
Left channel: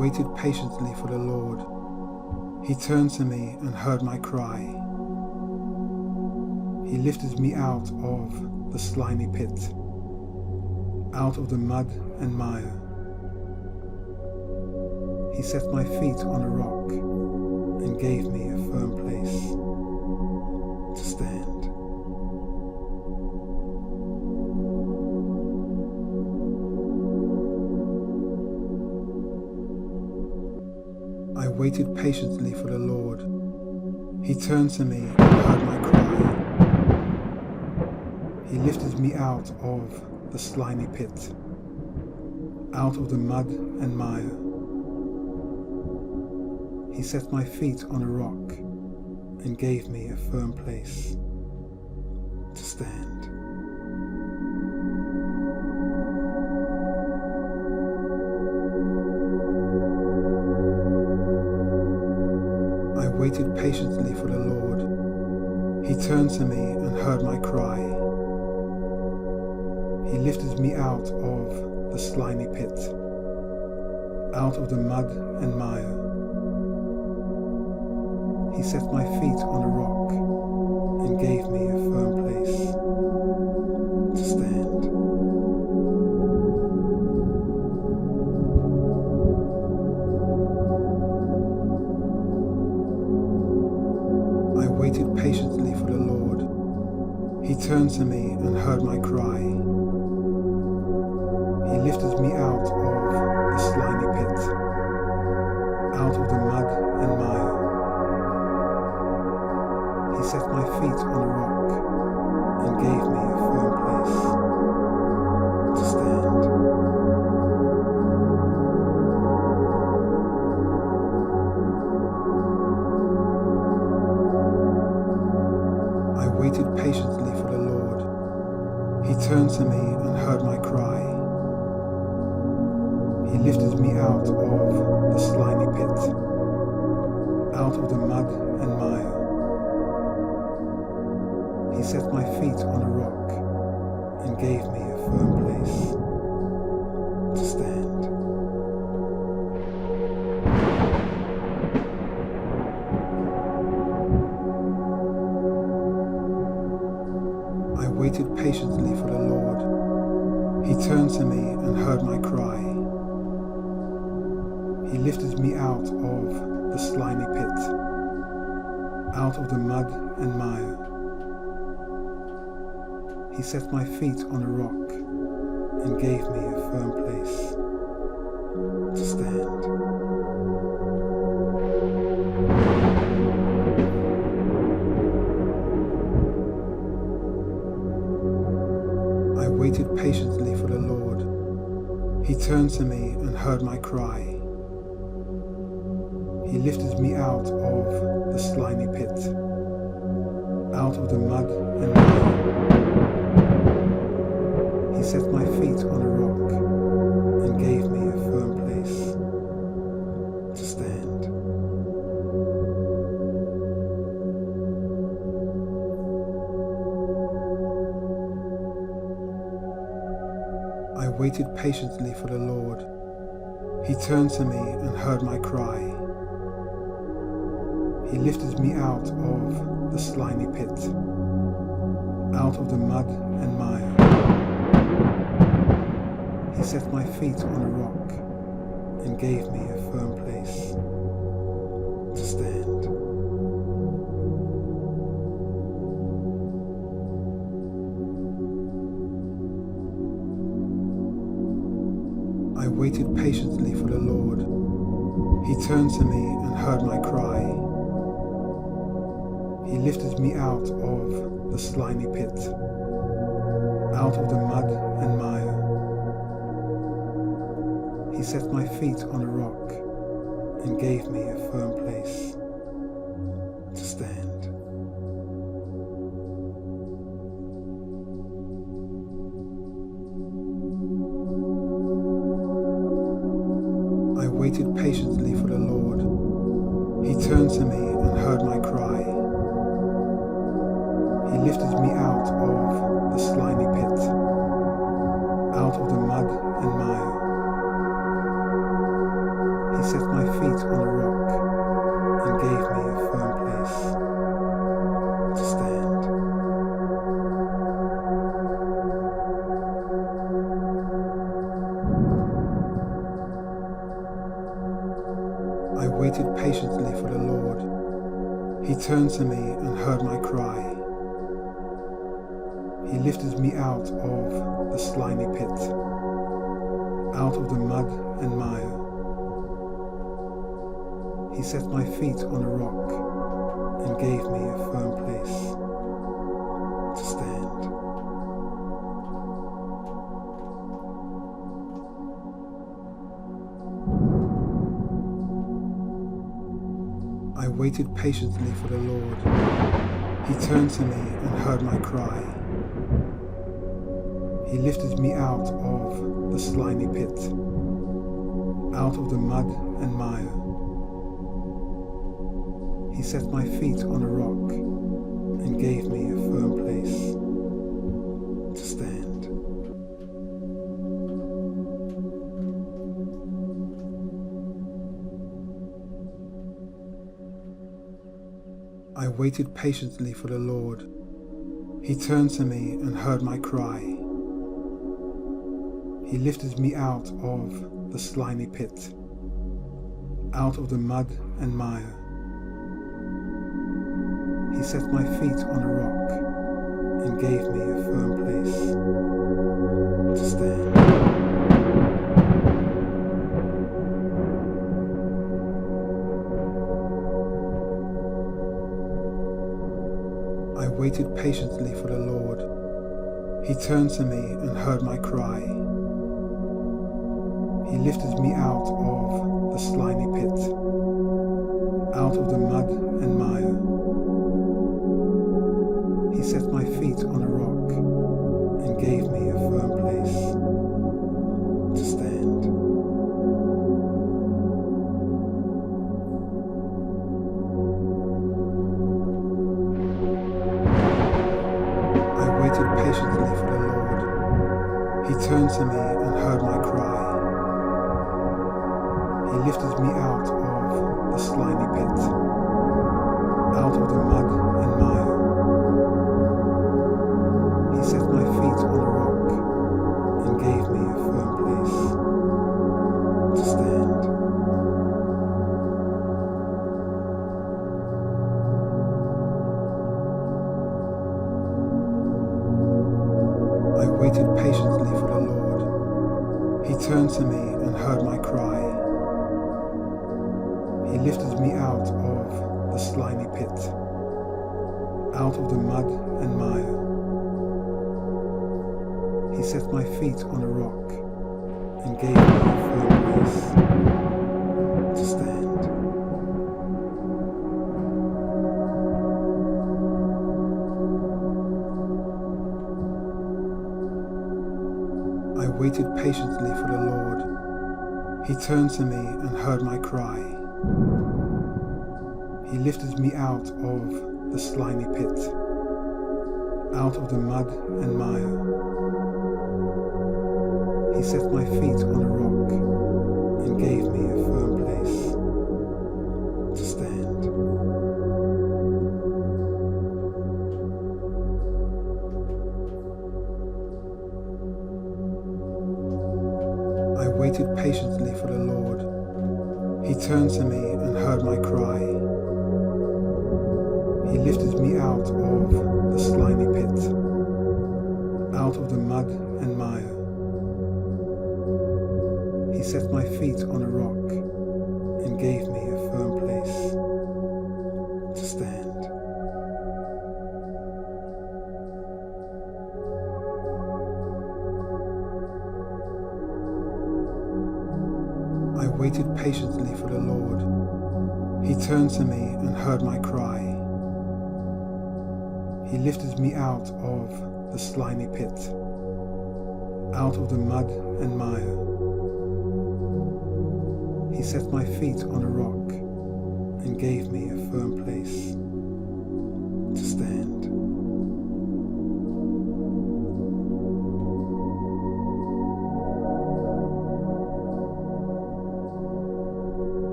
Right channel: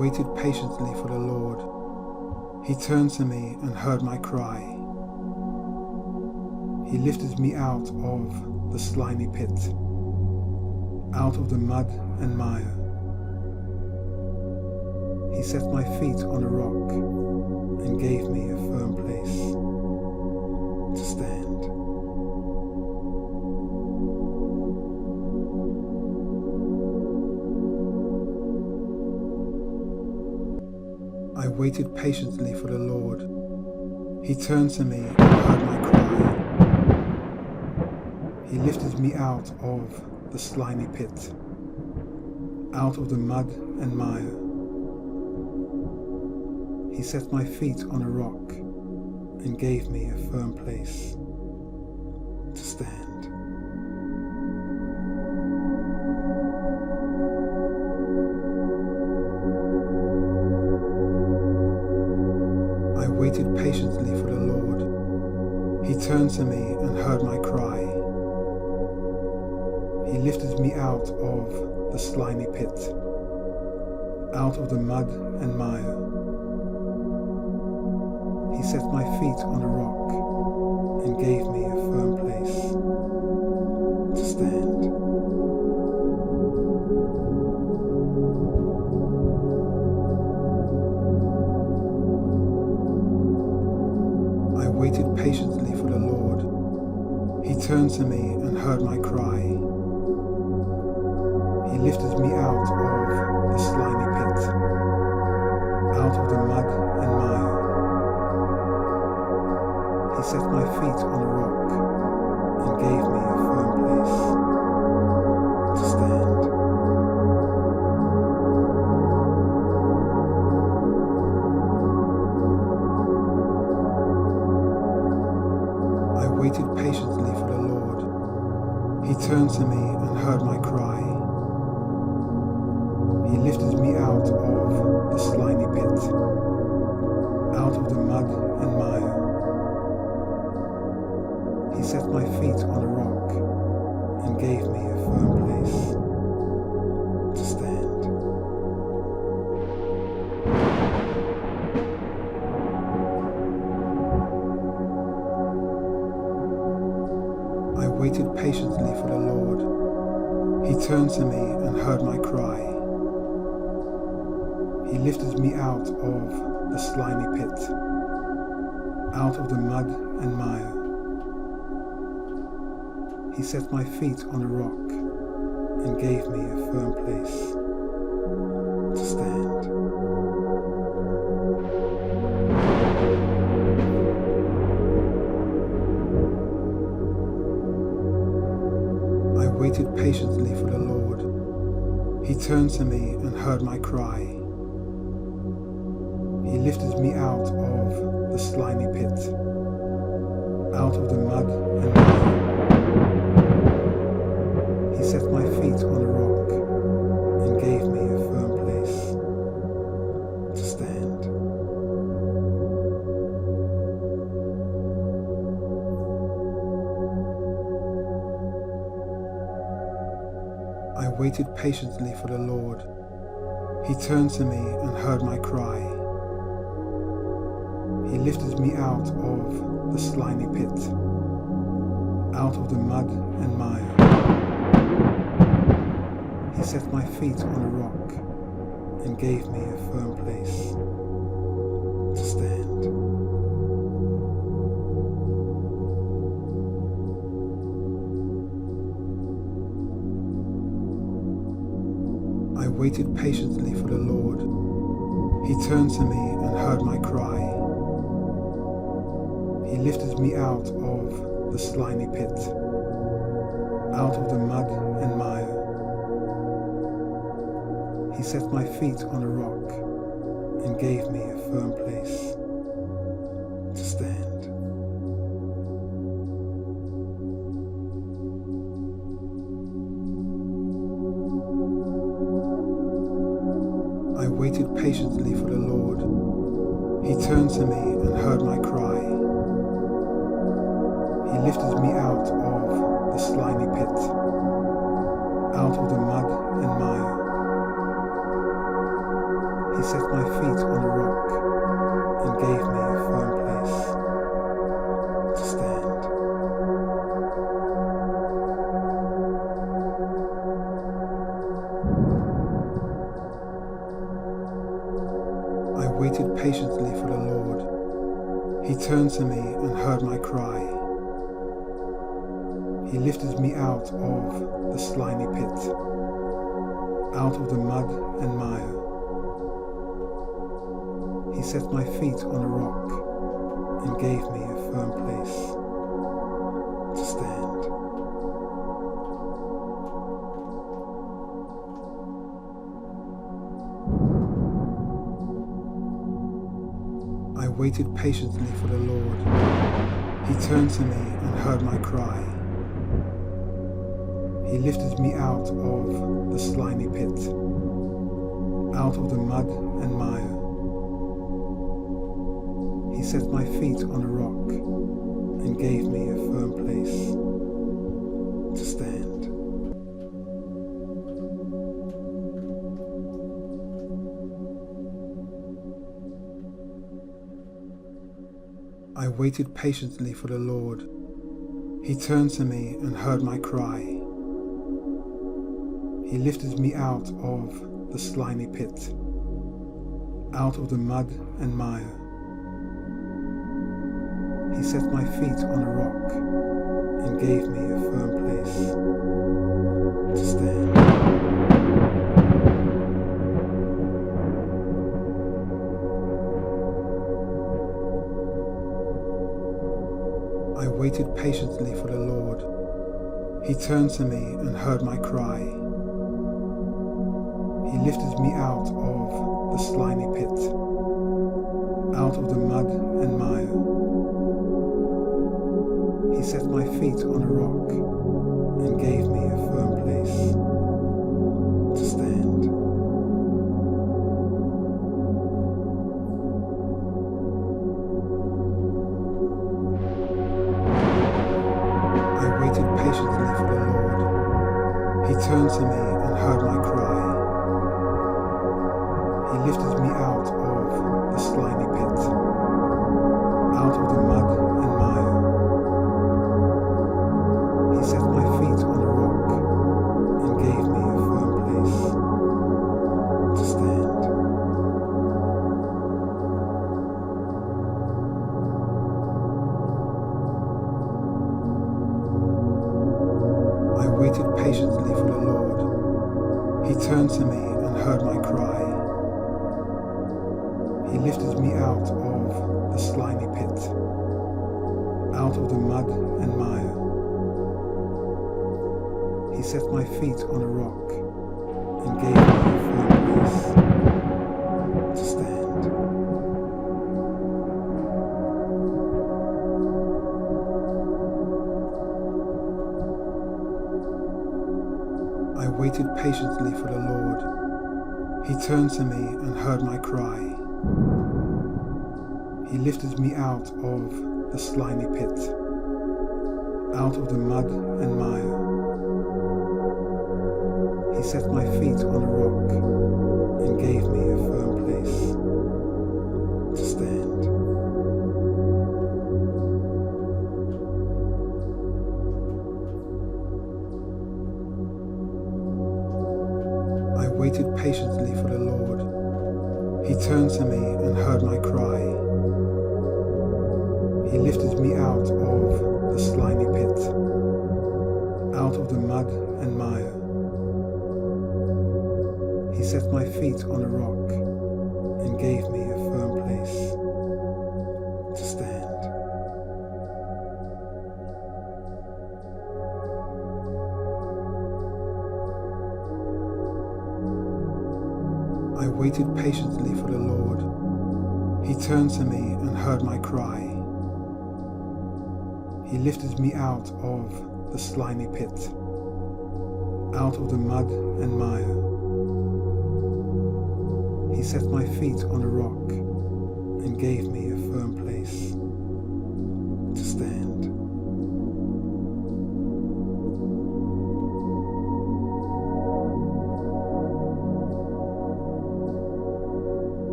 waited patiently for the Lord. He turned to me and heard my cry. He lifted me out of the slimy pit, out of the mud and mire. He set my feet on a rock and gave me a firm place to stand. I waited patiently for the Lord. He turned to me and heard my cry. He lifted me out of the slimy pit, out of the mud and mire. He set my feet on a rock and gave me a firm place to stand. I waited patiently for the Lord. He turned to me and heard my cry. He lifted me out of the slimy pit, out of the mud and mire. He set my feet on a rock and gave me a firm place to stand. I waited patiently for the Lord. He turned to me and heard my cry. He lifted me out of the slimy pit, out of the mud and mire. He set my feet on a rock and gave me a firm place to stand. I waited patiently for the Lord. He turned to me and heard my cry. He lifted me out of the slimy pit, out of the mud and mire. He set my feet on a rock and gave me a firm place to stand. I waited patiently for the Lord. He turned to me and heard my cry. He lifted me out of the slimy pit, out of the mud and mire. He set my feet on a rock and gave me a firm place to stand. I waited patiently for the Lord. He turned to me and heard my cry. He lifted me out of the slimy pit, out of the mud and mire. He set my feet on a rock and gave me a firm place to stand. I waited patiently for the Lord. He turned to me and heard my cry. He lifted me out of the slimy pit, out of the mud and mire. He set my feet on a rock and gave me a firm place to stand. I waited patiently for the Lord. He turned to me and heard my cry. He lifted me out of the slimy pit, out of the mud and mire. He set my feet on a rock and gave me a firm place to stand. I waited patiently for the Lord. He turned to me and heard my cry. He lifted me out of the slimy pit, out of the mud and mire. He He set my feet on a rock and gave me a firm place to stand. I waited patiently for the Lord. He turned to me and heard my cry. He lifted me out of the slimy pit, out of the mud and mire. He set my feet on a rock and gave me a firm place to stand. I waited patiently for the Lord. He turned to me and heard my cry. He lifted me out of the slimy pit, out of the mud and mire. He set my feet on a rock and gave me a firm place to stand. I waited patiently for the Lord. He turned to me and heard my cry. He lifted me out of the slimy pit, out of the mud and mire. He set my feet on a rock and gave me a firm place to stand. I waited patiently for the Lord. He turned to me and heard my cry. He lifted me out of the slimy pit, out of the mud and mire. He set my feet on a rock and gave me a firm place to stand. I waited patiently for the Lord. He turned to me and heard my cry. He lifted me out of the slimy pit, out of the mud and mire. He set my feet on a rock and gave me a firm place to stand. I waited patiently for the Lord. He turned to me and heard my cry. He lifted me out of the slimy pit, out of the mud and mire. He set my feet on a rock and gave me a firm place to stand. I waited patiently for the Lord. He turned to me and heard my cry. He lifted me out of the slimy pit, out of the mud and mire. He set my feet on a rock and gave me a firm place to stand. I waited patiently for the Lord. He turned to me and heard my cry. He lifted me out of the slimy pit, out of the mud and mire. He set my feet on a rock and gave me a firm place to stand. I waited patiently for the Lord. He turned to me and heard my cry. He lifted me out of the slimy pit, out of the mud and mire. He set my feet on a rock and gave me a firm place to stand.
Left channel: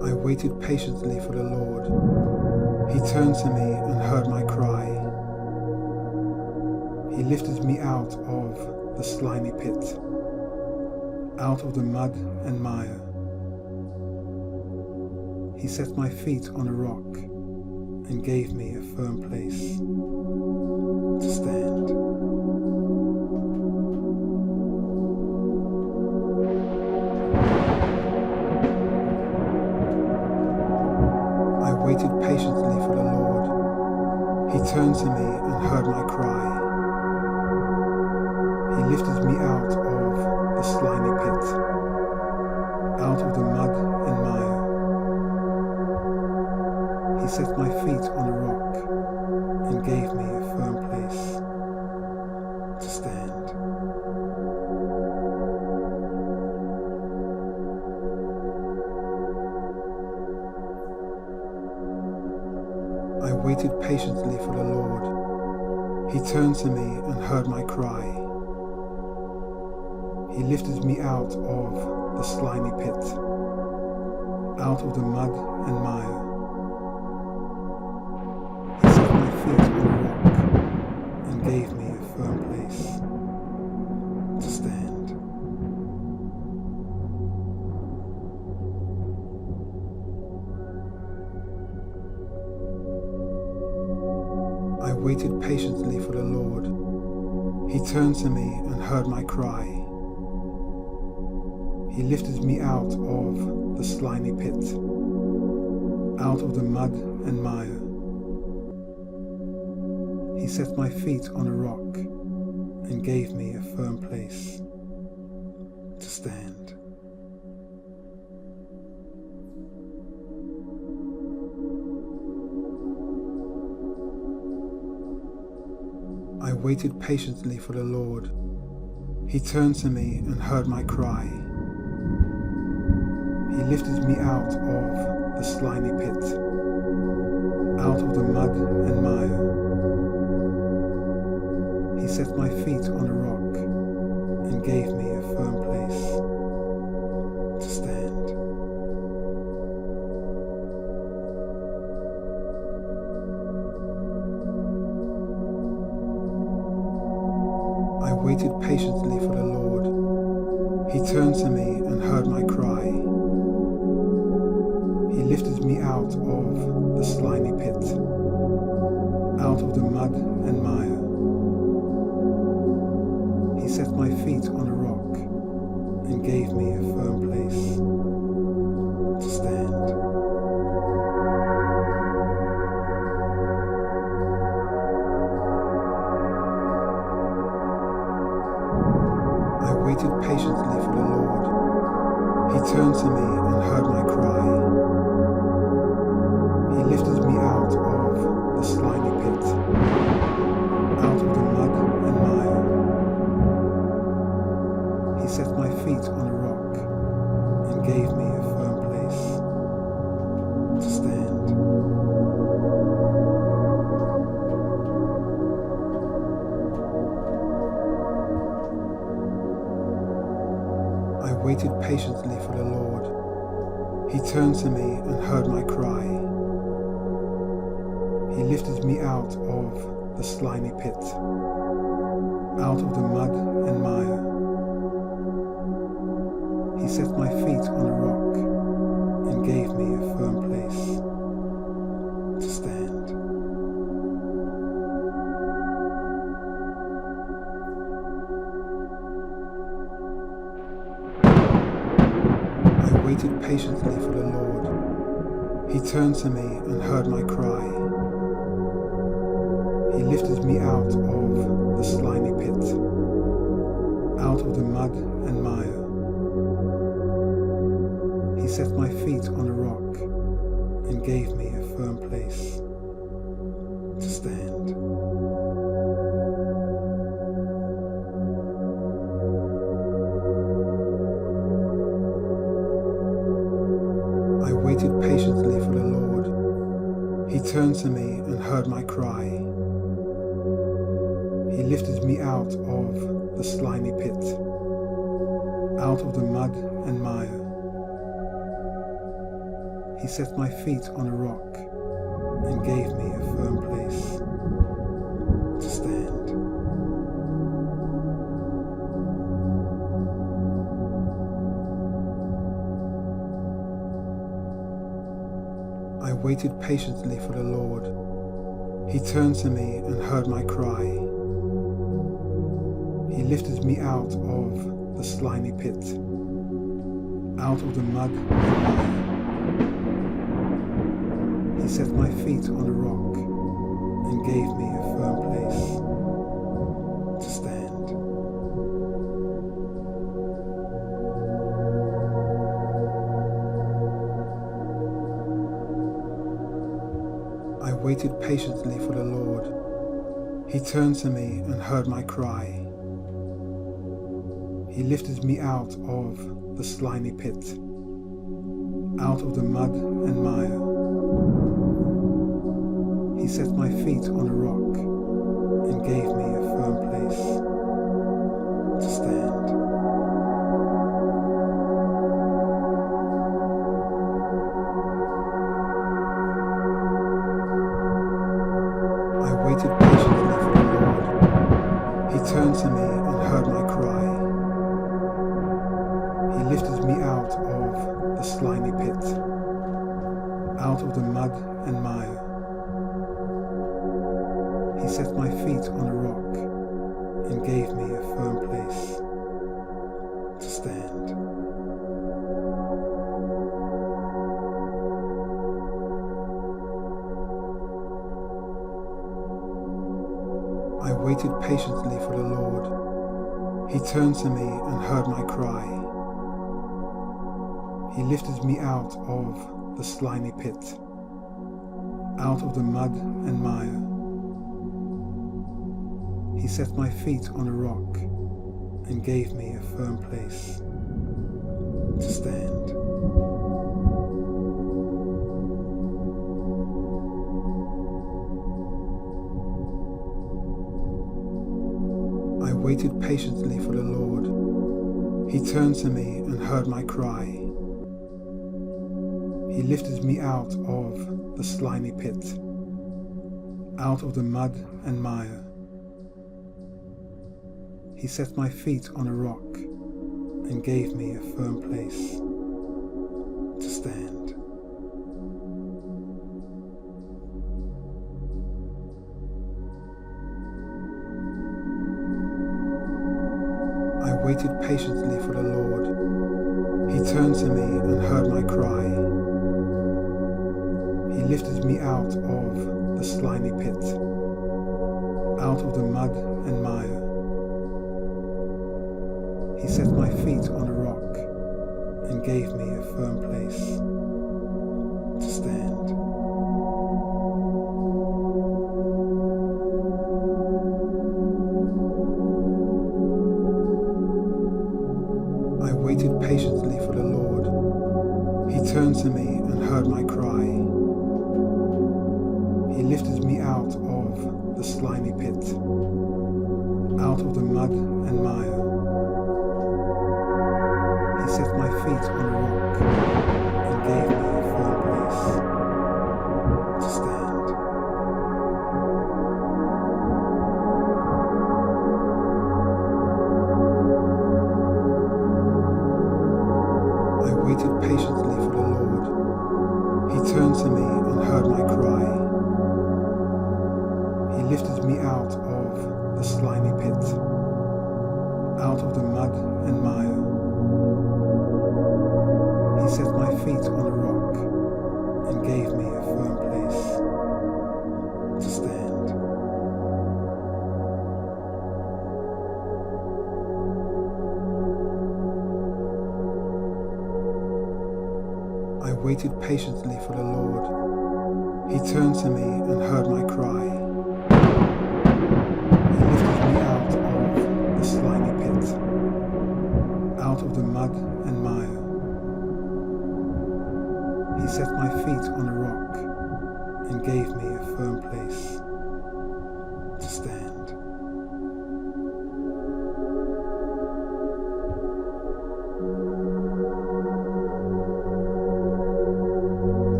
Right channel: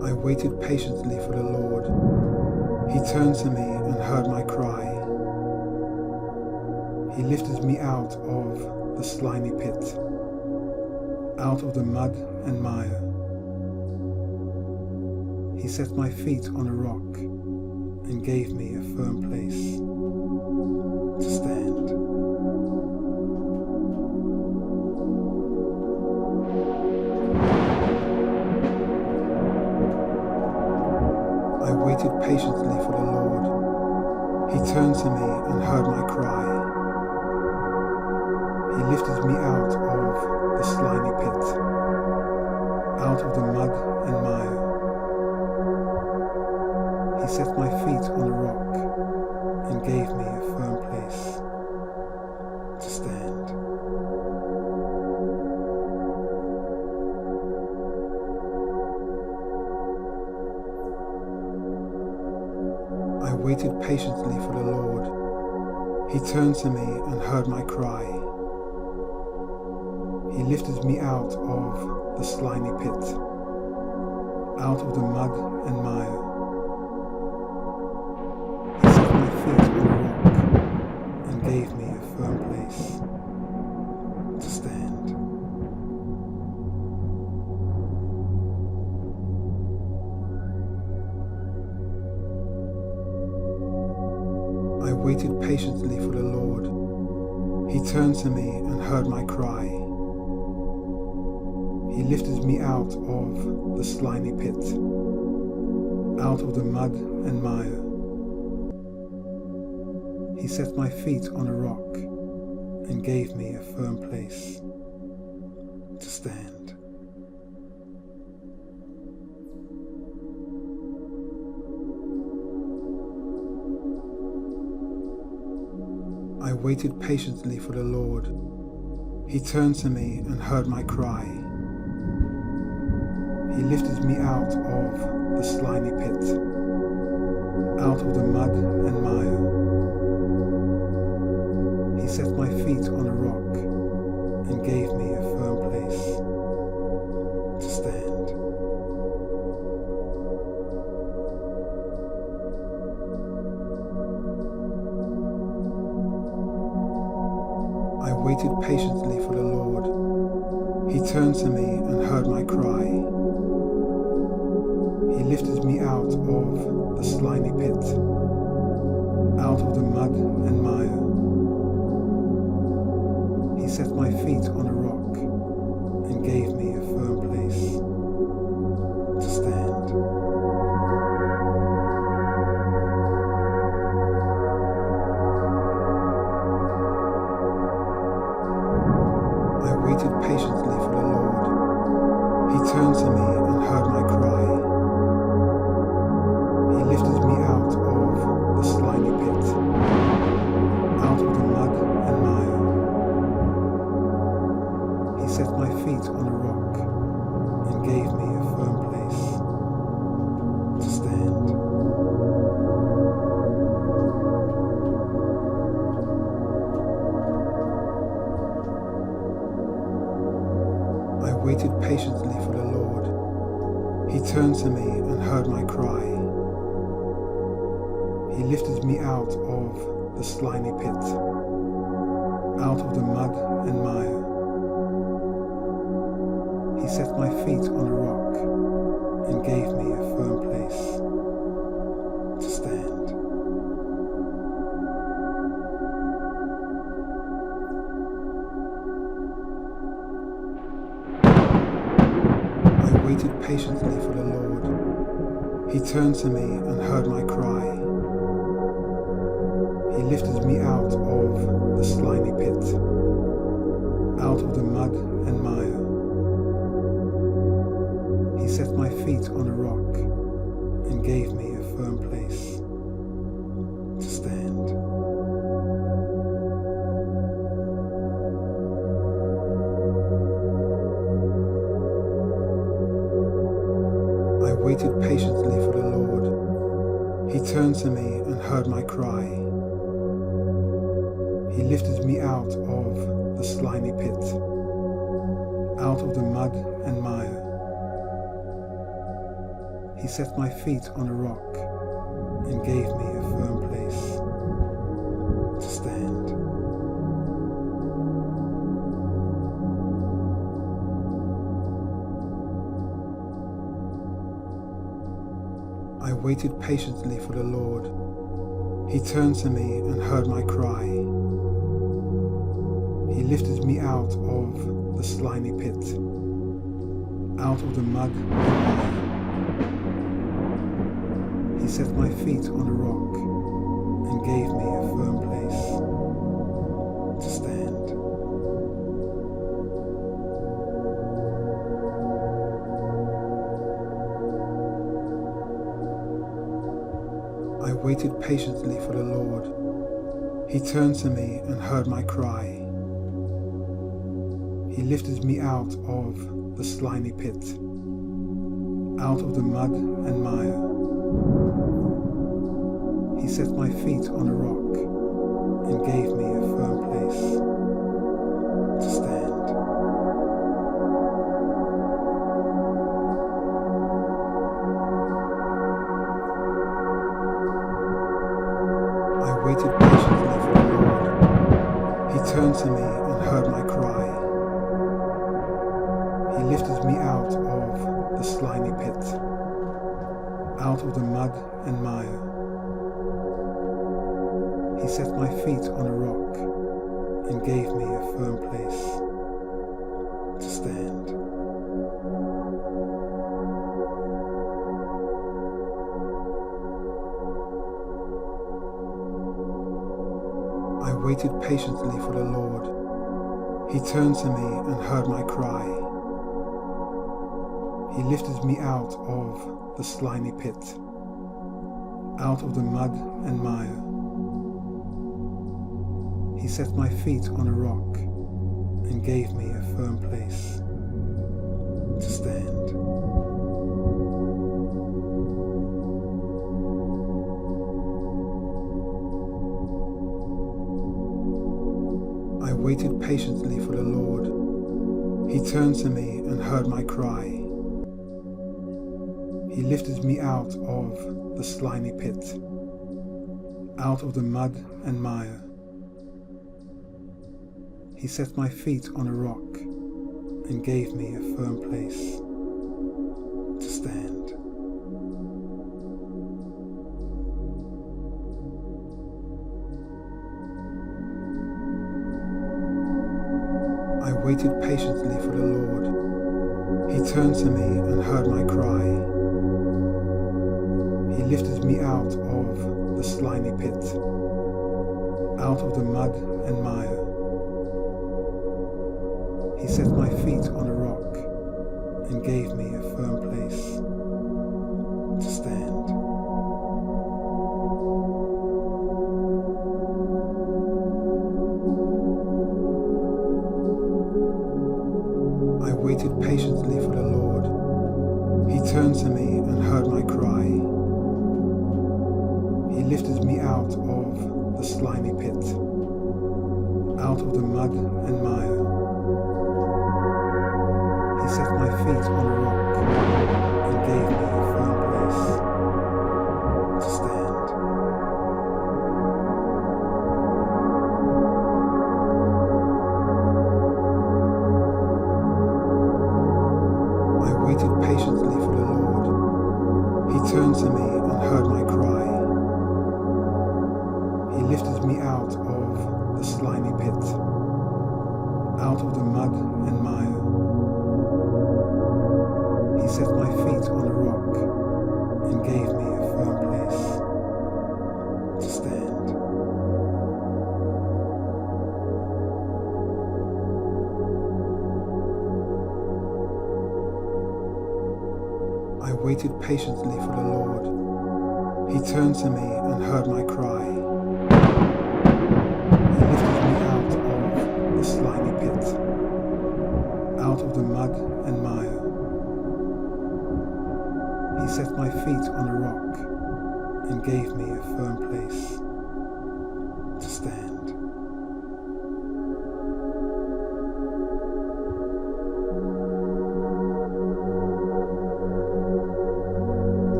waited patiently for the Lord. He turned to me and heard my cry. He lifted me out of the slimy pit, out of the mud and mire. He set my feet on a rock and gave me a firm place to stand. I waited patiently for the Lord. He turned to me and heard my cry. He lifted me out of the slimy pit, out of the mud and mire. He set my feet on a rock and gave me a firm place to stand. I waited patiently for the Lord. He turned to me and heard my cry. He lifted me out of the slimy pit, out of the mud and mire. He set my feet on a rock and gave me a firm place to stand. I waited patiently for the Lord. He turned to me and heard my cry. He lifted me out of the slimy pit, out of the mud and mire. He set my feet on a rock and gave me a firm place to stand. I waited patiently for the Lord. He turned to me and heard my cry. He lifted me out of the slimy pit, out of the mud and mire. He set my feet on a rock and gave me a firm place to stand. I waited patiently for the Lord. He turned to me and heard my cry. He lifted me out of the slimy pit, out of the mud and mire. He set my feet on a rock and gave me a firm place to stand. I waited patiently for the Lord. He turned to me and heard my cry. He lifted me out of the slimy pit, out of the mud and mire. He set my feet on a rock and gave me a firm place to stand. I waited patiently for the Lord. He turned to me and heard my cry. He lifted me out of the slimy pit, out of the mud and mire. He set my feet on a rock and gave me a firm place to stand. I waited patiently for the Lord. He turned to me and heard my cry. He lifted me out of the slimy pit, out of the mud and mire. He set my feet on a rock and gave me a firm place to stand. I waited patiently for the Lord. He turned to me and heard my cry. He lifted me out of the slimy pit, out of the mud and mire. He set my feet on a rock and gave me a firm place to stand. I waited patiently for the Lord. He turned to me and heard my cry. He lifted me out of the slimy pit, out of the mud and mire. He set my feet on a rock and gave me a firm place to stand. I waited patiently for the Lord. He turned to me and heard my cry. He lifted me out of the slimy pit, out of the mud and mire. He set my feet on a rock and gave me a firm place to stand. I waited patiently for the Lord. He turned to me and heard my cry. He lifted me out of the slimy pit, out of the mud and mire. He set my feet on a rock and gave me a firm place to stand. I waited patiently for the Lord. He turned to me and heard my cry. He lifted me out of the slimy pit, out of the mud and mire. He set my feet on a rock and gave me a firm place to stand. I waited patiently for the Lord. He turned to me and heard my cry. He lifted me out of the slimy pit, out of the mud and mire. He set my feet on a rock and gave me a firm place to stand. I waited patiently for the Lord. He turned to me and heard my cry. He lifted me out of the slimy pit, out of the mud and mire. He set my feet on a rock and gave me a firm place to stand. I waited patiently for the Lord. He turned to me and heard my cry. He lifted me out of the slimy pit, out of the mud and mire. He set my feet on a rock and gave me a firm place to stand. I waited patiently for the Lord. He turned to me and heard my cry. He lifted me out of the slimy pit, out of the mud and mire. He set my feet on a rock and gave me a firm place to stand. I waited patiently for the Lord. He turned to me and heard my cry. He lifted me out of the slimy pit, out of the mud and mire. He set my feet on a rock and gave me a firm place to stand.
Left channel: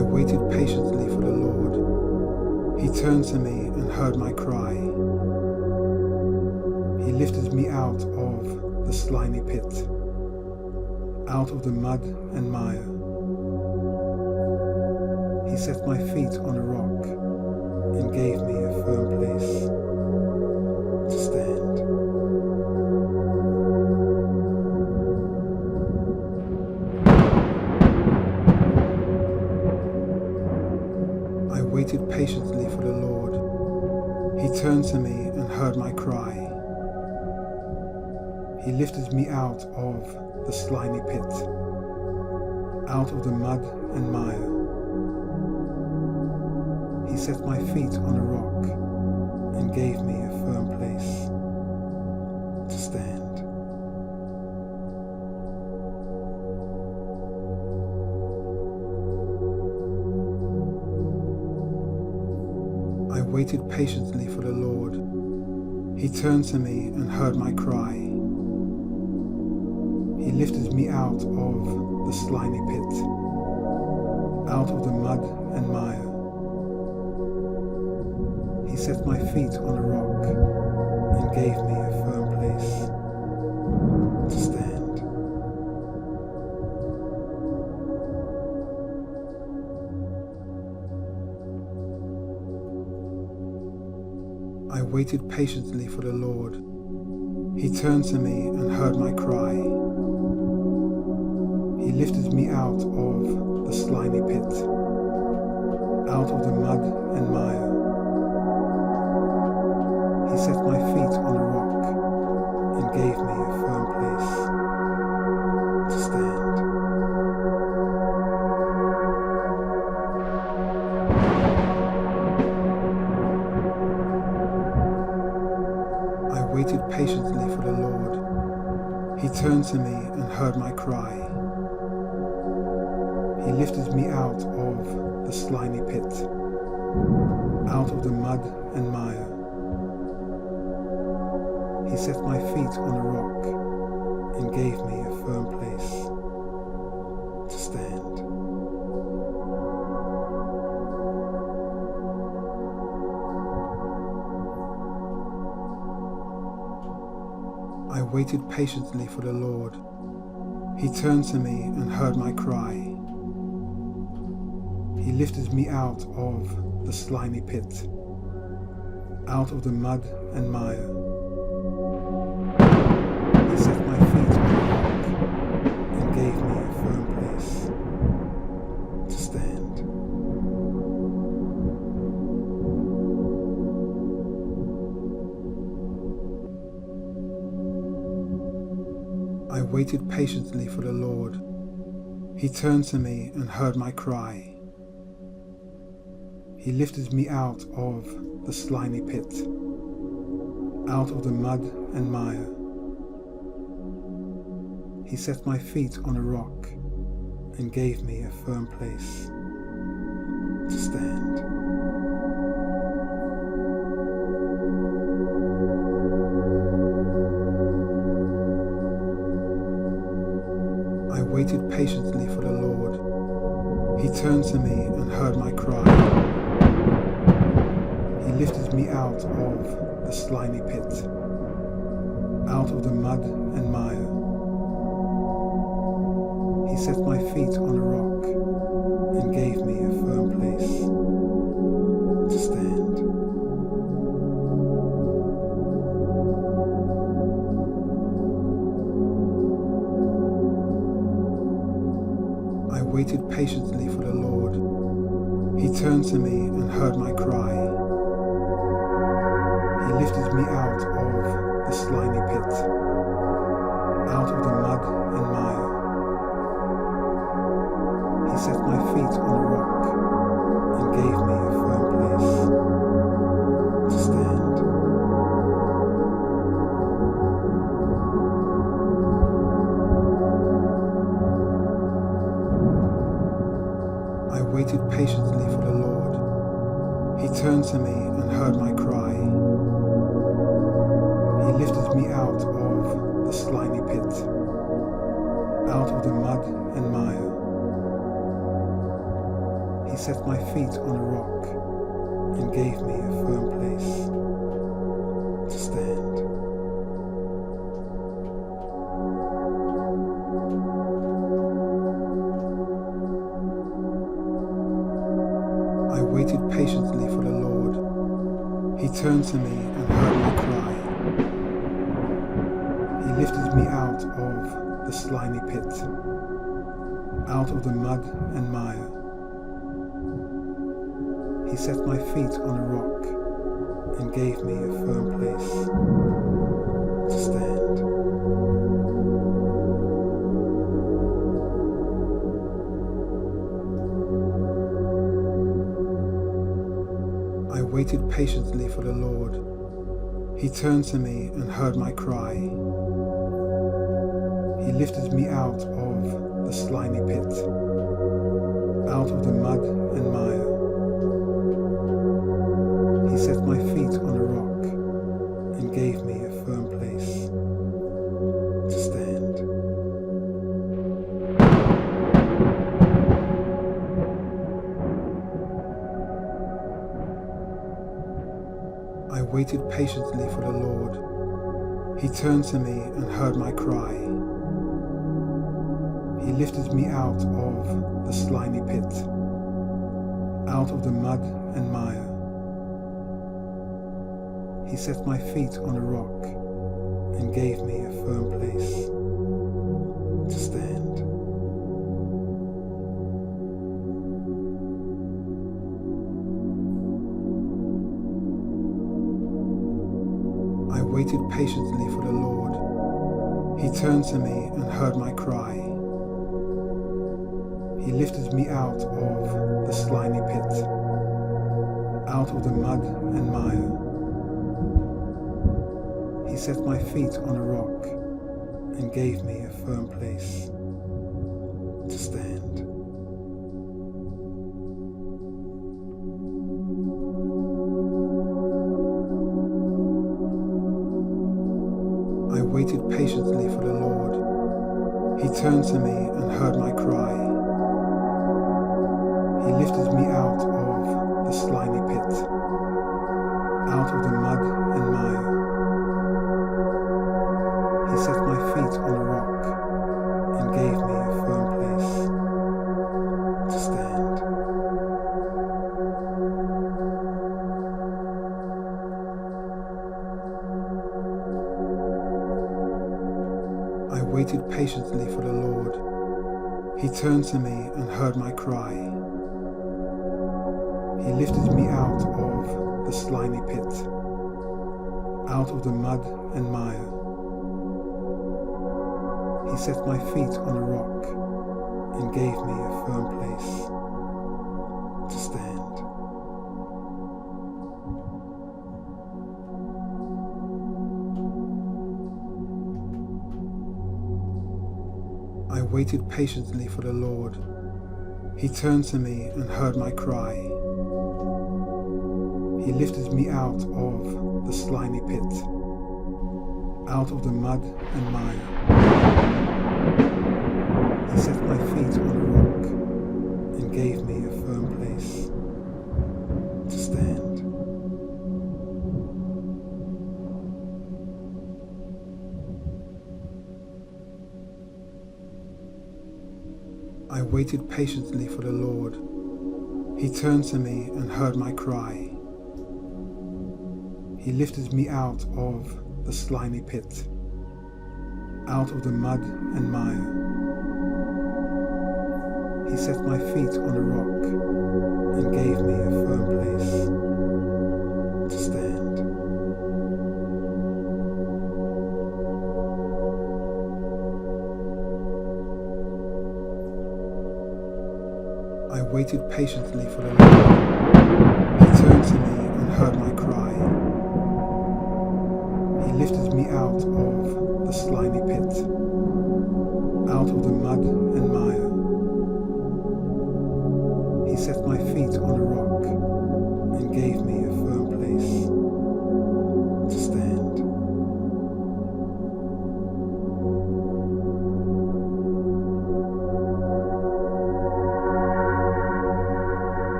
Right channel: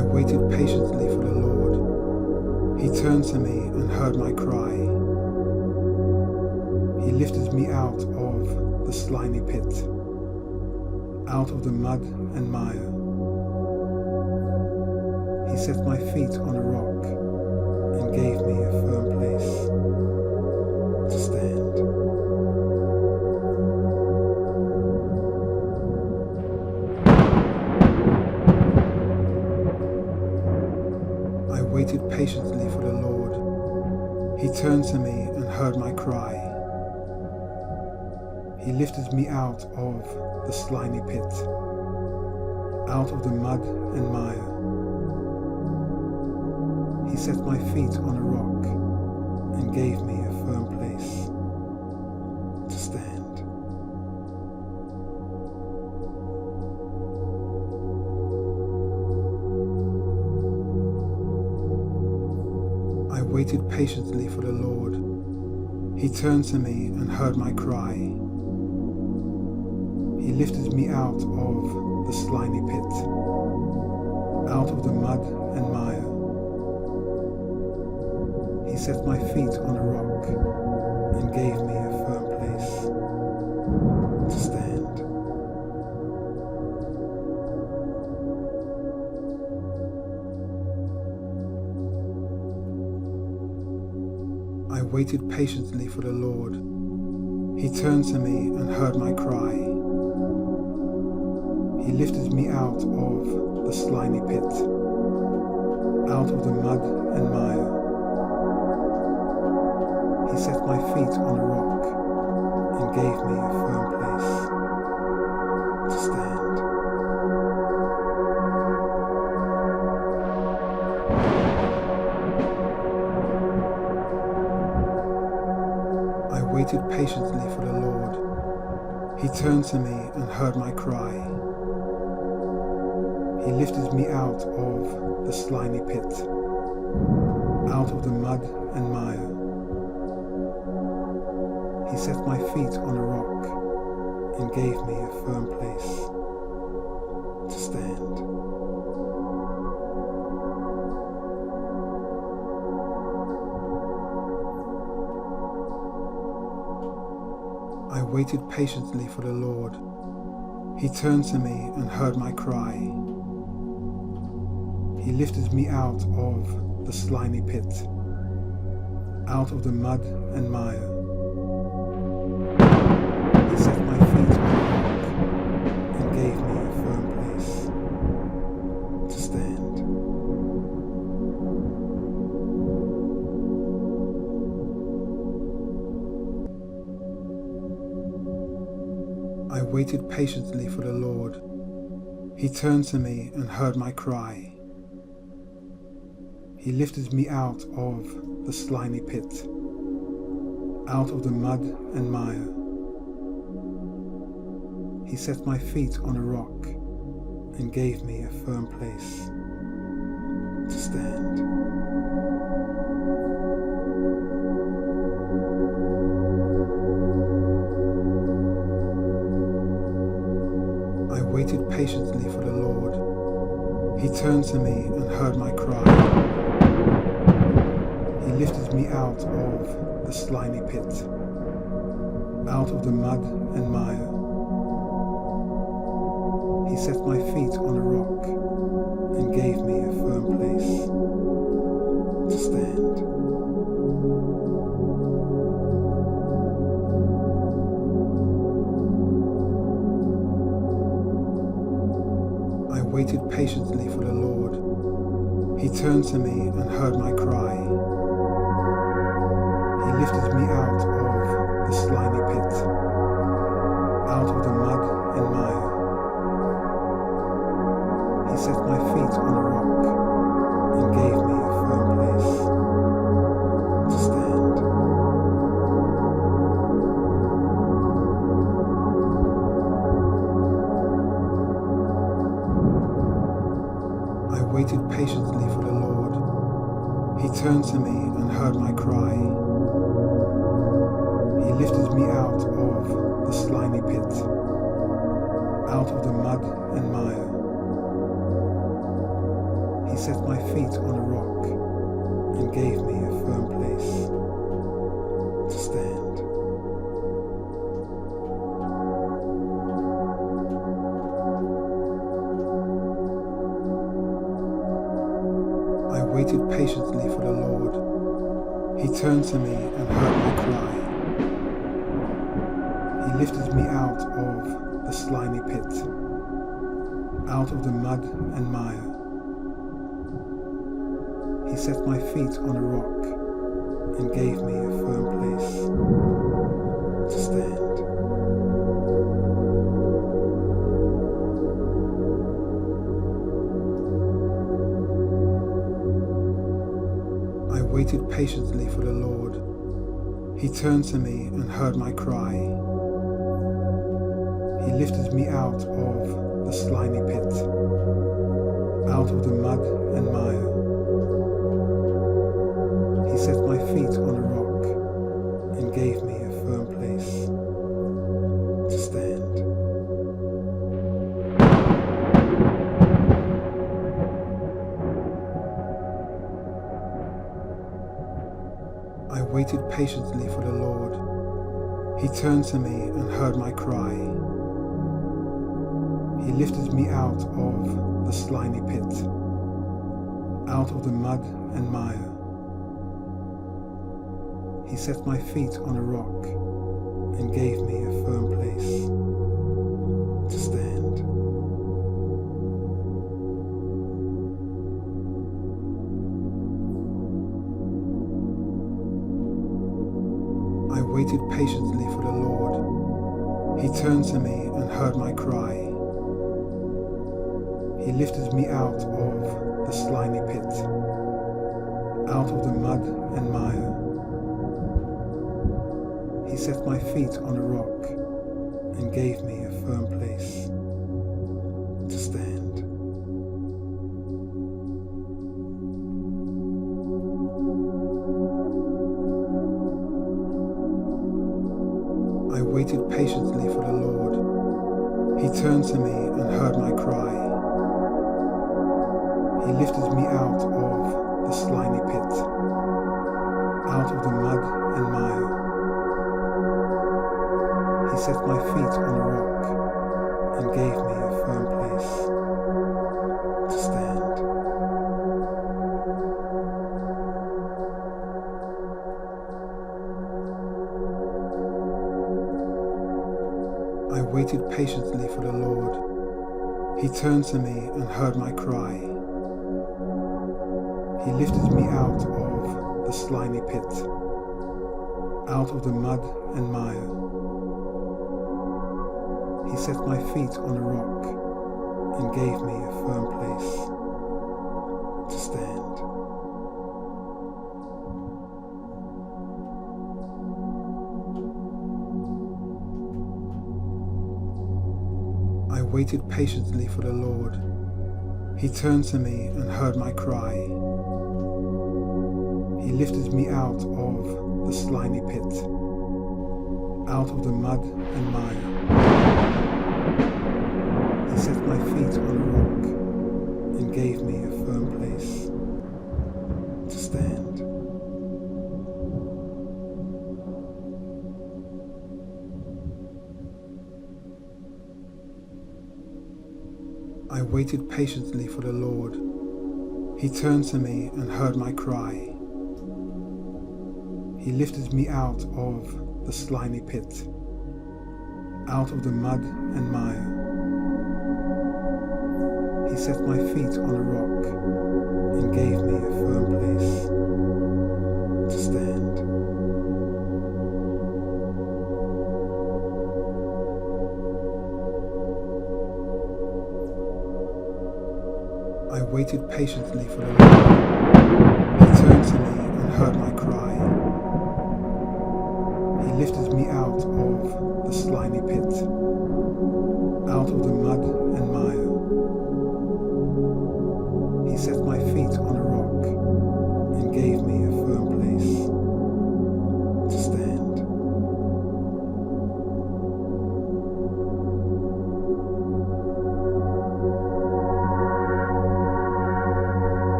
waited patiently for the Lord. He turned to me and heard my cry. He lifted me out of the slimy pit, out of the mud and mire. He set my feet on a rock and gave me a firm place to stand. I waited patiently for the Lord. He turned to me and heard my cry. He lifted me out of the slimy pit, out of the mud and mire. He set my feet on a rock and gave me a firm place to stand. I waited patiently for the Lord. He turned to me and heard my cry. He lifted me out of the slimy pit, out of the mud and mire. He set my feet on a rock and gave me a firm place to stand. I waited patiently for the Lord. He turned to me and heard my cry. He lifted me out of the slimy pit, out of the mud and mire. He set my feet on a rock and gave me a firm place to stand. I waited patiently for the Lord. He turned to me and heard my cry. He lifted me out of the slimy pit, out of the mud and mire. He set my feet on a rock and gave me a firm place to stand. I waited patiently for the Lord. He turned to me and heard my cry. He lifted me out of the slimy pit, out of the mud and mire. He set my feet on a rock and gave me a firm place to stand. I waited patiently for the Lord. He turned to me and heard my cry. He lifted me out of the slimy pit, out of the mud and mire. He set my feet on a rock and gave me a firm place to stand. I waited patiently for the Lord. He turned to me and heard my cry. He lifted me out of the slimy pit, out of the mud and mire. He set my feet on a rock and gave me a firm place to stand. I waited patiently for the Lord. He turned to me and heard my cry. He lifted me out of the slimy pit, out of the mud and mire. He set my feet on a rock and gave me a firm place to stand. I waited patiently for the Lord. He turned to me and heard my cry. He lifted me out of the slimy pit, out of the mud and mire. He He set my feet on a rock and gave me a firm place to stand. I waited patiently for the Lord. He turned to me and heard my cry. He lifted me out of the slimy pit, out of the mud and mire. He set my feet on a rock and gave me a firm place to stand. I waited patiently for the Lord. He turned to me and heard my cry. He lifted me out of the slimy pit, out of the mud and mire. He set my feet on a rock and gave me a firm place to stand. I waited patiently for the Lord. He turned to me and heard my cry. He lifted me out of the slimy pit, out of the mud and mire. He set my feet on a rock and gave me a firm place to stand. I waited patiently for the Lord. He turned to me and heard my cry. He lifted me out of the slimy pit, out of the mud and mire. He set my feet on a rock and gave me a firm place to stand. I waited patiently for the Lord. He turned to me and heard my cry. He lifted me out of the slimy pit, out of the mud and mire. He set my feet on a rock and gave me a firm place to stand. I waited patiently for the Lord. He turned to me and heard my cry. He lifted me out of the slimy pit, out of the mud and mire. He set my feet on a rock and gave me a firm place to stand. I waited patiently for the Lord. He turned to me and heard my cry. He lifted me out of the slimy pit, out of the mud and mire. He set my feet on a rock and gave me a firm place to stand. I waited patiently for the Lord. He turned to me and heard my cry. He lifted me out of the slimy pit, out of the mud and mire. He set my feet on a rock and gave me a firm place to stand. I waited patiently for the Lord. He turned to me and heard my cry. He lifted me out of the slimy pit, out of the mud and mire. He set my feet on a rock and gave me a firm place to stand.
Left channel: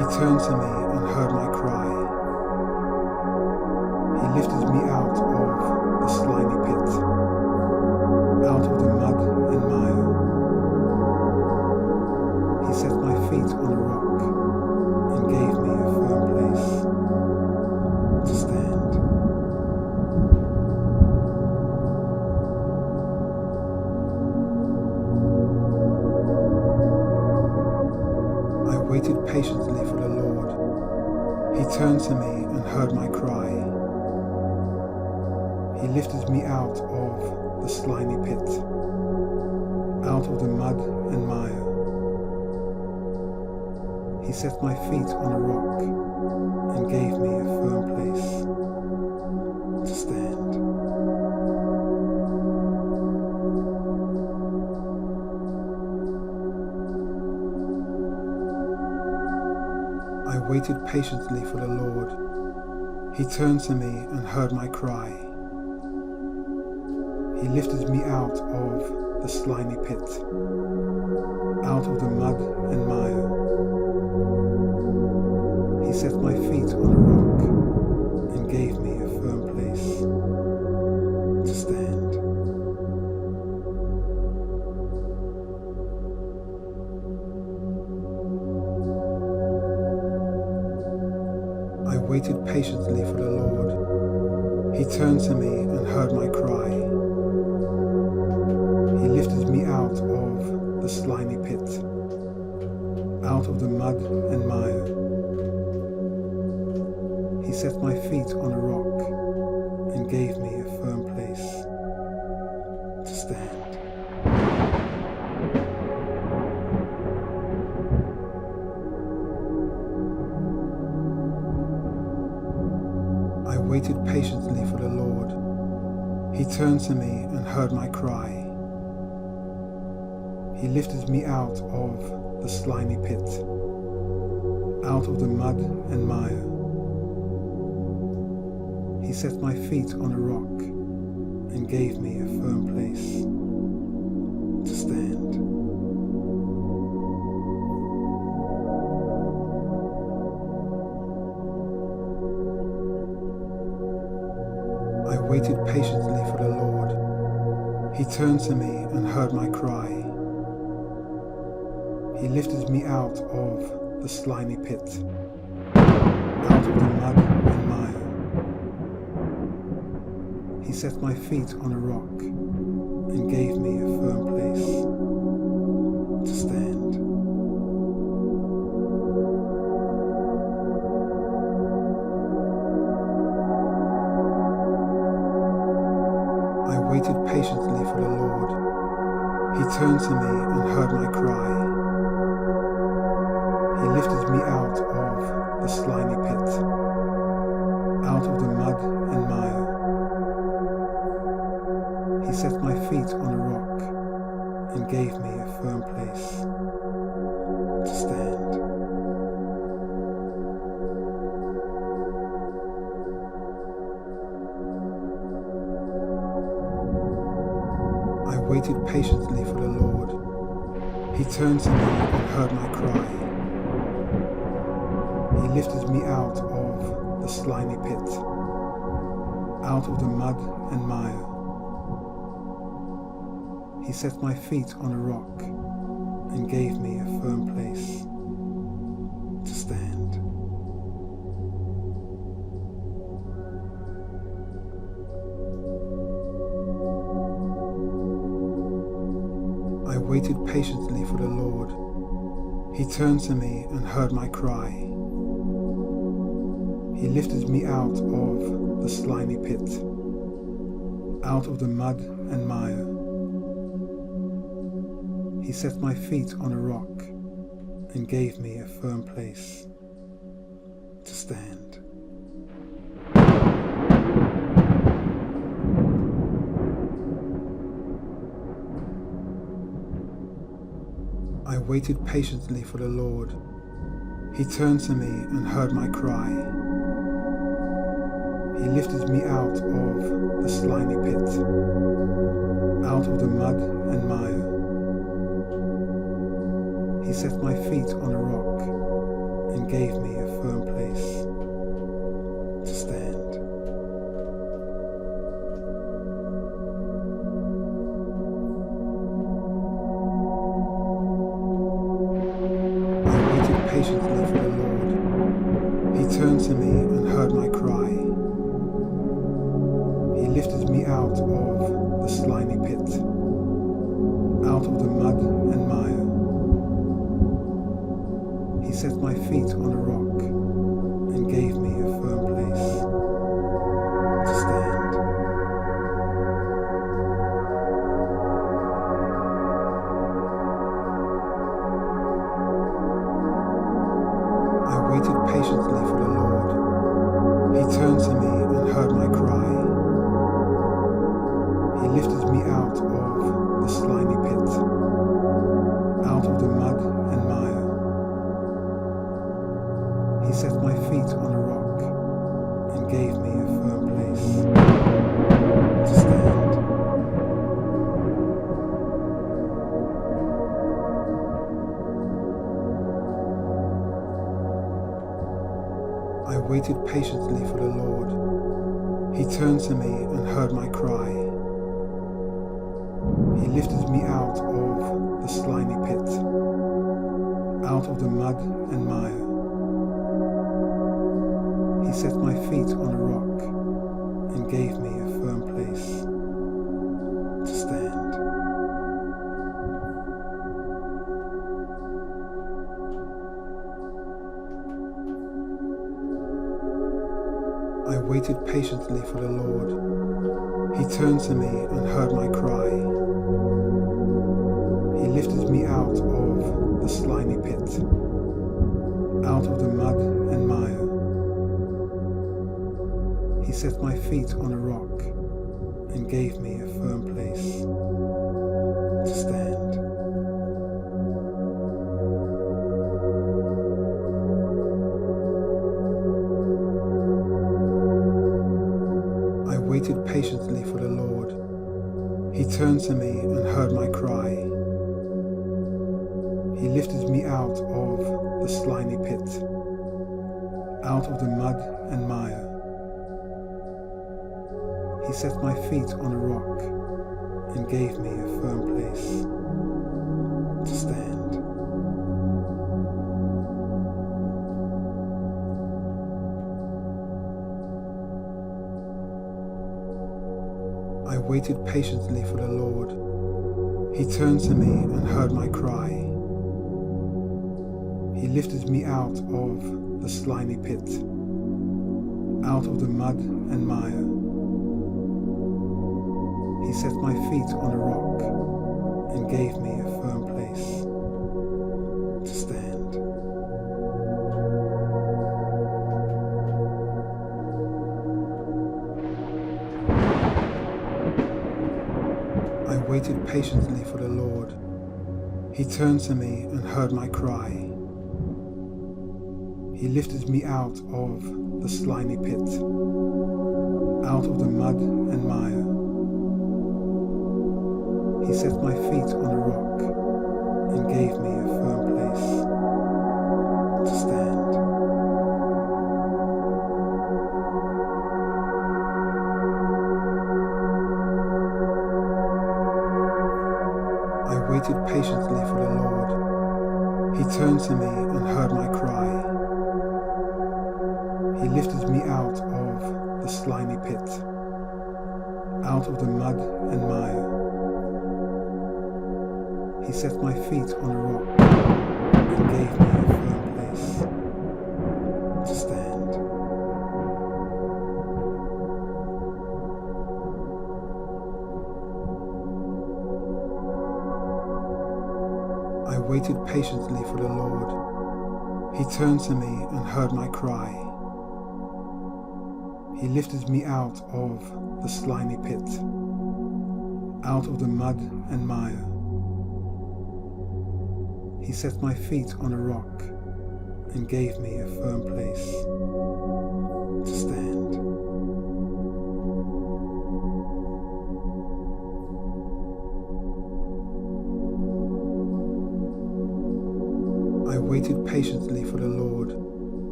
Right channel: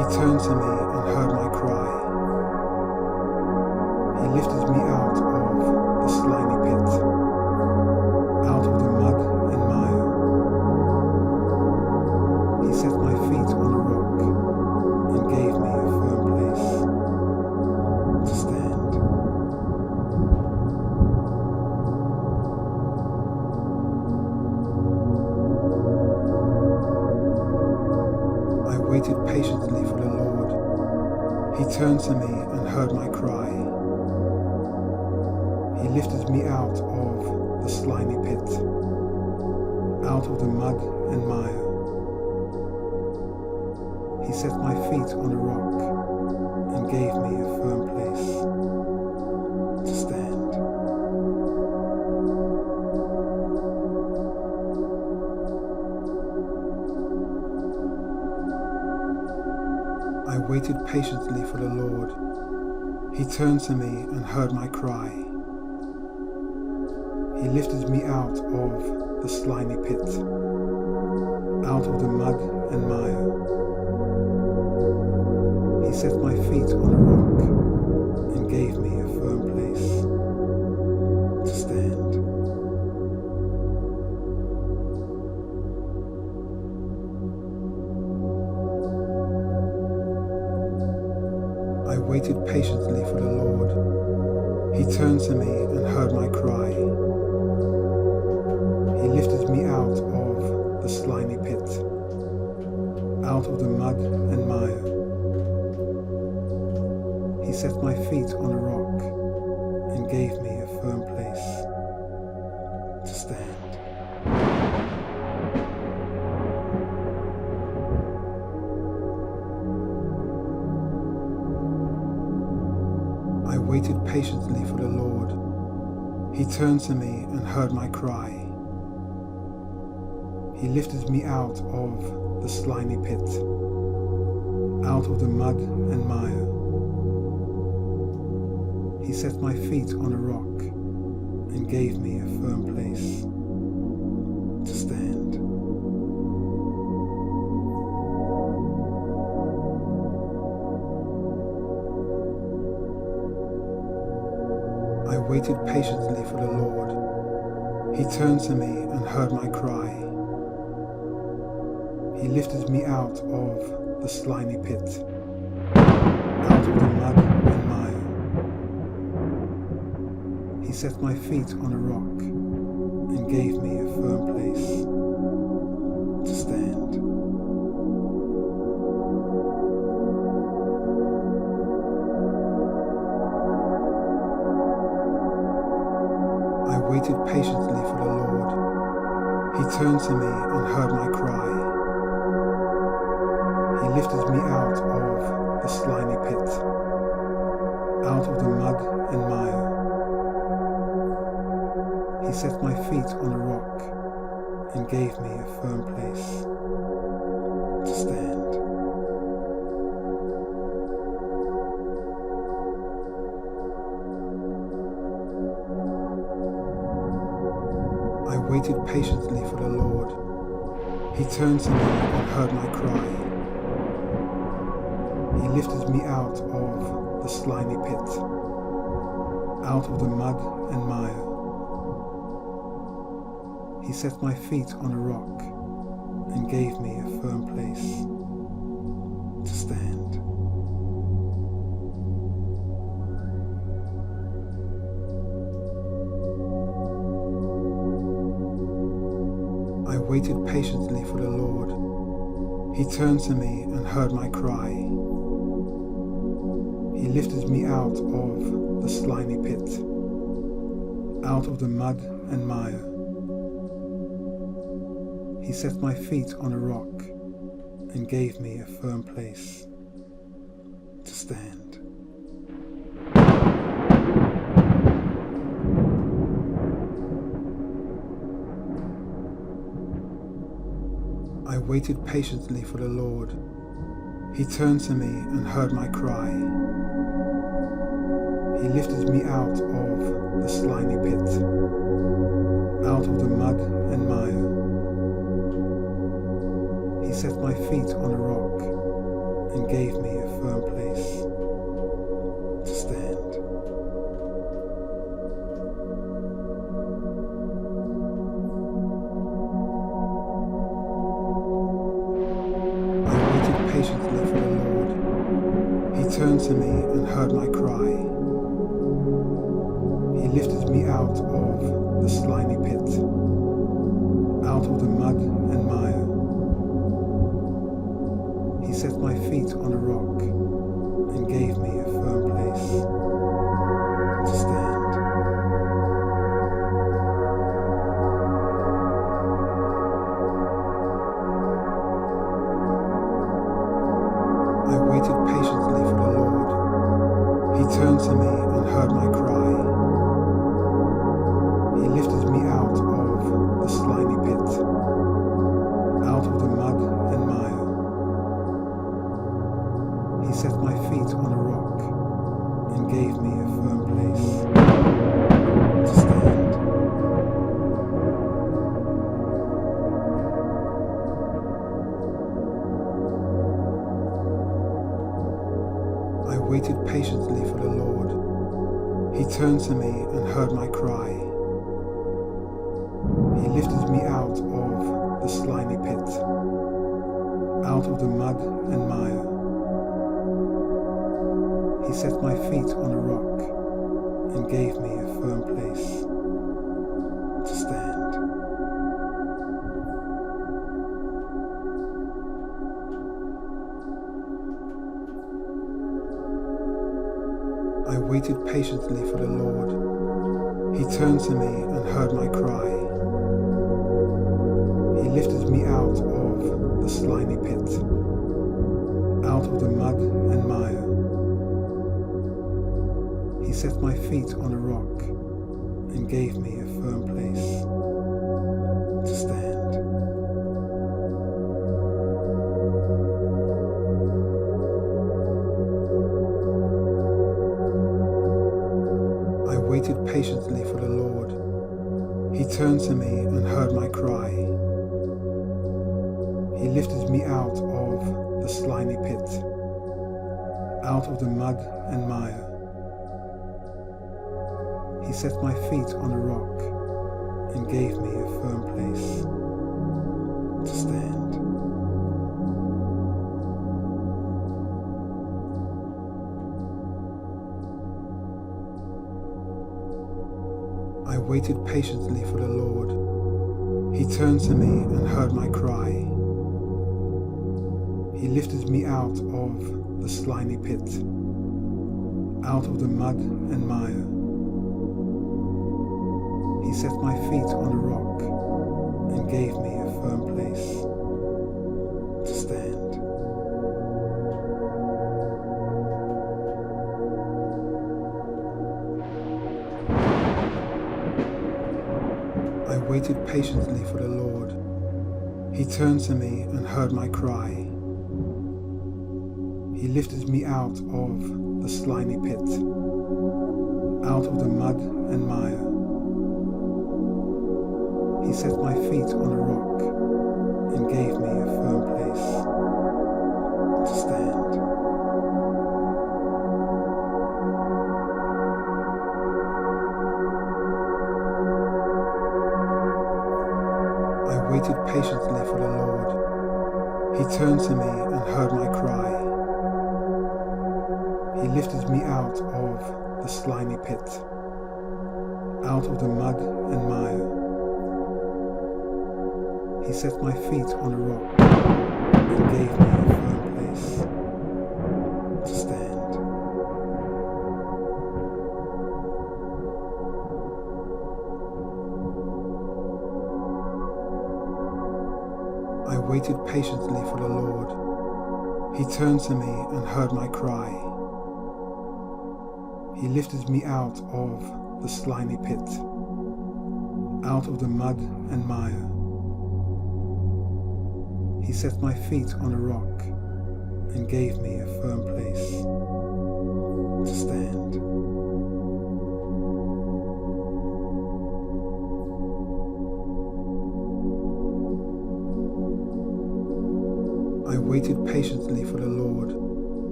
He turned to me and heard my cry. He lifted me out of the slimy pit, out of the mud and mire. He set my feet on a rock and gave me a firm place to stand. I waited patiently for the Lord. He turned to me and heard my cry. He lifted me out of the slimy pit, out of the mud and mire. He set my feet on a rock and gave me a firm place to stand. I waited patiently for the Lord. He turned to me and heard my cry. He lifted me out of the slimy pit, out of the mud and mire. He set my feet on a rock and gave me a firm place to stand. I waited patiently for the Lord. He turned to me and heard my cry. He lifted me out of the slimy pit, out of the mud and mire. He set my feet on a rock and gave me a firm place to stand. I waited patiently for the Lord. He turned to me and heard my cry. He lifted me out of the slimy pit, out of the mud and mire. He set my feet on a rock and gave me a firm place to stand. I waited patiently for the Lord. He turned to me and heard my cry. He lifted me out of the slimy pit, out of the mud and mire. He set my feet on a rock and gave me a firm place to stand. I waited patiently for the Lord. He turned to me and heard my cry. He lifted me out of the slimy pit, out of the mud and mire. He set my feet on a rock and gave me a firm place to stand. I waited patiently for the Lord. He turned to me and heard my cry. He lifted me out of the slimy pit, out of the mud and mire. He set my feet on a rock and gave me a firm place to stand. I waited patiently for the Lord. He turned to me and heard my cry. He lifted me out of the slimy pit, out of the mud and mire. He set my feet on a rock and gave me a firm place to stand. I waited patiently for the Lord. He turned to me and heard my cry. He lifted me out of the slimy pit, out of the mud and mire. He set my feet on a rock and gave me a firm place to stand. I waited patiently for the Lord. He turned to me and heard my cry. He lifted me out of the slimy pit, out of the mud and mire. He set my feet on a rock and gave me a firm place to stand. I waited patiently for the Lord. He turned to me and heard my cry. He lifted me out of the slimy pit, out of the mud and mire. He set my feet on a rock and gave me a firm place to stand. I waited patiently for the Lord. He turned to me and heard my cry. He lifted me out of the slimy pit, out of the mud and mire. He set my feet on a rock and gave me a firm place to stand. I waited patiently for the Lord. He turned to me and heard my cry. He lifted me out of the slimy pit, out of the mud and mire. He set my feet on a rock and gave me a firm place to stand. I waited patiently for the Lord. He turned to me and heard my cry. He lifted me out of the slimy pit, out of the mud and mire. He set my feet on a rock and gave me a firm place to stand. I waited patiently for the Lord. He turned to me and heard my cry. He lifted me out of the slimy pit, out of the mud and mire. He set my feet on a rock and gave me a firm place to stand. I waited patiently for the Lord. He turned to me and heard my cry. He lifted me out of the slimy pit, out of the mud and mire. He set my feet on a rock and gave me a firm place to stand. I waited patiently for the Lord. He turned to me and heard my cry. He lifted me out of the slimy pit, out of the mud and mire. He set my feet on a rock and gave me a firm place to stand. I waited patiently for the Lord. He turned to me and heard my cry. He lifted me out of the slimy pit, out of the mud and mire. He set my feet on a rock and gave me a firm place to stand. I waited patiently for the Lord.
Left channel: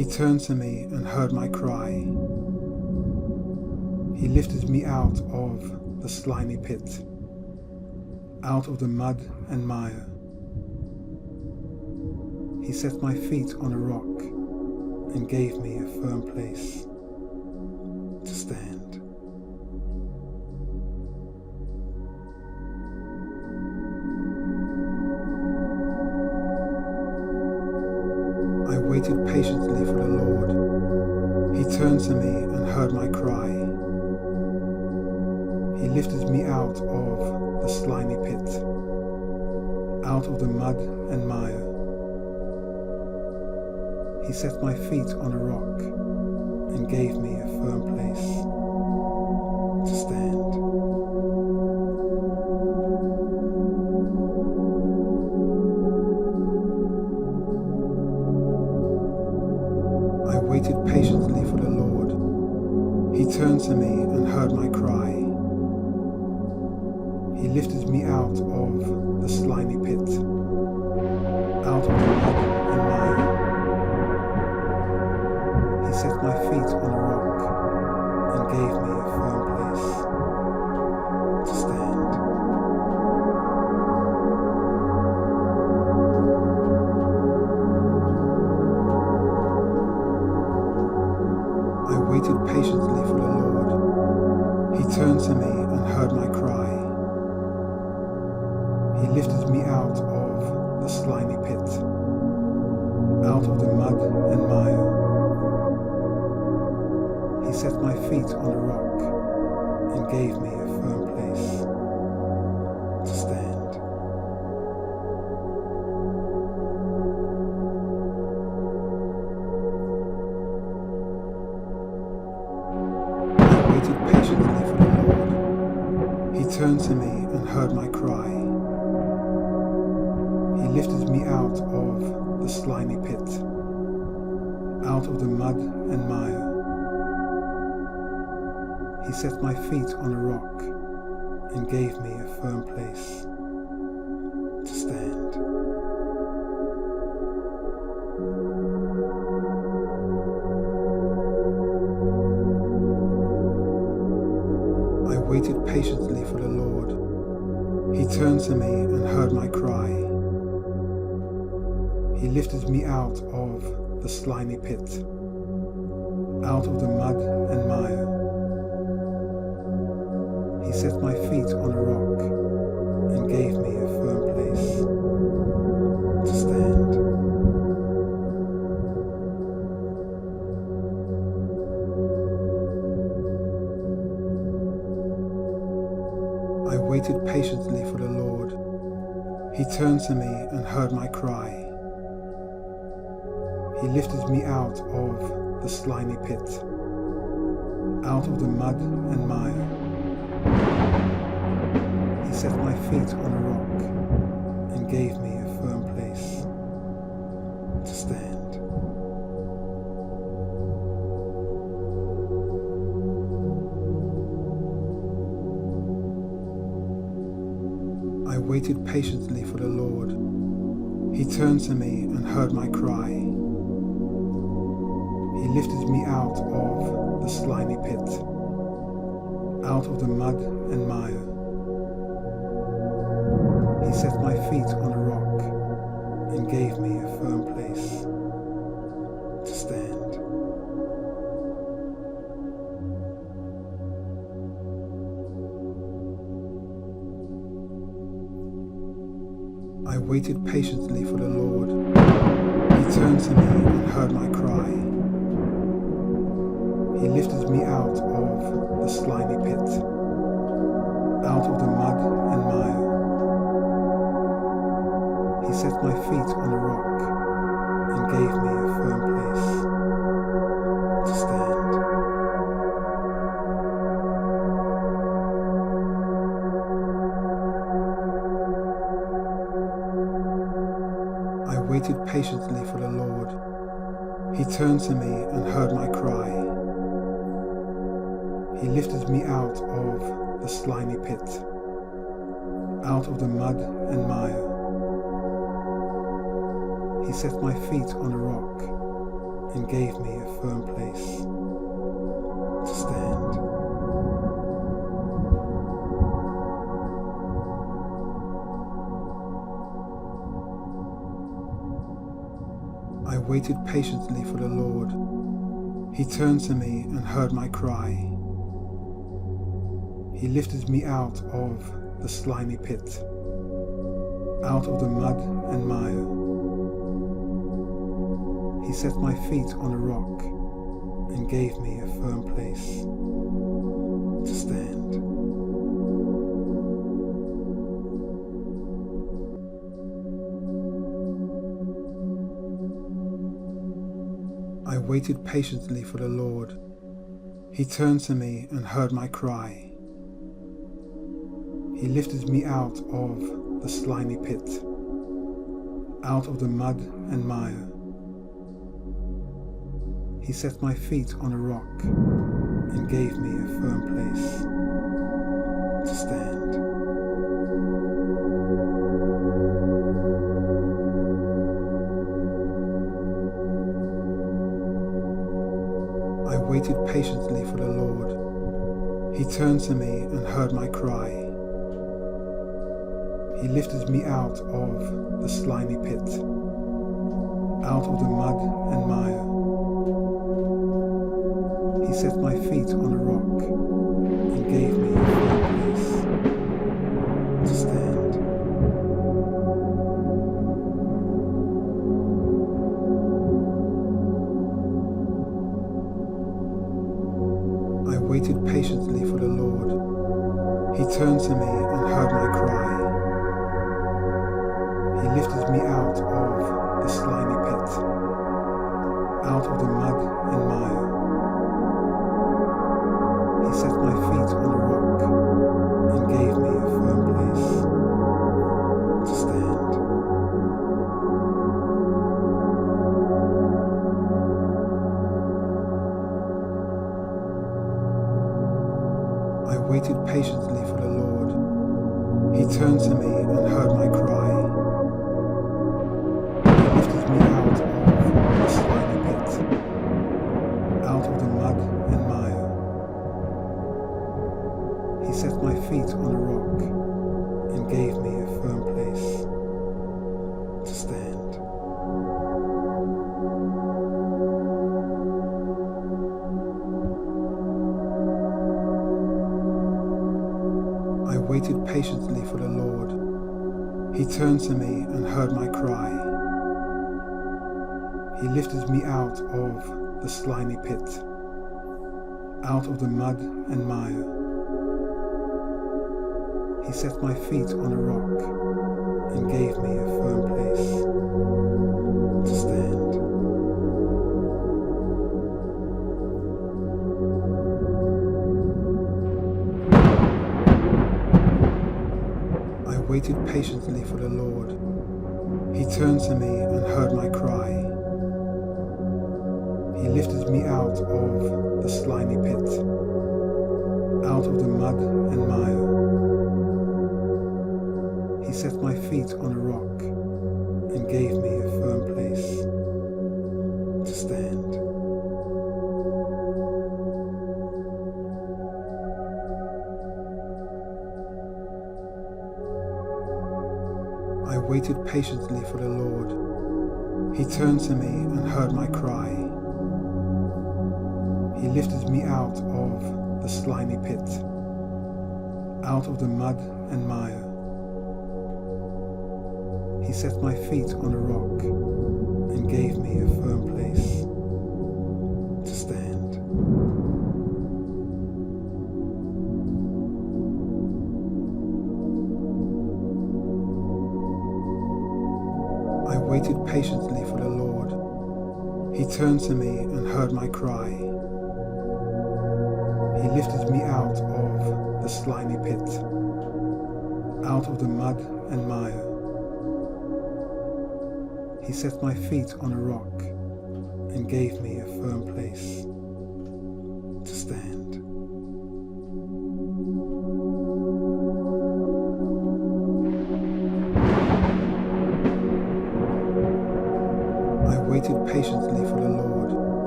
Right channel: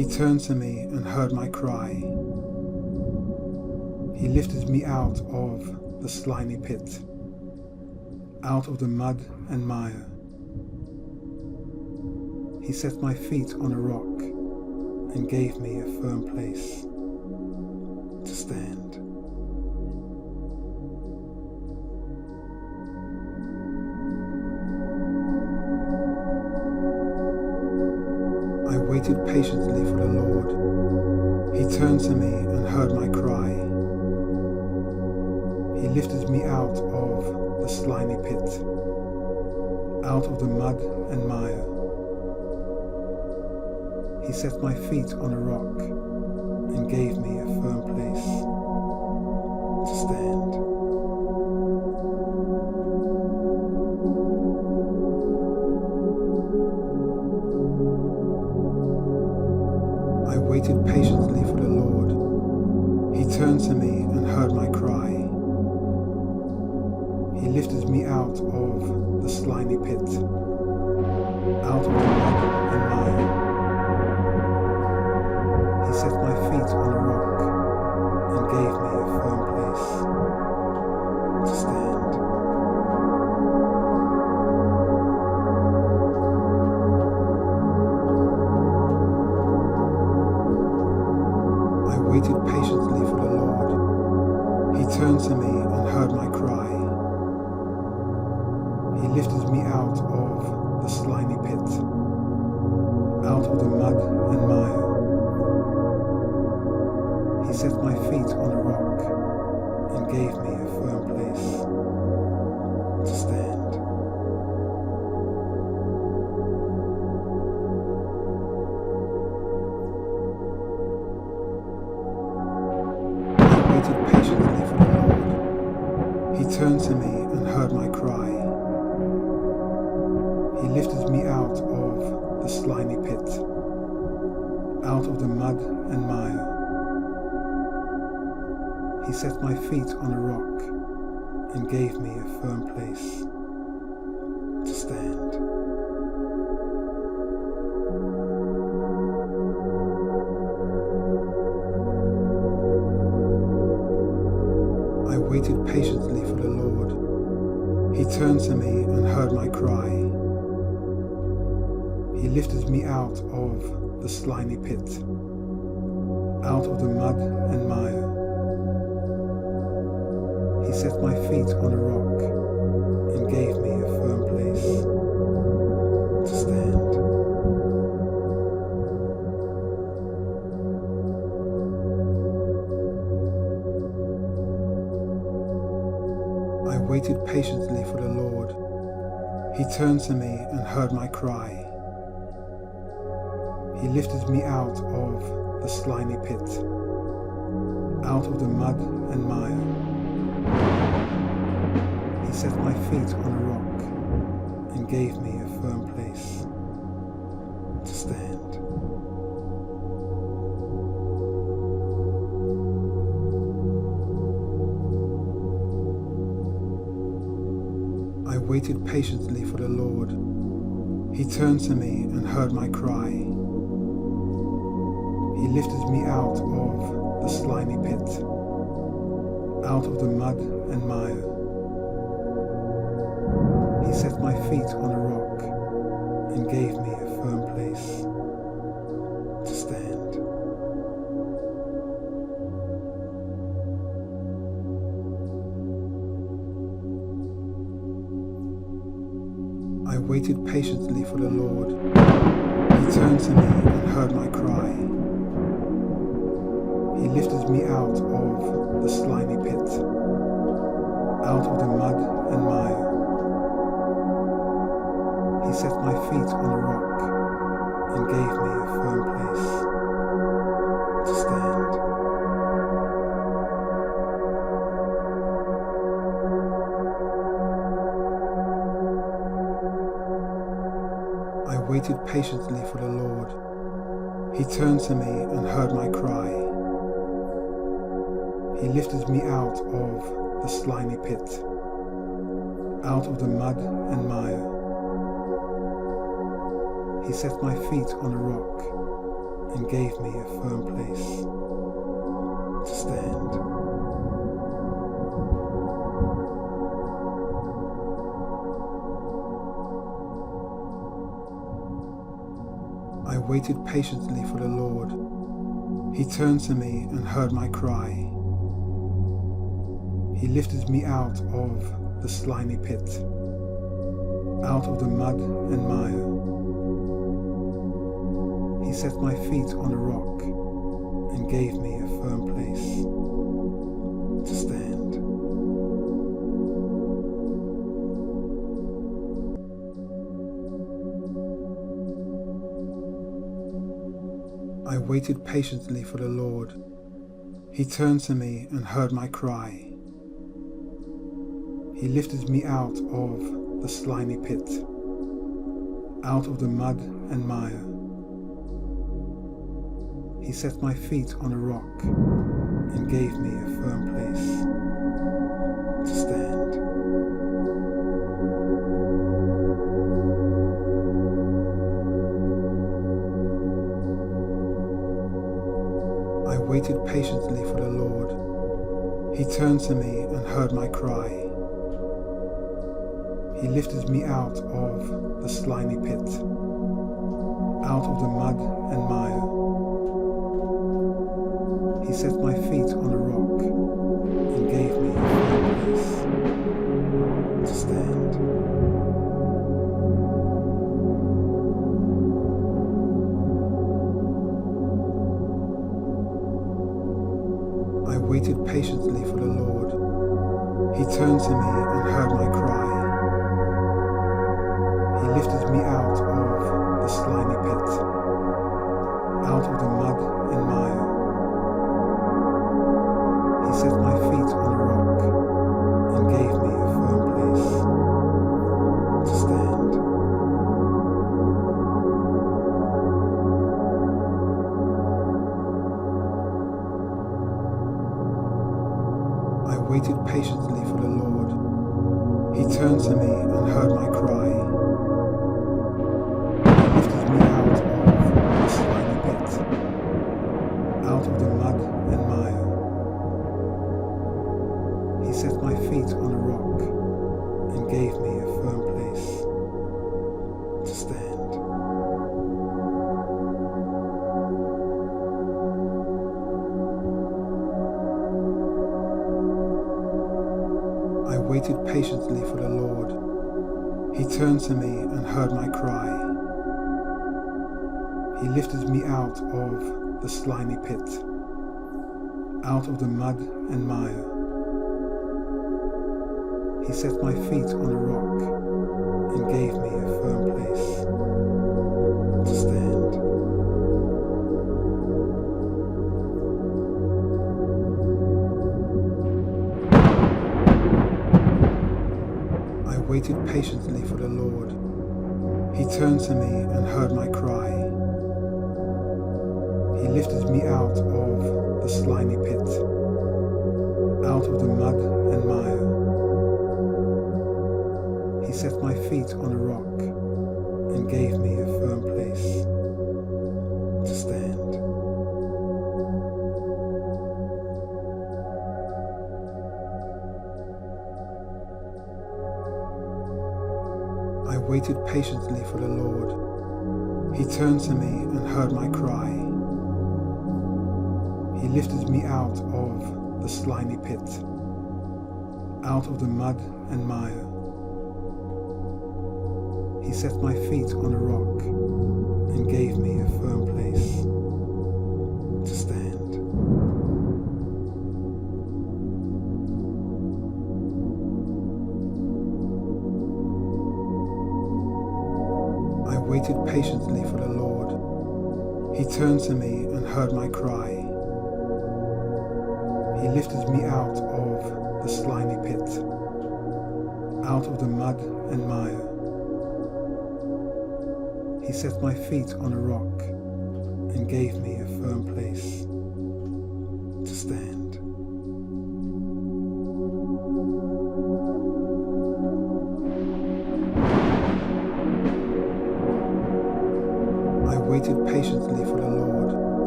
He turned to me and heard my cry. He lifted me out of the slimy pit, out of the mud and mire. He set my feet on a rock and gave me a firm place to stand. I waited patiently for the Lord. He turned to me and heard my cry. He lifted me out of the slimy pit, out of the mud and mire. He set my feet on a rock and gave me a firm place to stand. I waited patiently for the Lord. He turned to me and heard my cry. He lifted me out of the slimy pit, out of the mud and mire. He set my feet on a rock and gave me a firm place to stand. I waited patiently for the Lord. He turned to me and heard my cry. He lifted me out of the slimy pit, out of the mud and mire. He set my feet on a rock and gave me a firm place to stand. I waited patiently for the Lord. He turned to me and heard my cry. He lifted me out of the slimy pit, out of the mud and mire. He set my feet on a rock and gave me a firm place to stand. I waited patiently for the Lord. He turned to me and heard my cry. He lifted me out of the slimy pit, out of the mud and mire. He set my feet on a rock and gave me a firm place to stand. I waited patiently for the Lord. He turned to me and heard my cry. He lifted me out of the slimy pit, out of the mud and mire. He set my feet on a rock and gave me a firm place to stand. I waited patiently for the Lord. He turned to me and heard my cry. He lifted me out of the slimy pit, out of the mud and mire. He set my feet on a rock and gave me a firm place to stand. I waited patiently for the Lord. He turned to me and heard my cry. He lifted me out of the slimy pit, out of the mud and mire. He set my feet on a rock and gave me a firm place to stand. I waited patiently for the Lord. He turned to me and heard my cry. He lifted me out of the slimy pit, out of the mud and mire. He set my feet on a rock and gave me a firm place to stand. I waited patiently for the Lord. He turned to me and heard my cry. He lifted me out of the slimy pit, out of the mud and mire. He set my feet on a rock and gave me a firm place to stand. I waited patiently for the Lord. He turned to me and heard my cry. He lifted me out of the slimy pit, out of the mud and mire. He set my feet on a rock and gave me a firm place to stand. I waited patiently for the Lord. He turned to me and heard my cry. He lifted me out of the slimy pit, out of the mud and mire. He set my feet on a rock and gave me a firm place to stand. I waited patiently for the Lord. He turned to me and heard my cry. He lifted me out of the slimy pit, out of the mud and mire. He set my feet on a rock and gave me a firm place to stand. I waited patiently for the Lord. He turned to me and heard my cry. He lifted me out of the slimy pit, out of the mud and mire. He set my feet on a rock and gave me a firm place to stand. I waited patiently for the Lord. He turned to me and heard my cry. He lifted me out of the slimy pit, out of the mud and mire. He set my feet on a rock and gave me a firm place to stand. I waited patiently for the Lord. He turned to me and heard my cry. He lifted me out of the slimy pit, out of the mud and mire. He set my feet on a rock and gave me a firm place to stand. I waited patiently for the Lord. He turned to me and heard my cry. He lifted me out of the slimy pit, out of the mud and mire. He set my feet on a rock and gave me a firm place to stand. I waited patiently for the Lord. He turned to me and heard my cry. He lifted me out of the slimy pit, out of the mud and mire. He set my feet on a rock and gave me a firm place to stand. I waited patiently for the Lord.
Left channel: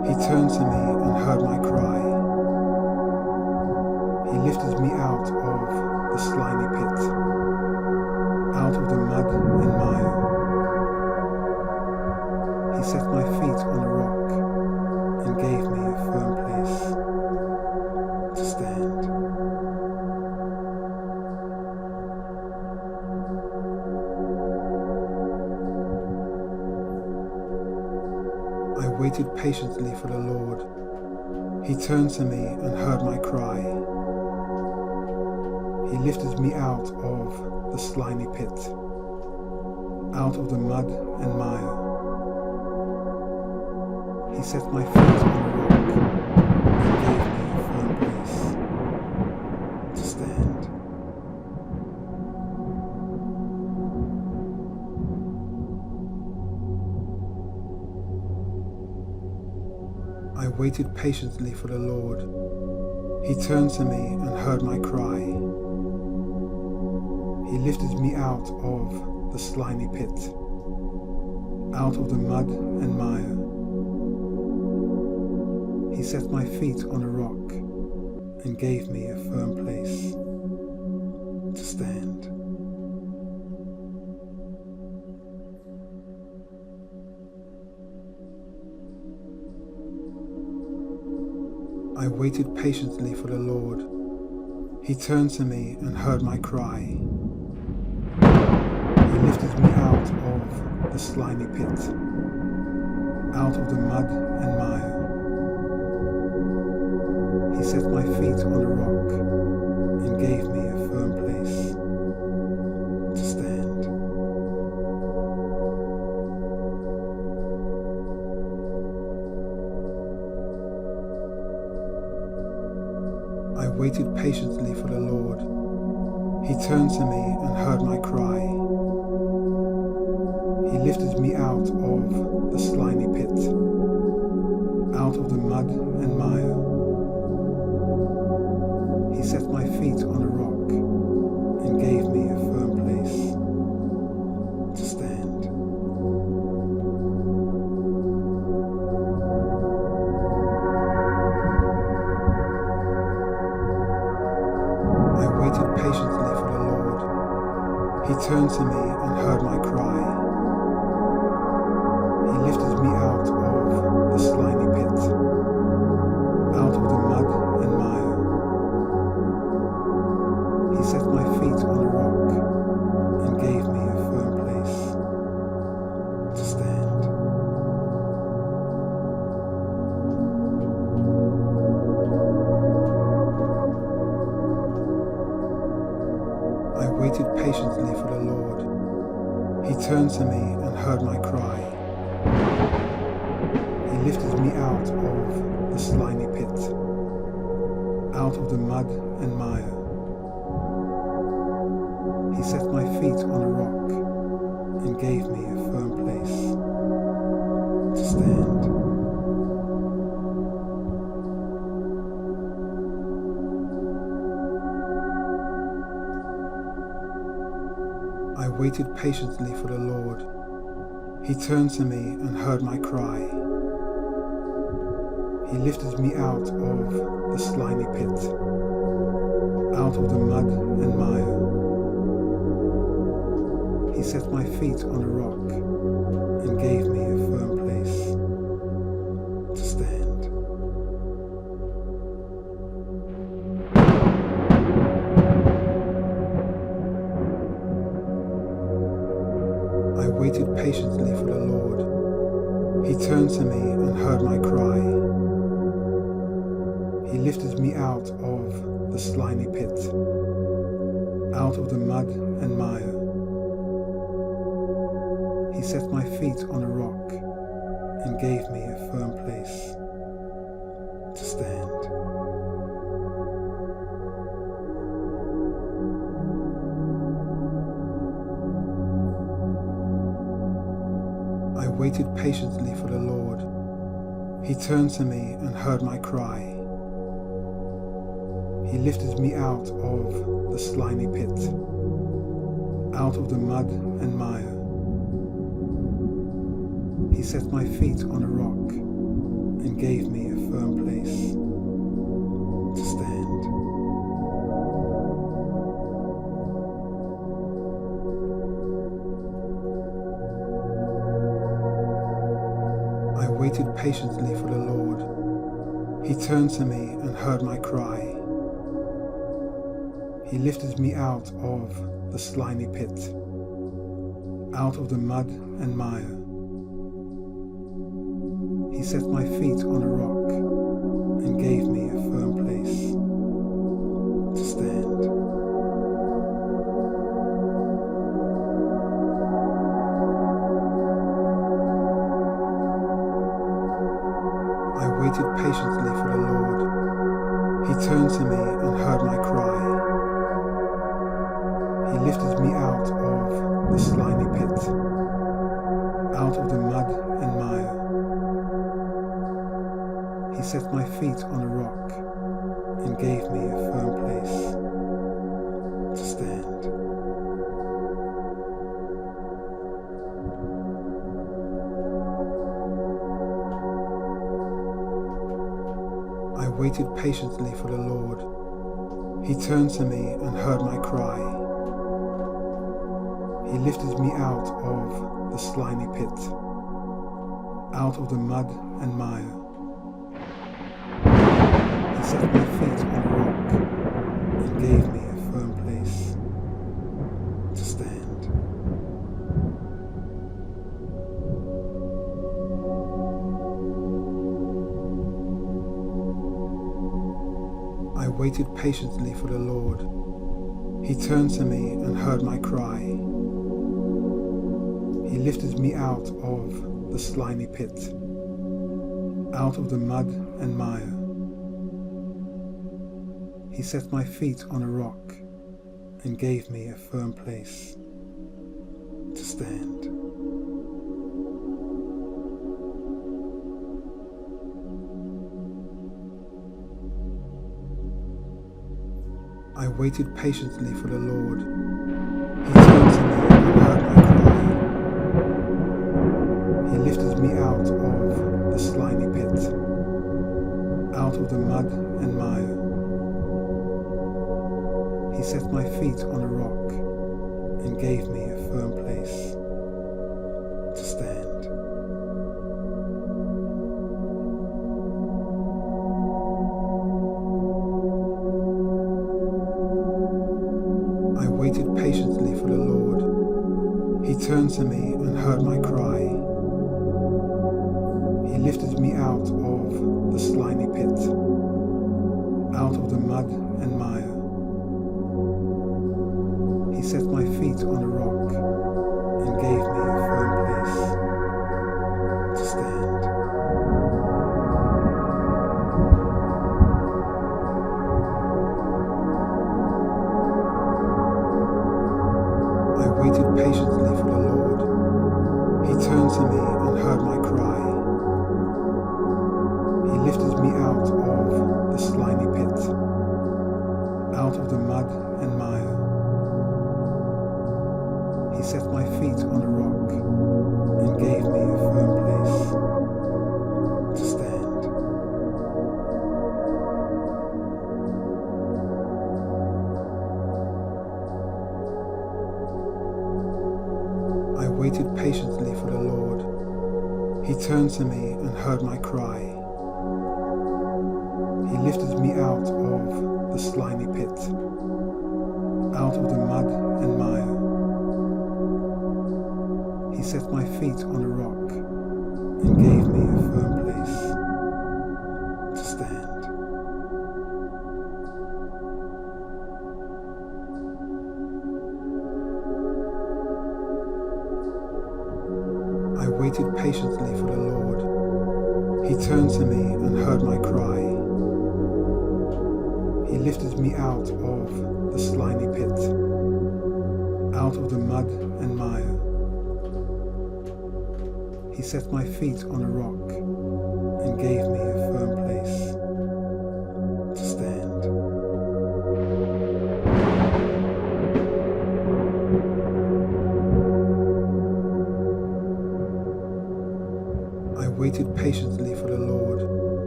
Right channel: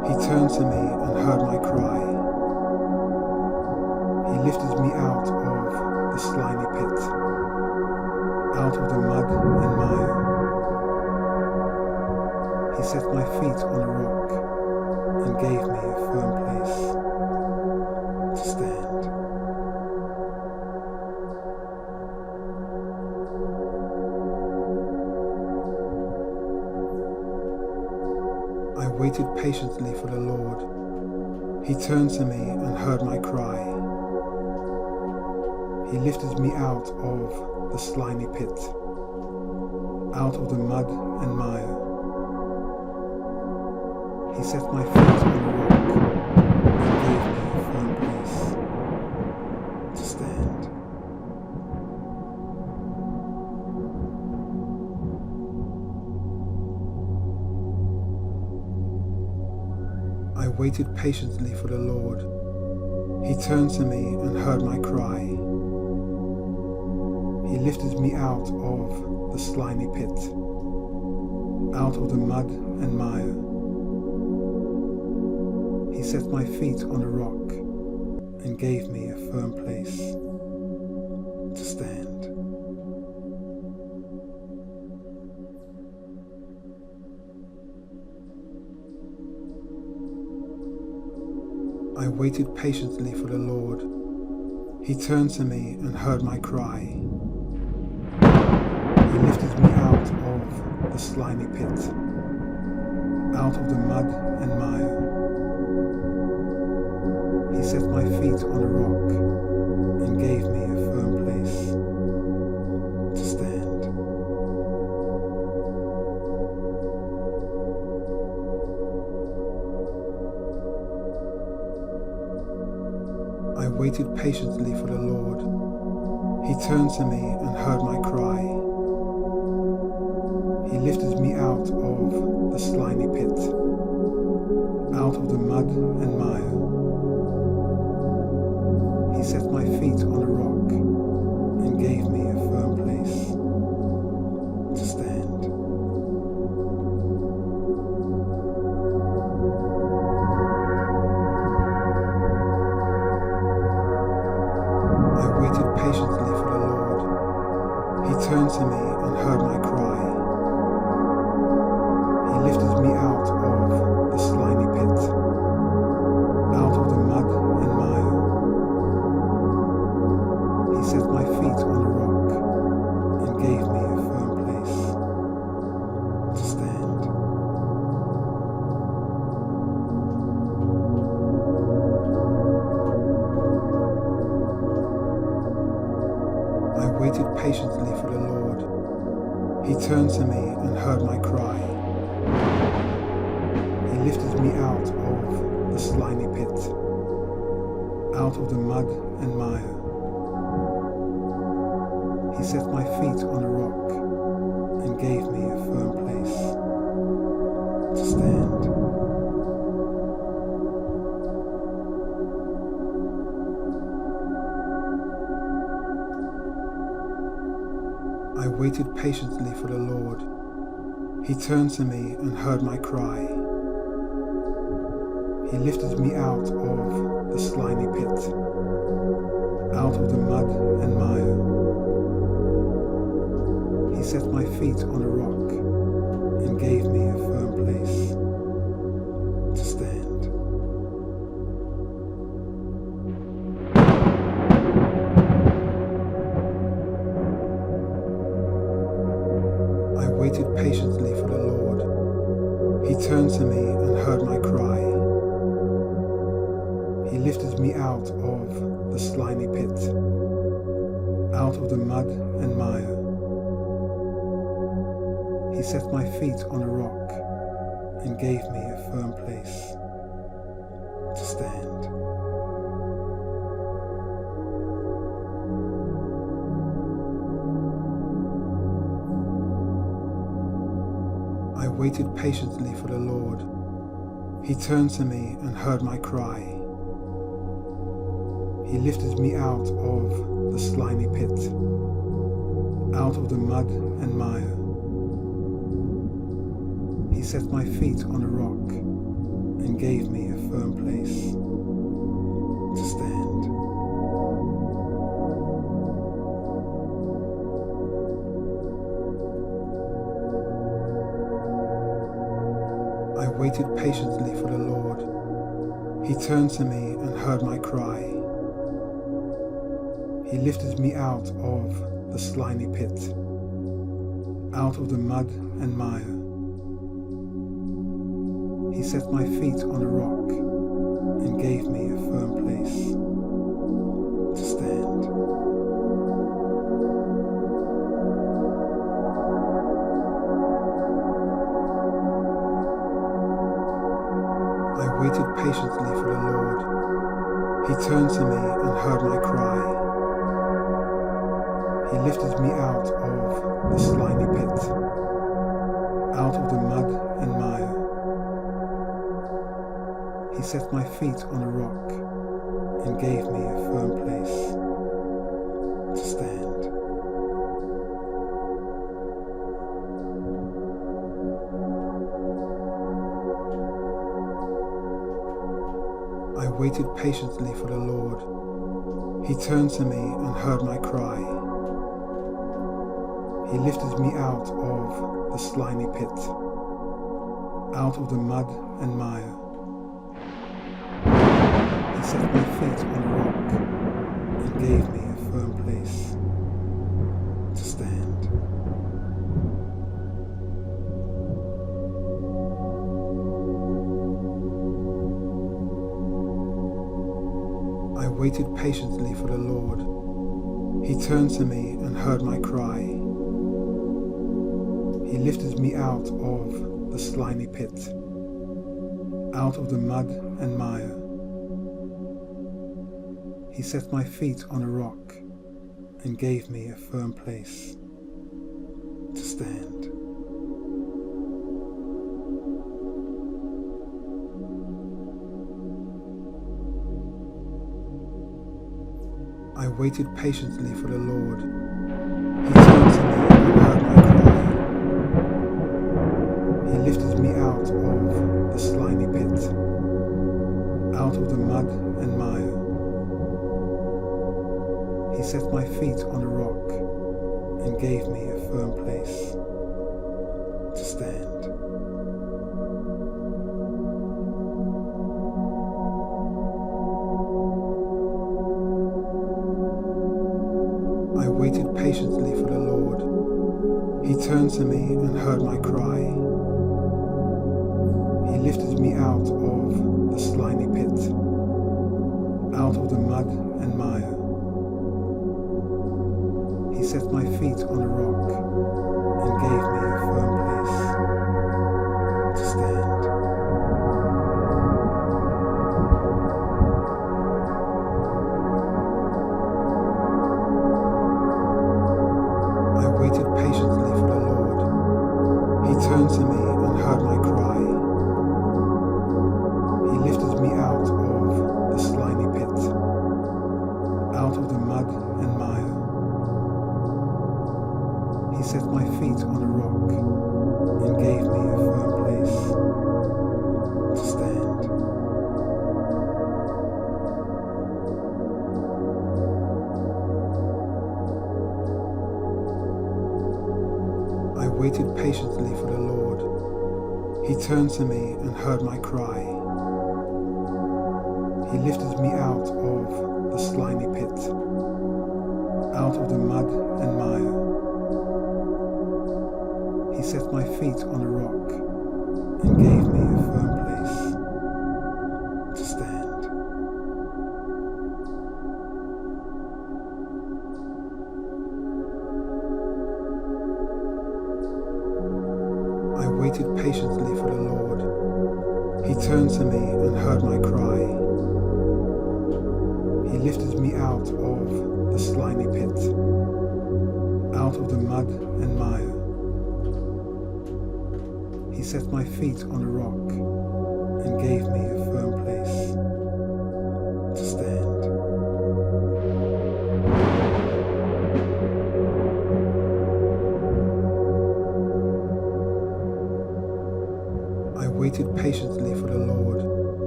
He turned to me and heard my cry. He lifted me out of the slimy pit, out of the mud and mire. He set my feet on a rock and gave me a firm place to stand. I waited patiently for the Lord. He turned to me and heard my cry. He lifted me out of the slimy pit, out of the mud and mire. He set my feet on a rock and gave me a firm place to stand. I waited patiently for the Lord. He turned to me and heard my cry. He lifted me out of the slimy pit, out of the mud and mire. He set my feet on a rock and gave me a firm place to stand. I waited patiently for the Lord. He turned to me and heard my cry. He lifted me out of the slimy pit, out of the mud and mire. He set my feet on a rock and gave me a firm place to stand. I waited patiently for the Lord. He turned to me and heard my cry. He lifted me out of the slimy pit, out of the mud and mire. He set my feet on a rock and gave me a firm place to stand. I waited patiently for the Lord. He turned to me and heard my cry. He lifted me out of the slimy pit, out of the mud and mire. He set my feet on a rock and gave me a firm place to stand. I waited patiently for the Lord. He turned to me and heard my cry. He lifted me out of the slimy pit, out of the mud and mire. He set my feet on a rock and gave me a firm place to stand. I waited patiently for the Lord. He turned to me and heard my cry. He lifted me out of the slimy pit, out of the mud and mire. He set my feet on a rock and gave me a firm place to stand. I waited patiently for the Lord. He turned to me and heard my cry. He lifted me out of the slimy pit, out of the mud and mire. He set my feet on a rock and gave me a firm place to stand. I waited patiently for the Lord. He turned to me and heard my cry. He lifted me out of the slimy pit, out of the mud and mire. He set my feet on a rock and gave me a firm place to stand. I waited patiently for the Lord. He turned to me and heard my cry. He lifted me out of the slimy pit, out of the mud and mire. He set my feet on a rock and gave me a firm place to stand. I waited patiently for the Lord. He turned to me and heard my cry. He lifted me out of the slimy pit, out of the mud and mire. He set my feet on a rock and gave me a firm place to stand. I waited patiently for the Lord. He turned to me and heard my cry. He lifted me out of the slimy pit, out of the mud and mire. He set my feet on a rock and gave me a firm place to stand. I waited patiently for the Lord. He turned to me and heard my cry. He lifted me out of the slimy pit, out of the mud and mire. He set my feet on a rock and gave me a firm place to stand. I waited patiently for the Lord. He turned to me and heard my cry. He lifted me out of the slimy pit, out of the mud and mire. He set my feet on a rock and gave me a firm place to stand. I waited patiently for the Lord. He turned to me and heard my cry. He lifted me out of the slimy pit, out of the mud and mire. He set my feet on a rock and gave me a firm place to stand. I waited patiently for the Lord. He turned to me and heard my cry. He lifted me out of the slimy pit, out of the mud and mire. He set my feet on a rock and gave me a firm place to stand. I waited patiently for the Lord. He turned to me and heard my cry. He lifted me out of the slimy pit, out of the mud and mire. He set my feet on a rock and gave me a firm place to stand. I waited patiently for the Lord. He turned to me and heard my cry. He lifted me out of the slimy pit, out of the mud and mire. He set my feet on a rock and gave me a firm place to stand. I waited patiently for the Lord.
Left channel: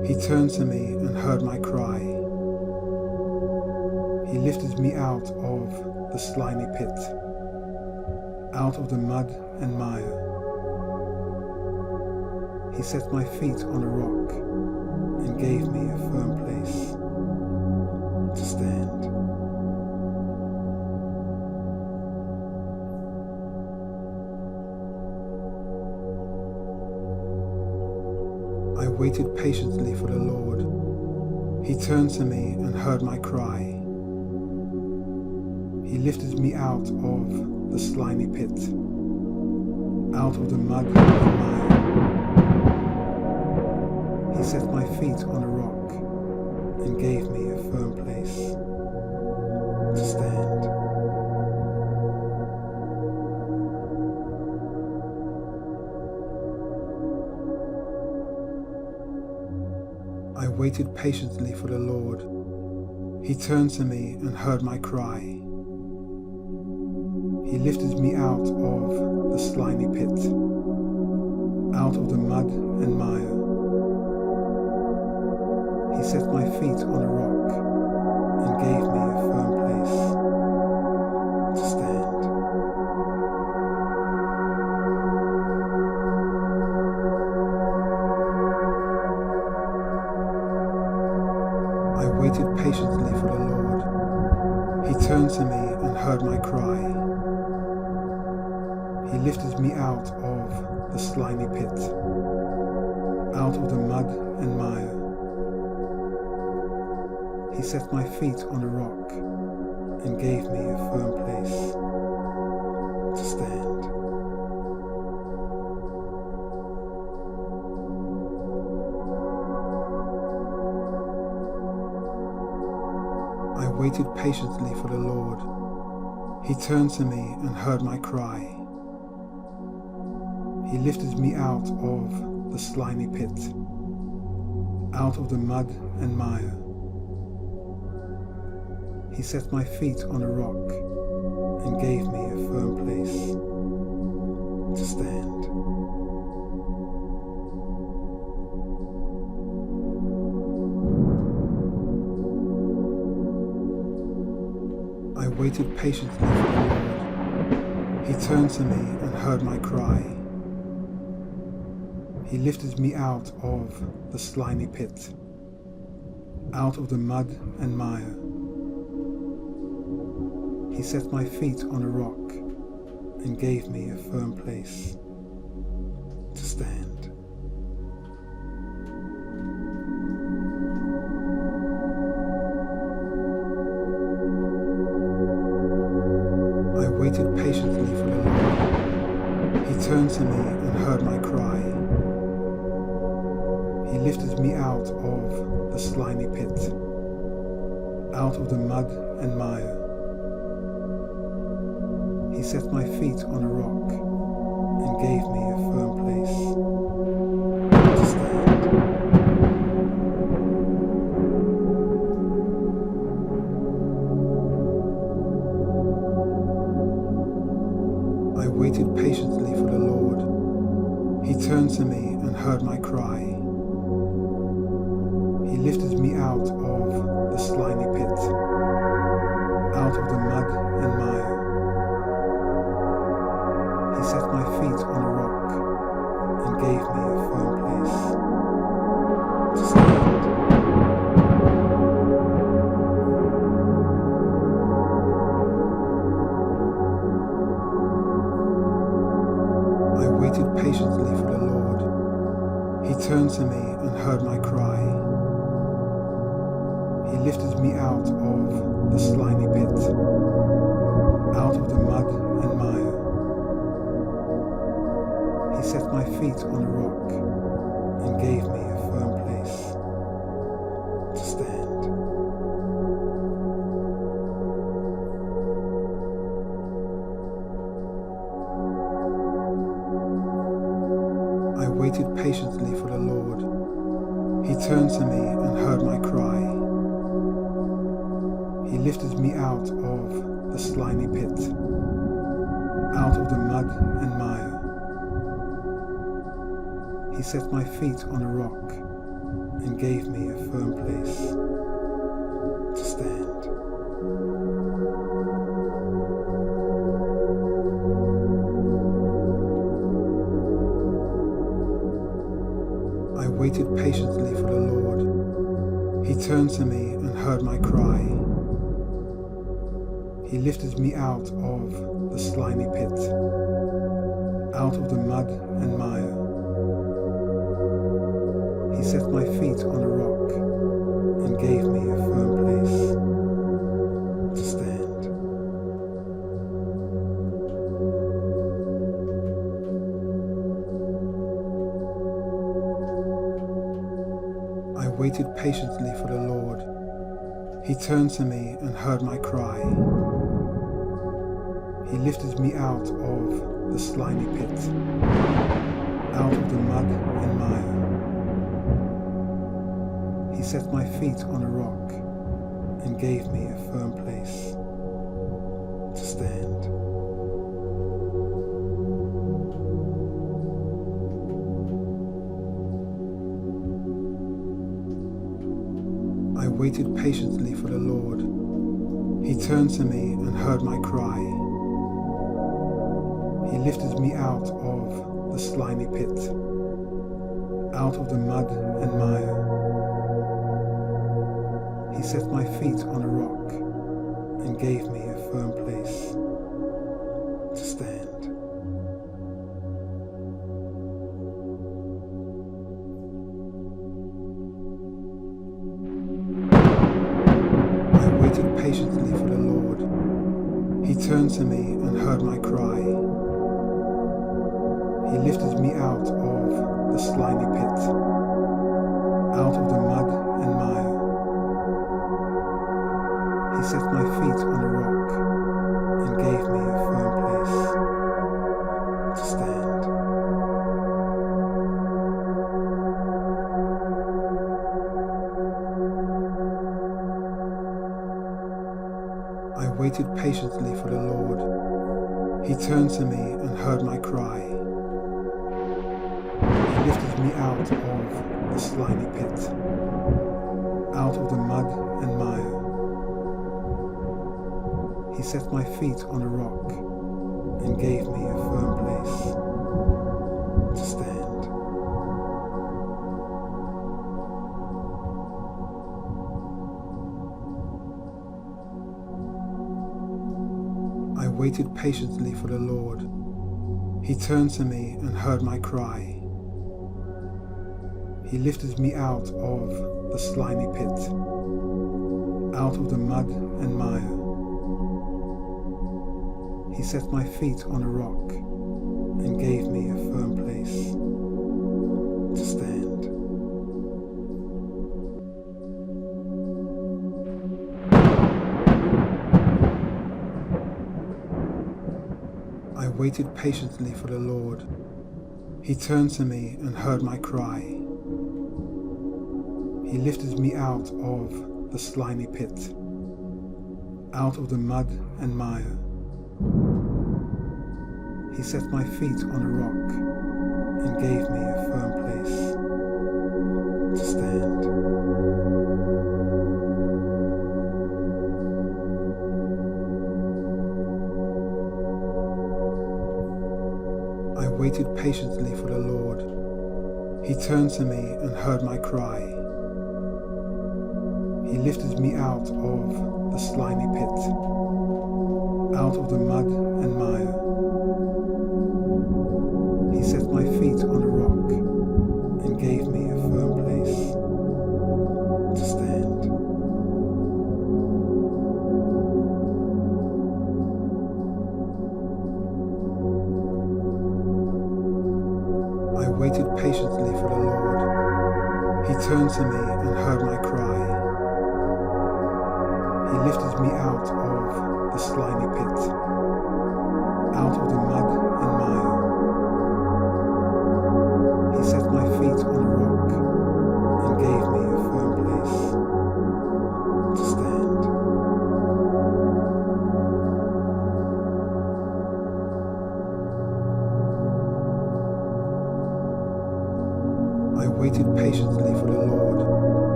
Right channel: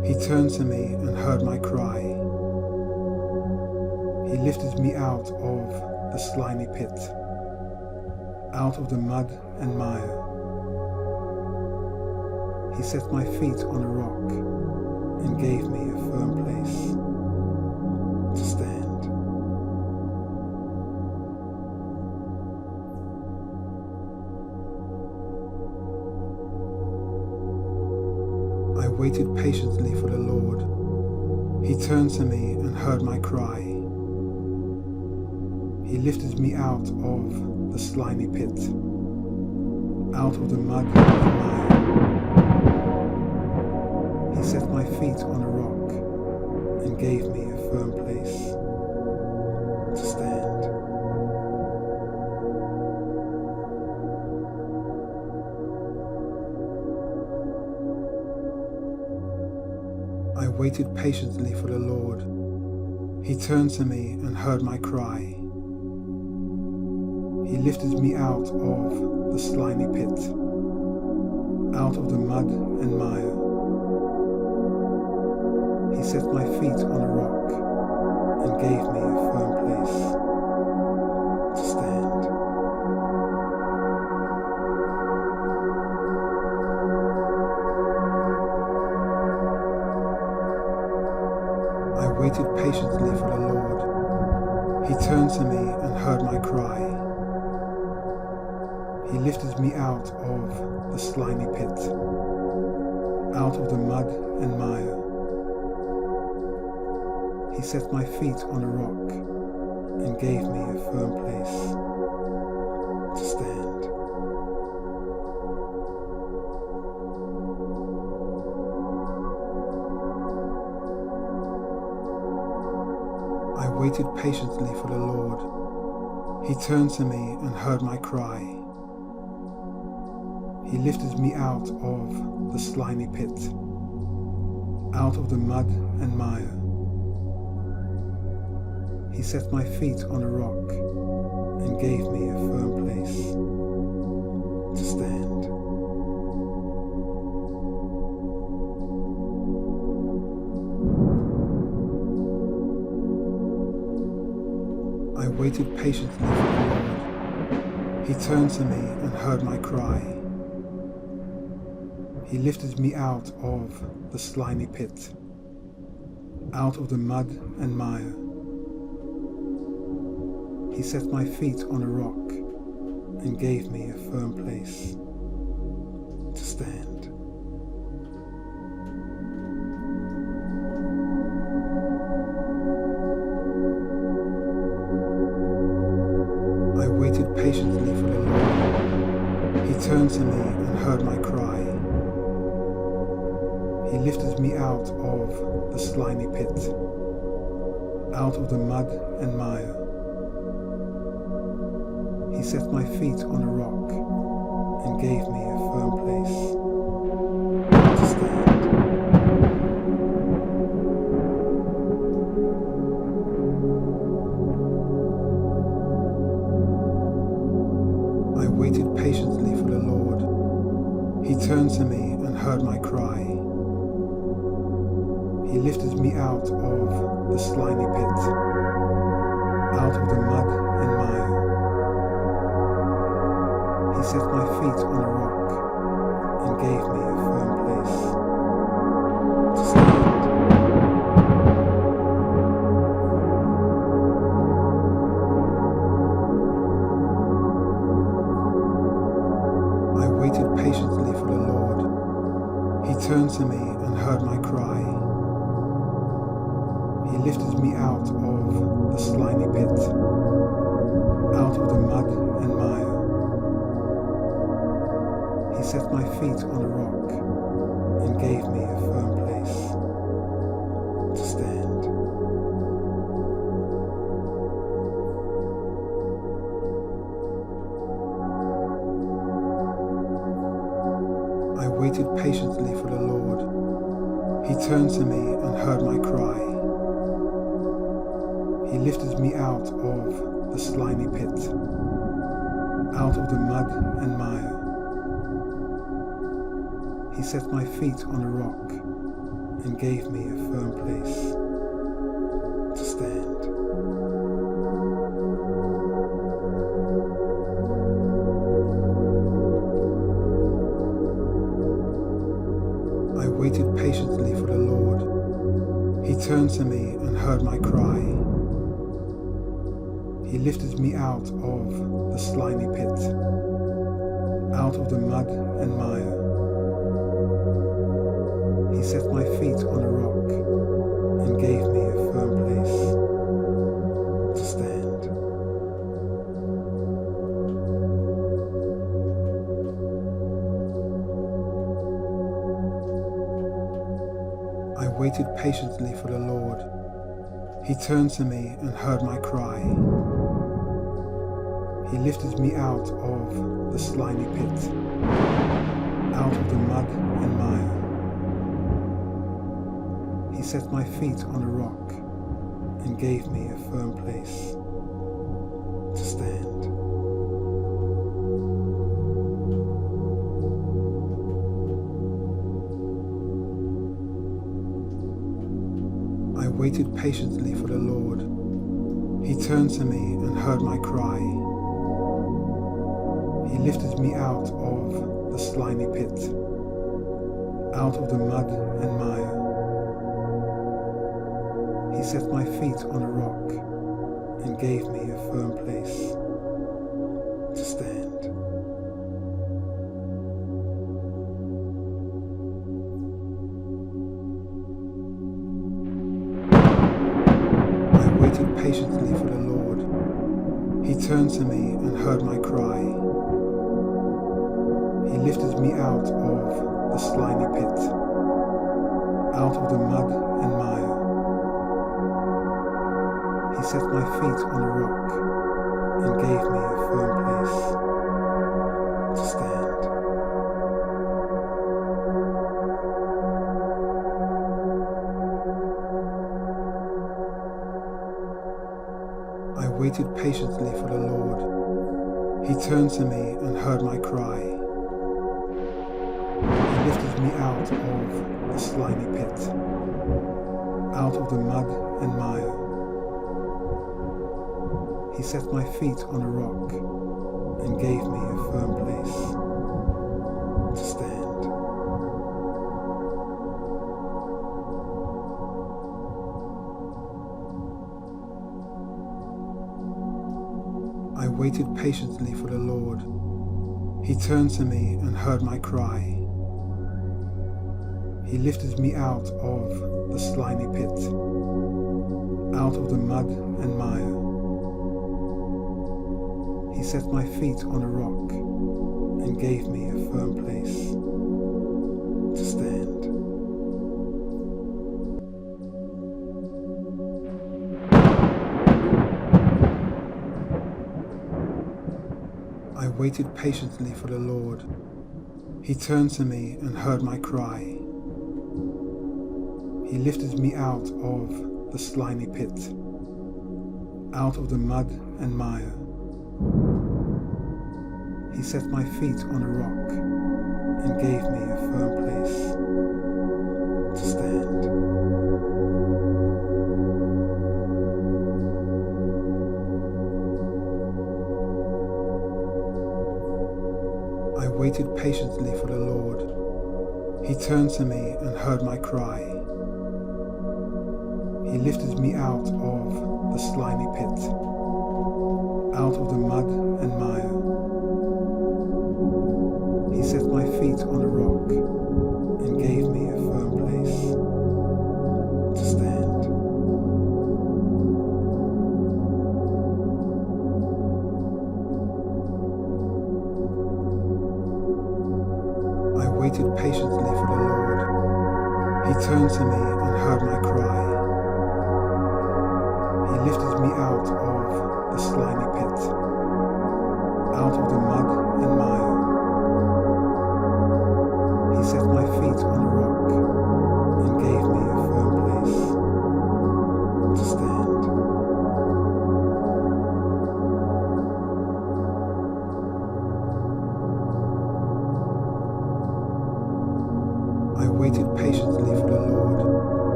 He turned to me and heard my cry. He lifted me out of the slimy pit, out of the mud and mire. He set my feet on a rock and gave me a firm place to stand. I waited patiently for the Lord. He turned to me and heard my cry. He lifted me out of the slimy pit, out of the mud and mire. He set my feet on a rock and gave me a firm place to stand. I waited patiently for the Lord. He turned to me and heard my cry. He lifted me out of the slimy pit, out of the mud and mire. He set my feet on a rock and gave me a firm place to stand. I waited patiently for the Lord. He turned to me and heard my cry. He lifted me out of the slimy pit, out of the mud and mire. He set my feet on a rock and gave me a firm place to stand. I waited patiently for the Lord. He turned to me and heard my cry. He lifted me out of the slimy pit, out of the mud and mire. He set my feet on a rock and gave me a firm place to stand. I waited patiently for the Lord. He turned to me and heard my cry. He lifted me out of the slimy pit, out of the mud and mire. He set my feet on a rock and gave me a firm place to stand. I waited patiently for the Lord. He turned to me and heard my cry. He lifted me out of the slimy pit, out of the mud and mire. He set my feet on a rock and gave me a firm place to stand. I waited patiently for the Lord. He turned to me and heard my cry. He lifted me out of the slimy pit, out of the mud and mire. He set my feet on a rock and gave me a firm place to stand. I waited patiently for the Lord. He turned to me and heard my cry. He lifted me out of the slimy pit, out of the mud and mire. He set my feet on a rock and gave me a firm place to stand. I waited patiently for the Lord. He turned to me and heard my cry. He lifted me out of the slimy pit, out of the mud and mire. He set my feet on a rock and gave me a firm place to stand. I waited patiently for the Lord. He turned to me and heard my cry. He lifted me out of the slimy pit, out of the mud and mire. He set my feet on a rock and gave me a firm place to stand. I waited patiently for the Lord. He turned to me and heard my cry. He lifted me out of the slimy pit, out of the mud and mire. He set my feet on a rock and gave me a firm place to stand. I waited patiently for the Lord. He turned to me and heard my cry. He lifted me out of the slimy pit, out of the mud and mire. He set my feet on a rock and gave me a firm place to stand. I waited patiently for the Lord. He turned to me and heard my cry. He lifted me out of the slimy pit, out of the mud and mire. He set my feet on a rock and gave me a firm place to stand. I waited patiently for the Lord. He turned to me and heard my cry. He lifted me out of the slimy pit, out of the mud and mire. He set my feet on a rock and gave me a firm place to stand. I waited patiently for the Lord. He turned to me and heard my cry. He lifted me out of the slimy pit, out of the mud and mire. He set my feet on a rock and gave me a firm place to stand. I waited patiently for the Lord. He turned to me and heard my cry. He lifted me out of the slimy pit, out of the mud and mire. He set my feet on a rock and gave me a firm place to stand. I waited patiently for the Lord. He turned to me and heard my cry. He lifted me out of the slimy pit, out of the mud and mire. He set my feet on a rock and gave me a firm place to stand. I waited patiently for the Lord. He turned to me and heard my cry. He lifted me out of the slimy pit, out of the mud and mire. He set my feet on a rock and gave me a firm place to stand. I waited patiently for the Lord.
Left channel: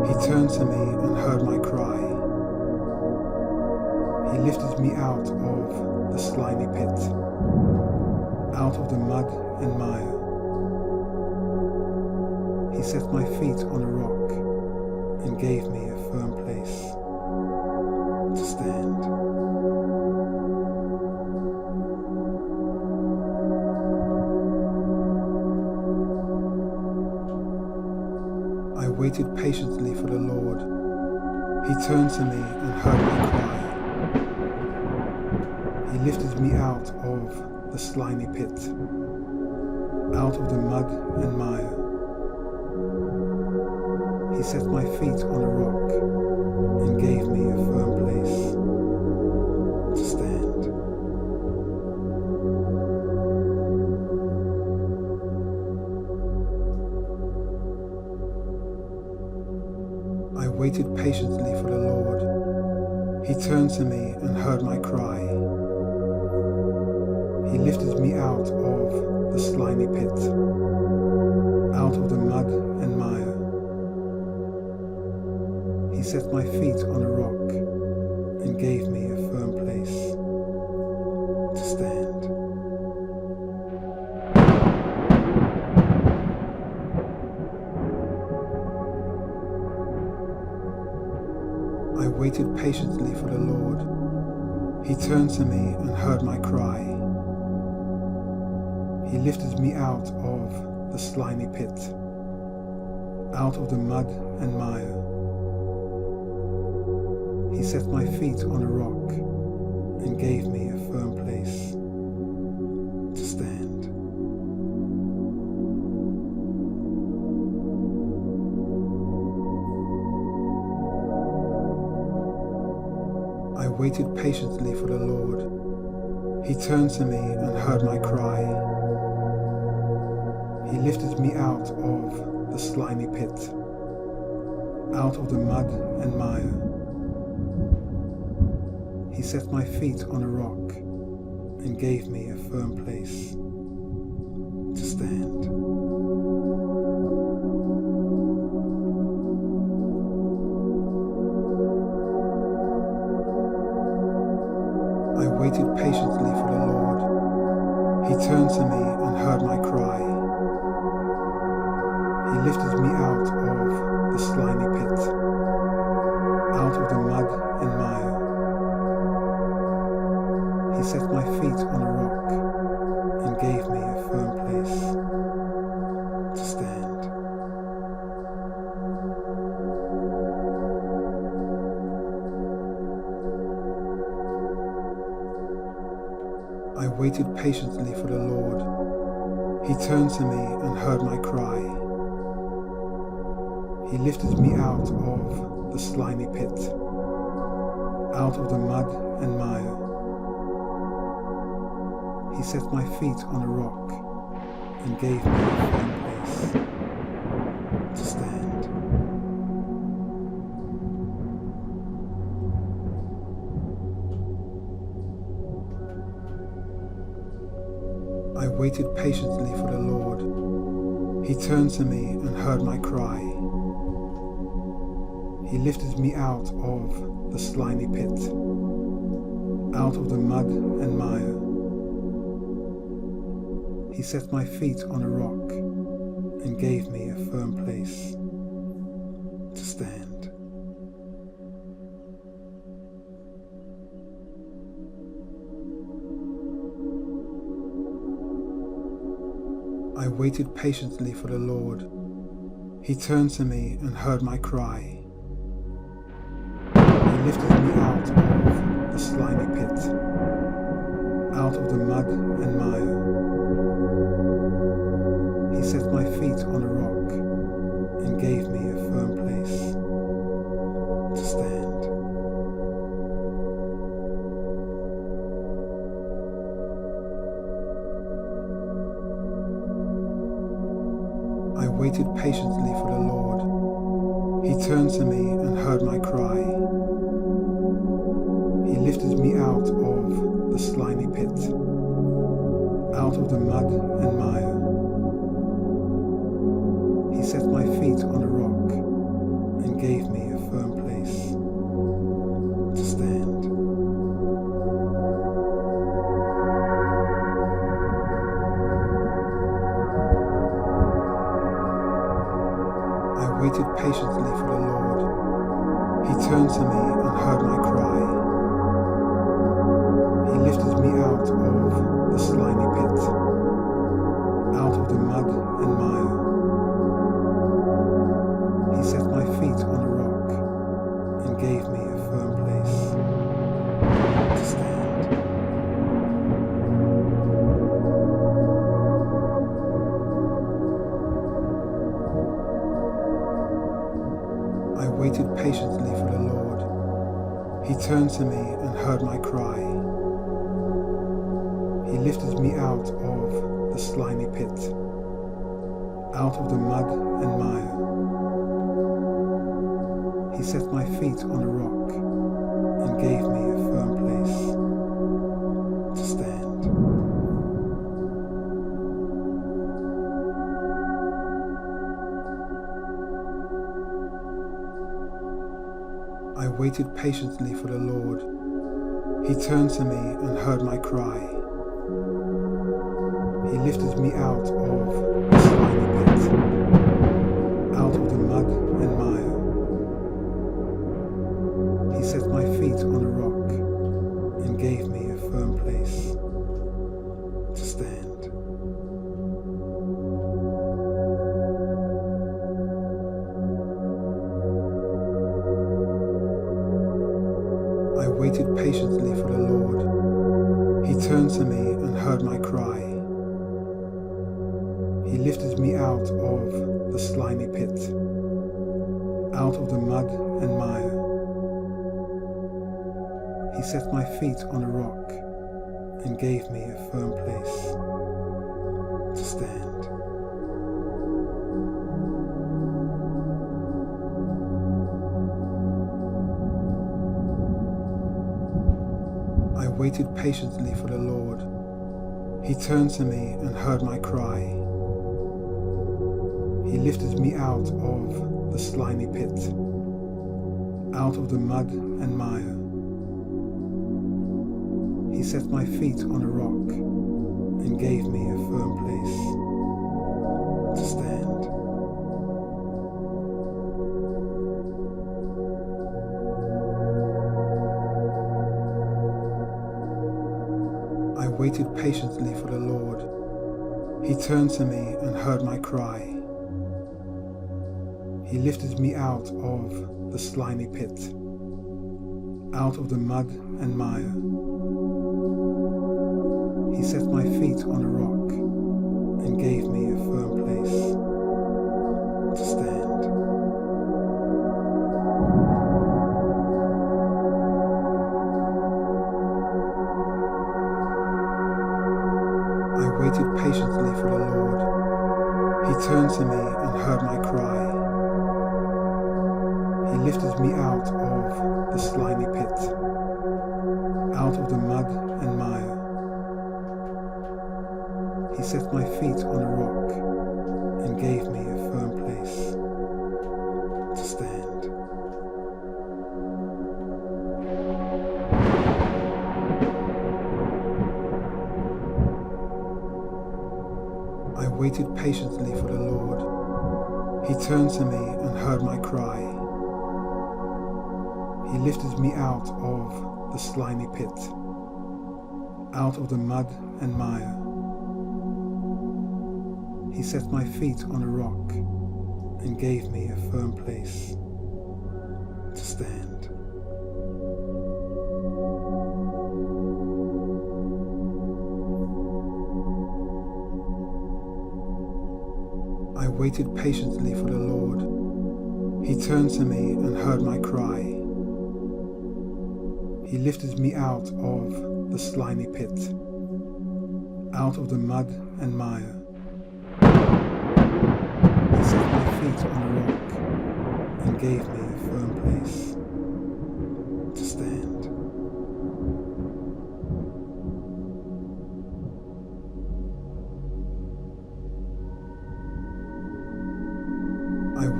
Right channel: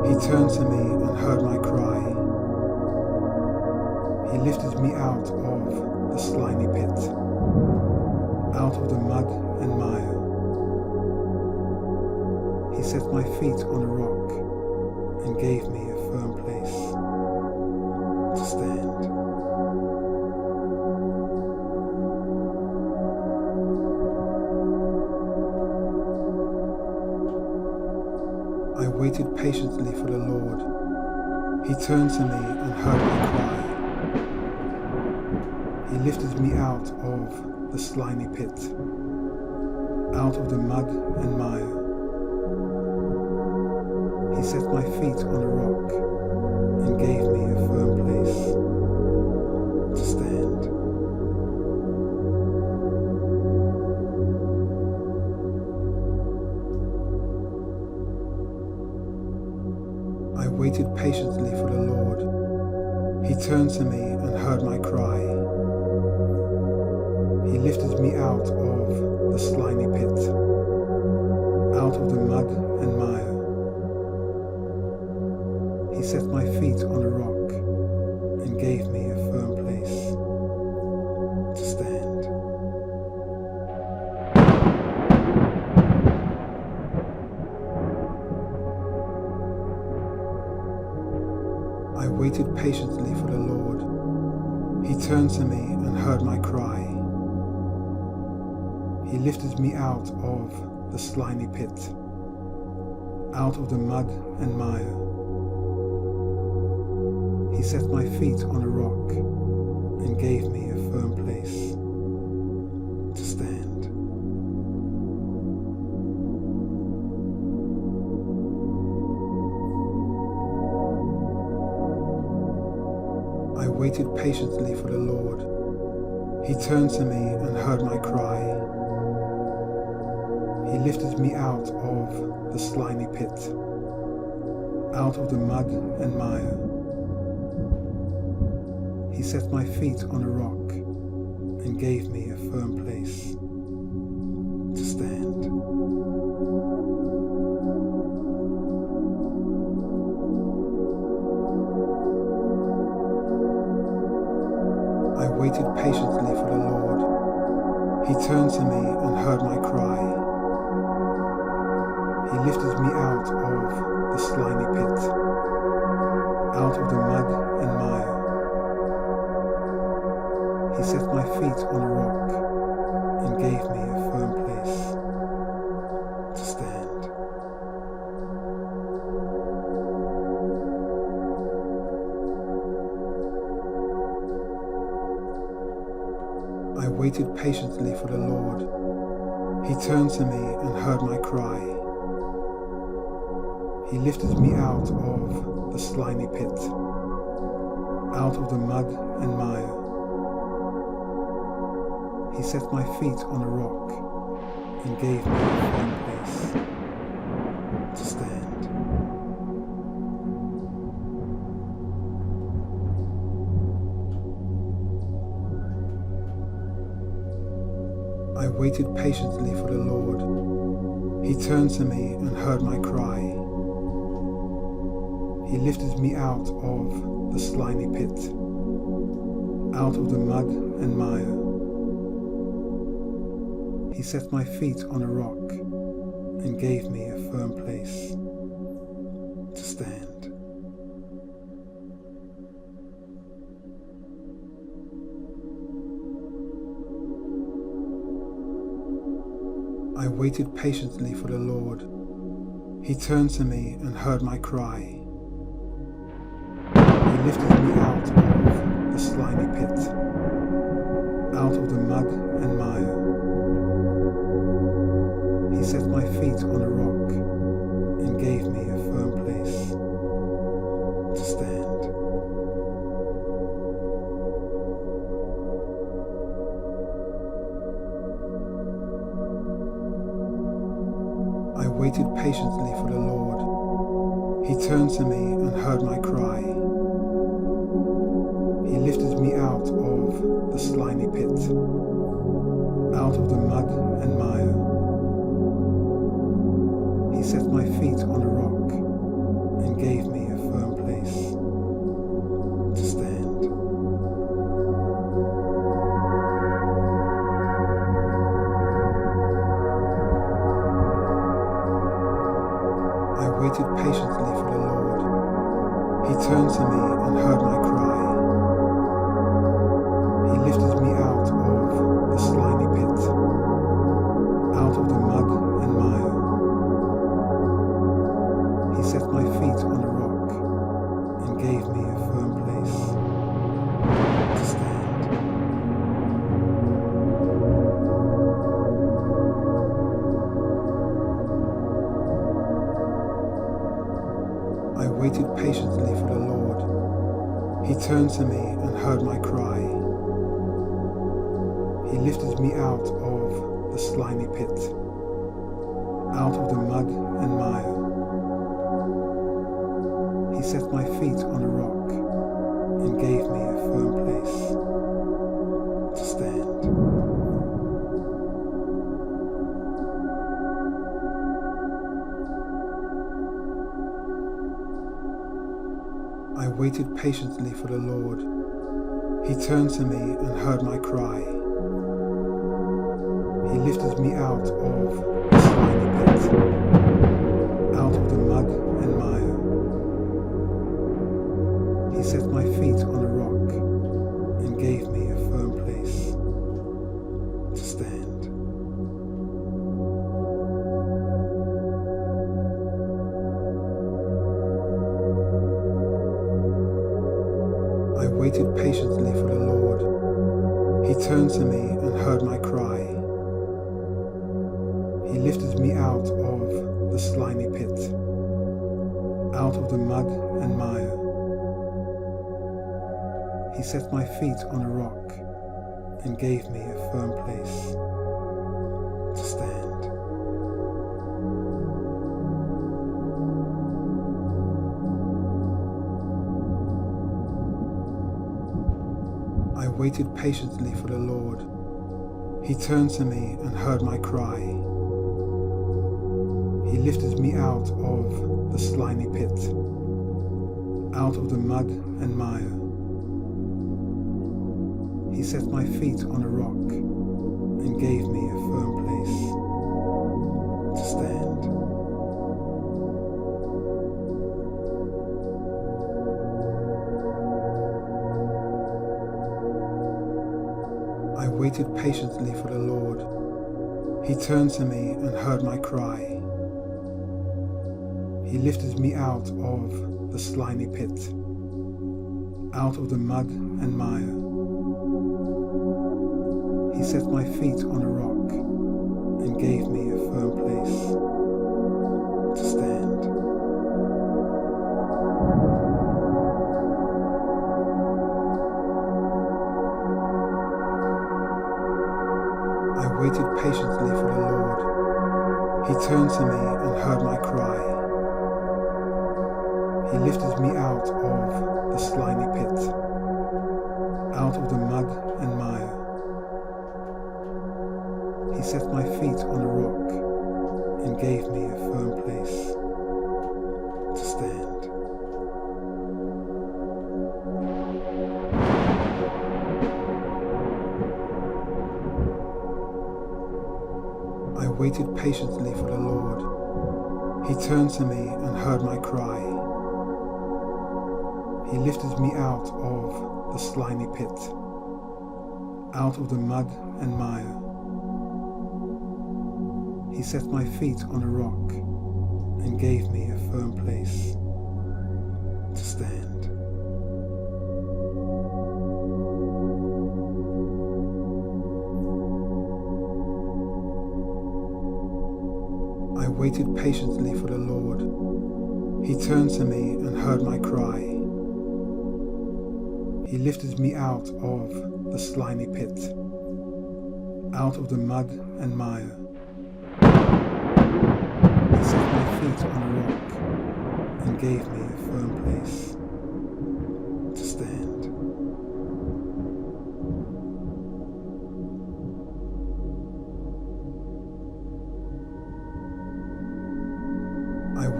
He turned to me and heard my cry. He lifted me out of the slimy pit, out of the mud and mire. He set my feet on a rock and gave me a firm place to stand. I waited patiently for the Lord. He turned to me and heard my cry. He lifted me out of the slimy pit, out of the mud and mire. He set my feet on a rock and gave me a firm place to stand. I waited patiently for the Lord. He turned to me and heard my cry. He lifted me out of the slimy pit, out of the mud and mire. He set my feet on a rock and gave me a firm place to stand. I waited patiently for the Lord. He turned to me and heard my cry. He lifted me out of the slimy pit, out of the mud and mire. He set my feet on a rock and gave me a firm place to stand. I waited patiently for the Lord. He turned to me and heard my cry. He lifted me out of the slimy pit, out of the mud and mire. He set my feet on a rock and gave me a firm place to stand. I waited patiently for the Lord. He turned to me and heard my cry. He lifted me out of the slimy pit, out of the mud and mire. He set my feet on a rock and gave me a firm place to stand. I waited patiently for the Lord. He turned to me and heard my cry. He lifted me out of the slimy pit, out of the mud and mire. He set my feet on a rock and gave me a firm place to stand. I waited patiently for the Lord. He turned to me and heard my cry. He lifted me out of the slimy pit, out of the mud and mire. He set my feet on a rock and gave me a firm place to stand. I waited patiently for the Lord. He turned to me and heard my cry. He lifted me out of the slimy pit, out of the mud and mire. He set my feet on a rock and gave me a firm place to stand. I waited patiently for the Lord. He turned to me and heard my cry. He lifted me out of the slimy pit, out of the mud and mire. He set my feet on a rock and gave me a firm place to stand. I waited patiently for the Lord. He turned to me and heard my cry. He lifted me out of the slimy pit, out of the mud and mire. He set my feet on a rock and gave me a firm place to stand. I waited patiently for the Lord. He turned to me and heard my cry. He lifted me out of the slimy pit, out of the mud and mire. He set my feet on a rock and gave me a firm place to stand. I waited patiently for the Lord. He turned to me and heard my cry. He lifted me out of the slimy pit, out of the mud and mire. He set my feet on a rock and gave me a firm place to stand. I waited patiently for the Lord. He turned to me and heard my cry. He lifted me out of the slimy pit, out of the mud and mire. He set my feet on a rock and gave me a firm place to stand. I waited patiently for the Lord. He turned to me and heard my cry. He lifted me out of the slimy pit, out of the mud and mire. He set my feet on a rock and gave me a firm place to stand. I waited patiently for the Lord. He turned to me and heard my cry. He lifted me out of the slimy pit, out of the mud and mire. He set my feet on a rock and gave me a firm place to stand. I waited patiently for the Lord. He turned to me and heard my cry. He lifted me out of the slimy pit, out of the mud and mire. He set my feet on a rock and gave me a firm place to stand. I waited patiently for the Lord. He turned to me and heard my cry. He lifted me out of the slimy pit, out of the mud and mire. He set my feet on a rock and gave me a firm place to stand. I waited patiently for the Lord. He turned to me and heard my cry. He lifted me out of the slimy pit, out of the mud and mire. He set my feet on a rock and gave me a firm place to stand. I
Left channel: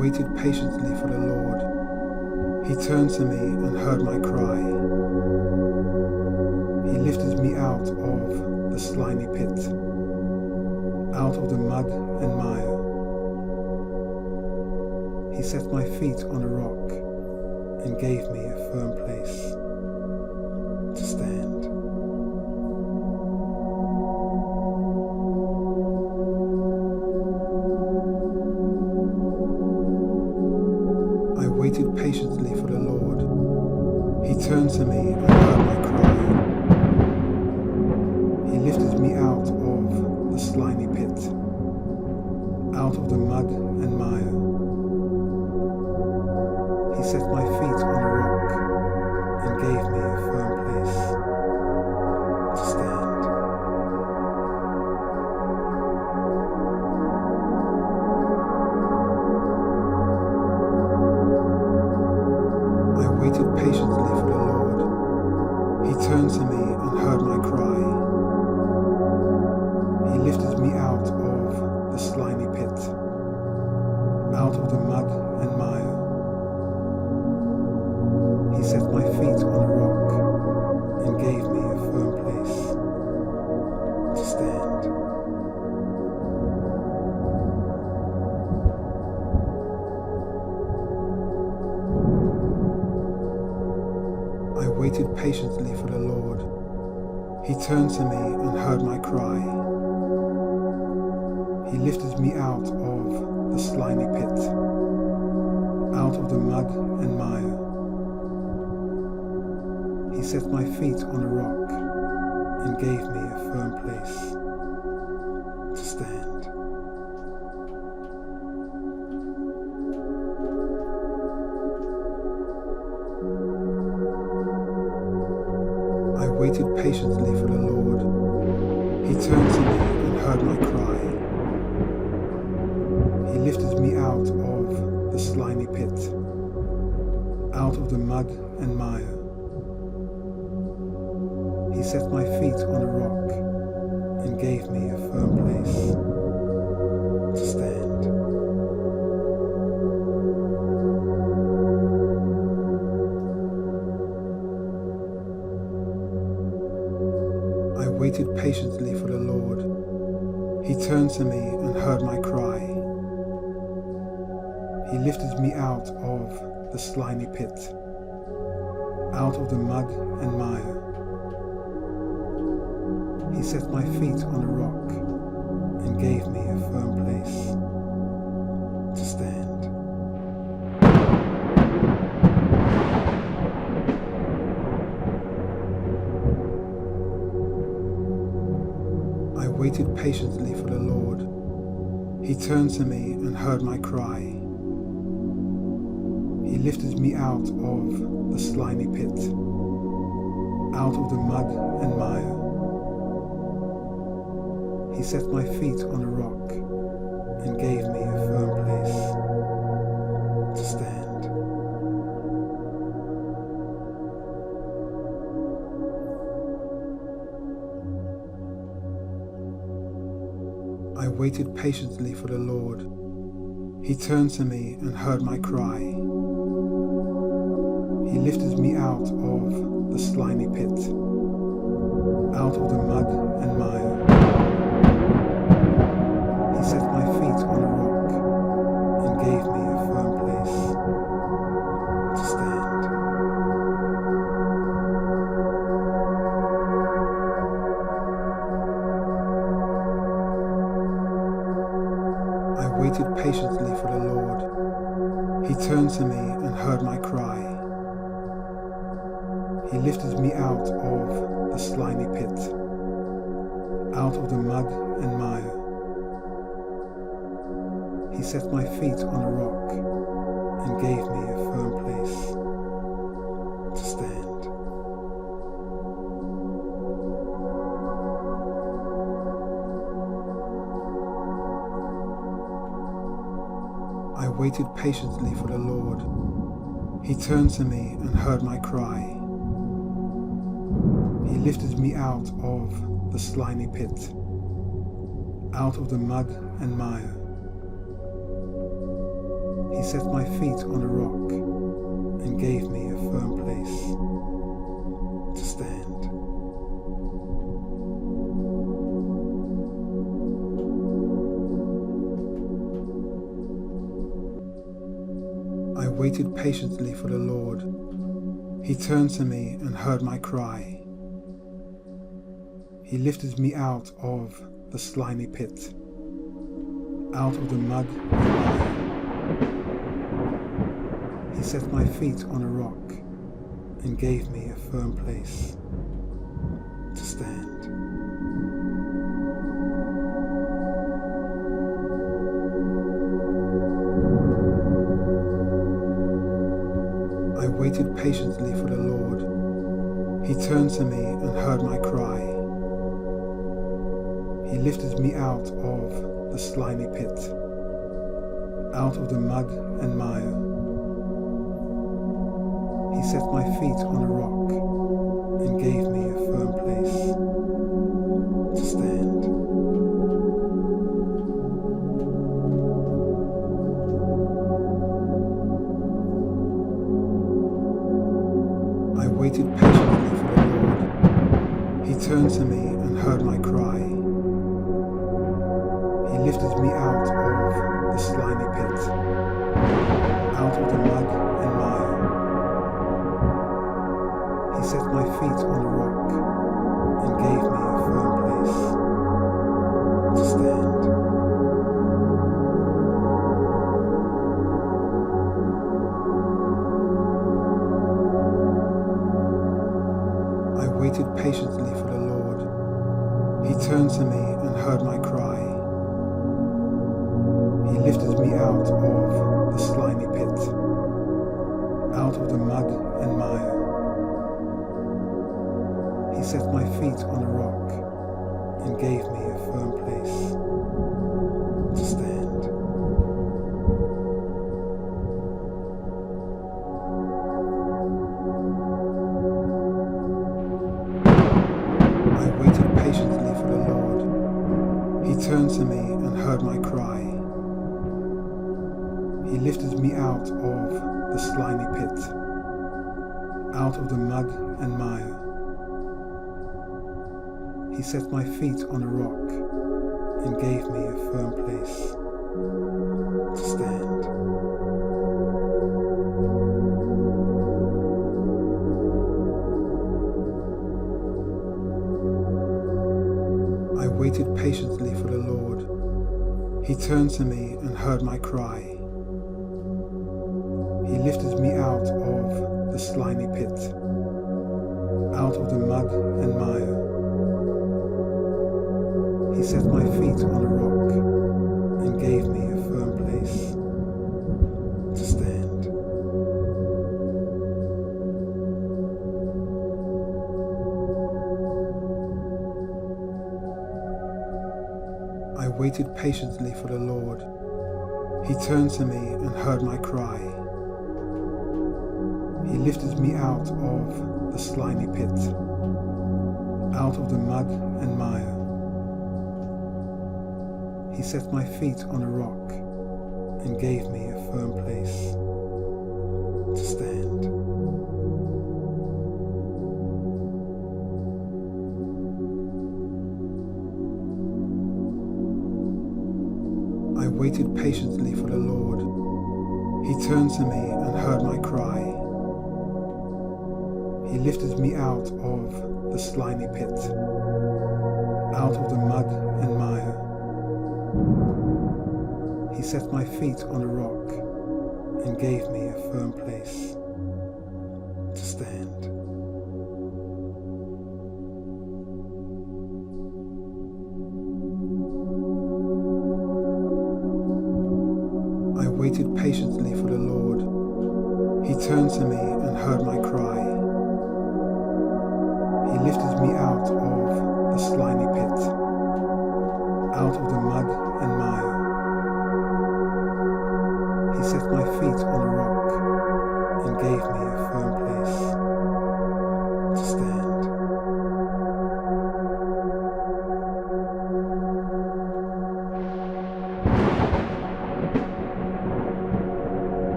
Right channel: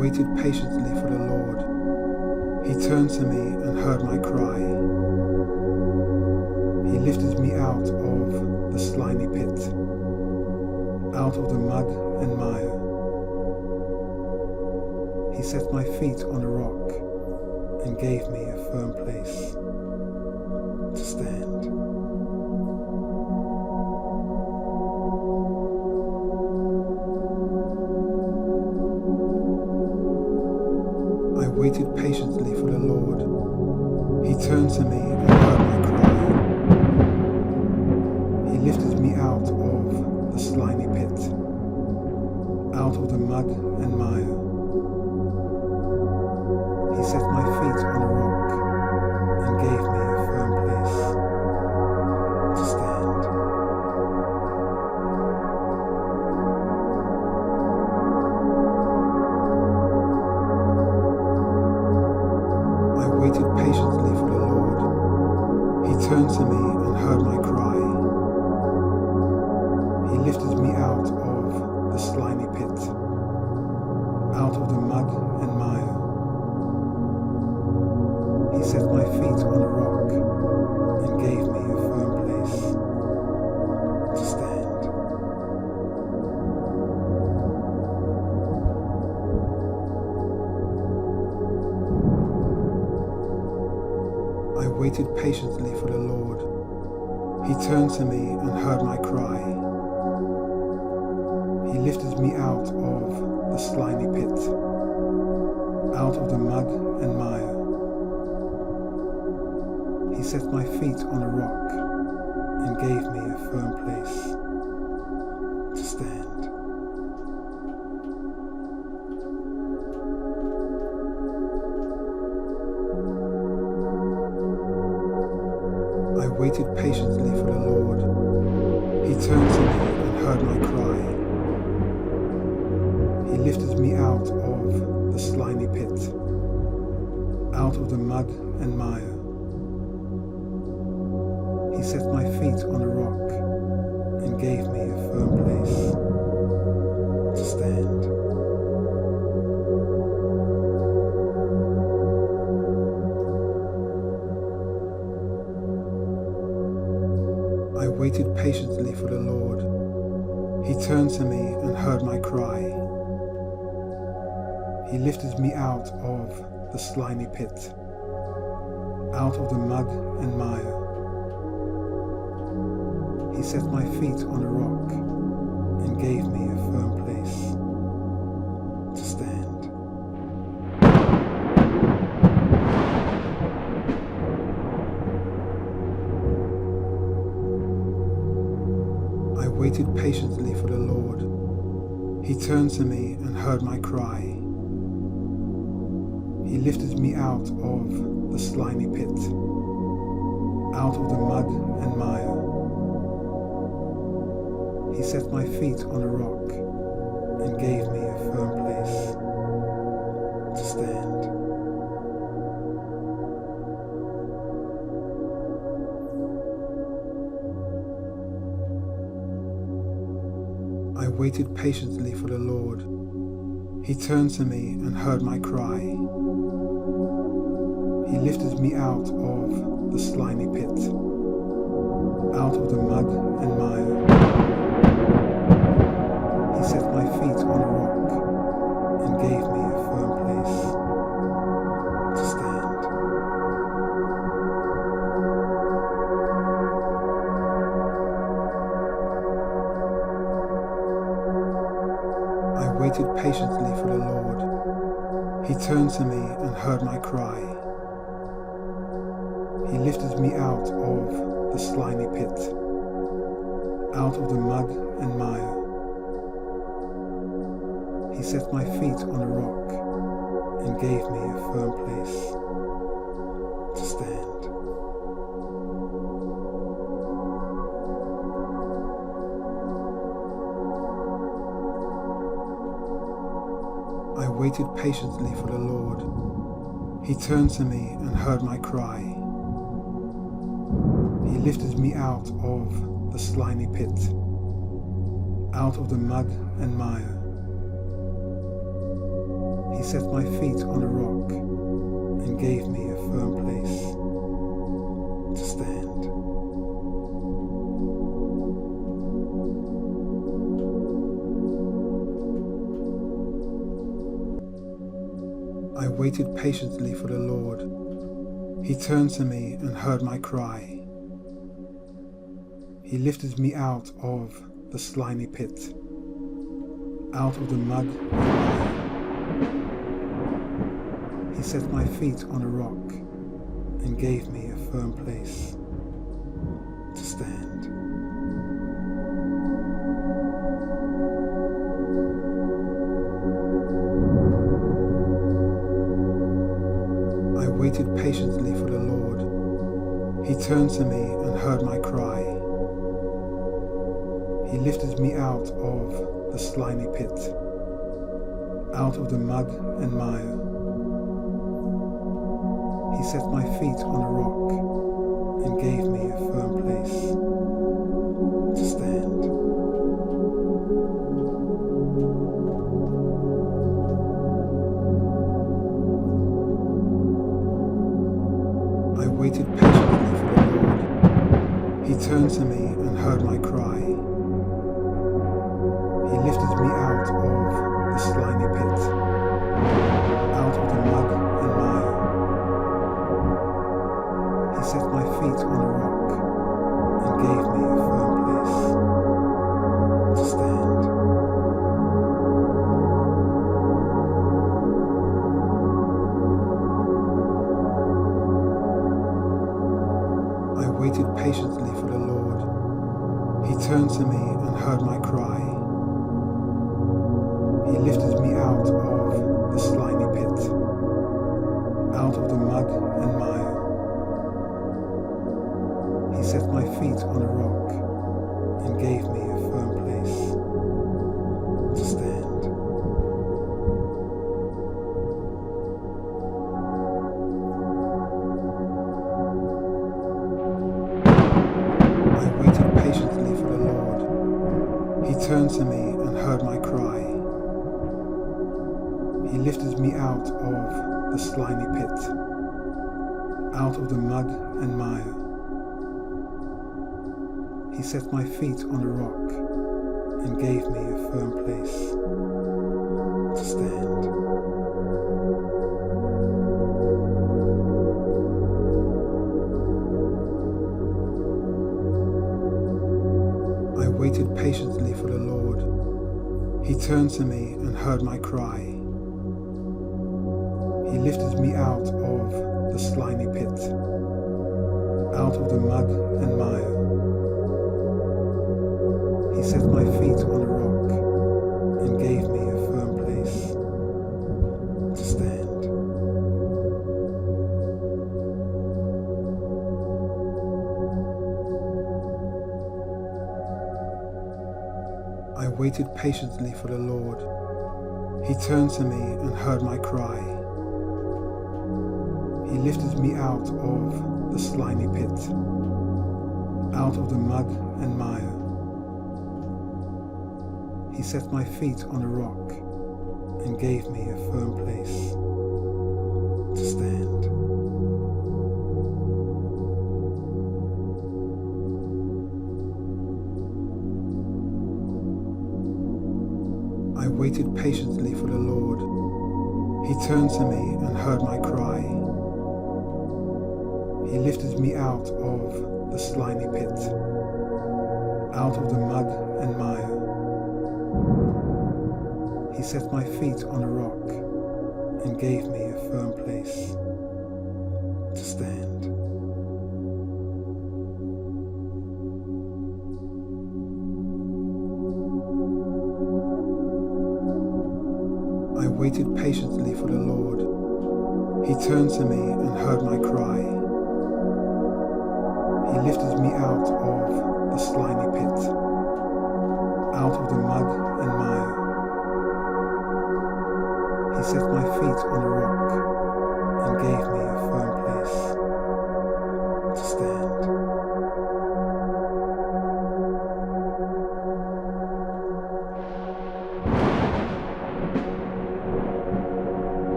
waited patiently for the Lord. He turned to me and heard my cry. He lifted me out of the slimy pit, out of the mud and mire. He set my feet on a rock and gave me a firm place to stand. I waited patiently for the Lord. He turned to me and heard my cry. He lifted me out of the slimy pit, out of the mud and mire. He set my feet on a rock and gave me a firm place to stand. I waited patiently for the Lord. He turned to me and heard my cry. He lifted me out of the slimy pit, out of the mud and mire. He set my feet on a rock and gave me a firm place to stand. I waited patiently for the Lord. He turned to me and heard my cry. He lifted me out of the slimy pit, out of the mud and mire. He set my feet on a rock and gave me a firm place to stand. I waited patiently for the Lord. He turned to me and heard my cry. He lifted me out of the slimy pit, out of the mud and mire. He set my feet on a rock and gave me a firm place to stand. I waited patiently for the Lord. He turned to me and heard my cry. He lifted me out of the slimy pit, out of the mud and mire. He set my feet on a rock and gave me a firm place to stand. I waited patiently for the Lord. He turned to me and heard my cry. He lifted me out of the slimy pit, out of the mud and mire. He set my feet on a rock and gave me a firm place to stand. I waited patiently for the Lord. He turned to me and heard my cry. He lifted me out of the slimy pit, out of the mud and mire. He set my feet on a rock and gave me a firm place to stand. I waited patiently for the Lord. He turned to me and heard my cry. He lifted me out of the slimy pit, out of the mud and mire. He set my feet on a rock and gave me a firm place to stand. I waited patiently for the Lord. He turned to me and heard my cry. He lifted me out of the slimy pit, out of the mud and mire. He set my feet on a rock and gave me a firm place to stand. I waited patiently for the Lord. He turned to me and heard my cry. He lifted me out of the slimy pit, out of the mud and mire. He set my feet on a rock and gave me a firm place to stand. I waited patiently for the Lord. He turned to me and heard my cry. He lifted me out of the slimy pit, out of the mud and mire. He set my feet on a rock and gave me a firm place to stand. I waited patiently for the Lord. He turned to me and heard my cry. He lifted me out of the slimy pit, out of the mud and mire. He set my feet on a rock and gave me a firm place to stand. I waited patiently for the Lord. He turned to me and heard my cry. He lifted me out of the slimy pit, out of the mud and mire. He set my feet on a rock and gave me a firm place to stand. I waited patiently for the Lord. He turned to me and heard my cry. He lifted me out of the slimy pit, out of the mud and mire. He set my feet on a rock and gave me a firm place to stand. I waited patiently for the Lord. He turned to me and heard my cry. He lifted me out of the slimy pit, out of the mud and mire. He set my feet on a rock and gave me a firm place to stand. I waited patiently for the Lord. He turned to me and heard my cry. He lifted me out of the slimy pit, out of the mud and mire. He set my feet on a rock and gave me a firm place to stand. I waited patiently for the Lord. He turned to me and heard my cry. He lifted me out of the slimy pit, out of the mud and mire. He set my feet on a rock and gave me a firm place to stand. I waited patiently for the Lord. He turned to me and heard my cry. He lifted me out of the slimy pit, out of the mud and mire. He set my feet on a rock and gave me a firm place to stand.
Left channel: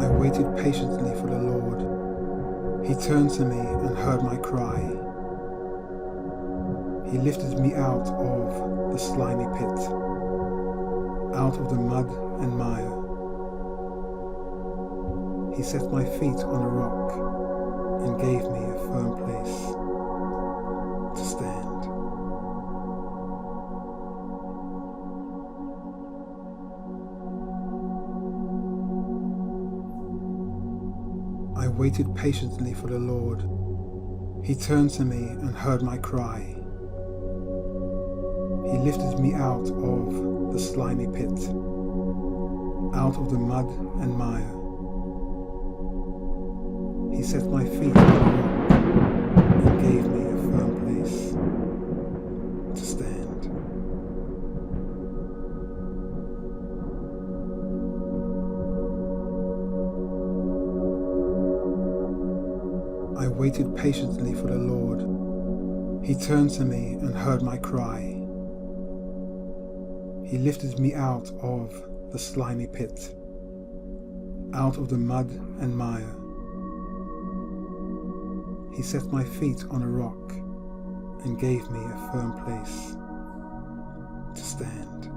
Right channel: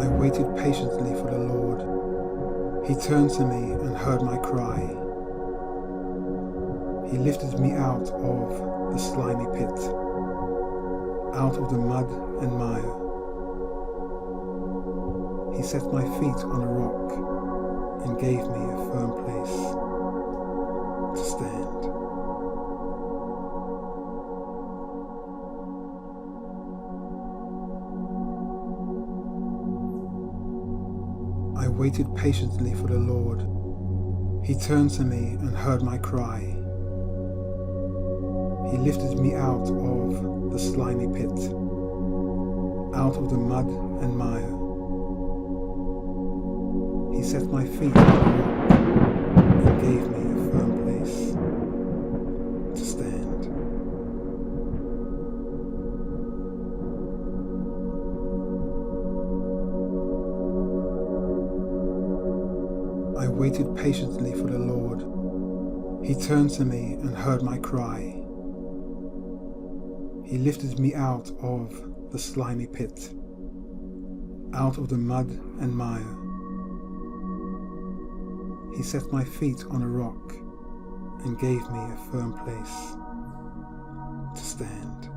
I waited patiently for the Lord. He turned to me and heard my cry. He lifted me out of the slimy pit, out of the mud and mire. He set my feet on a rock and gave me a firm place to stand. I waited patiently for the Lord. He turned to me and heard my cry. He lifted me out of the slimy pit, out of the mud and mire. He set my feet on a rock and gave me a firm place to stand. I waited patiently for the Lord. He turned to me and heard my cry. He lifted me out of the slimy pit, out of the mud and mire. He set my feet on a rock and gave me a firm place to stand.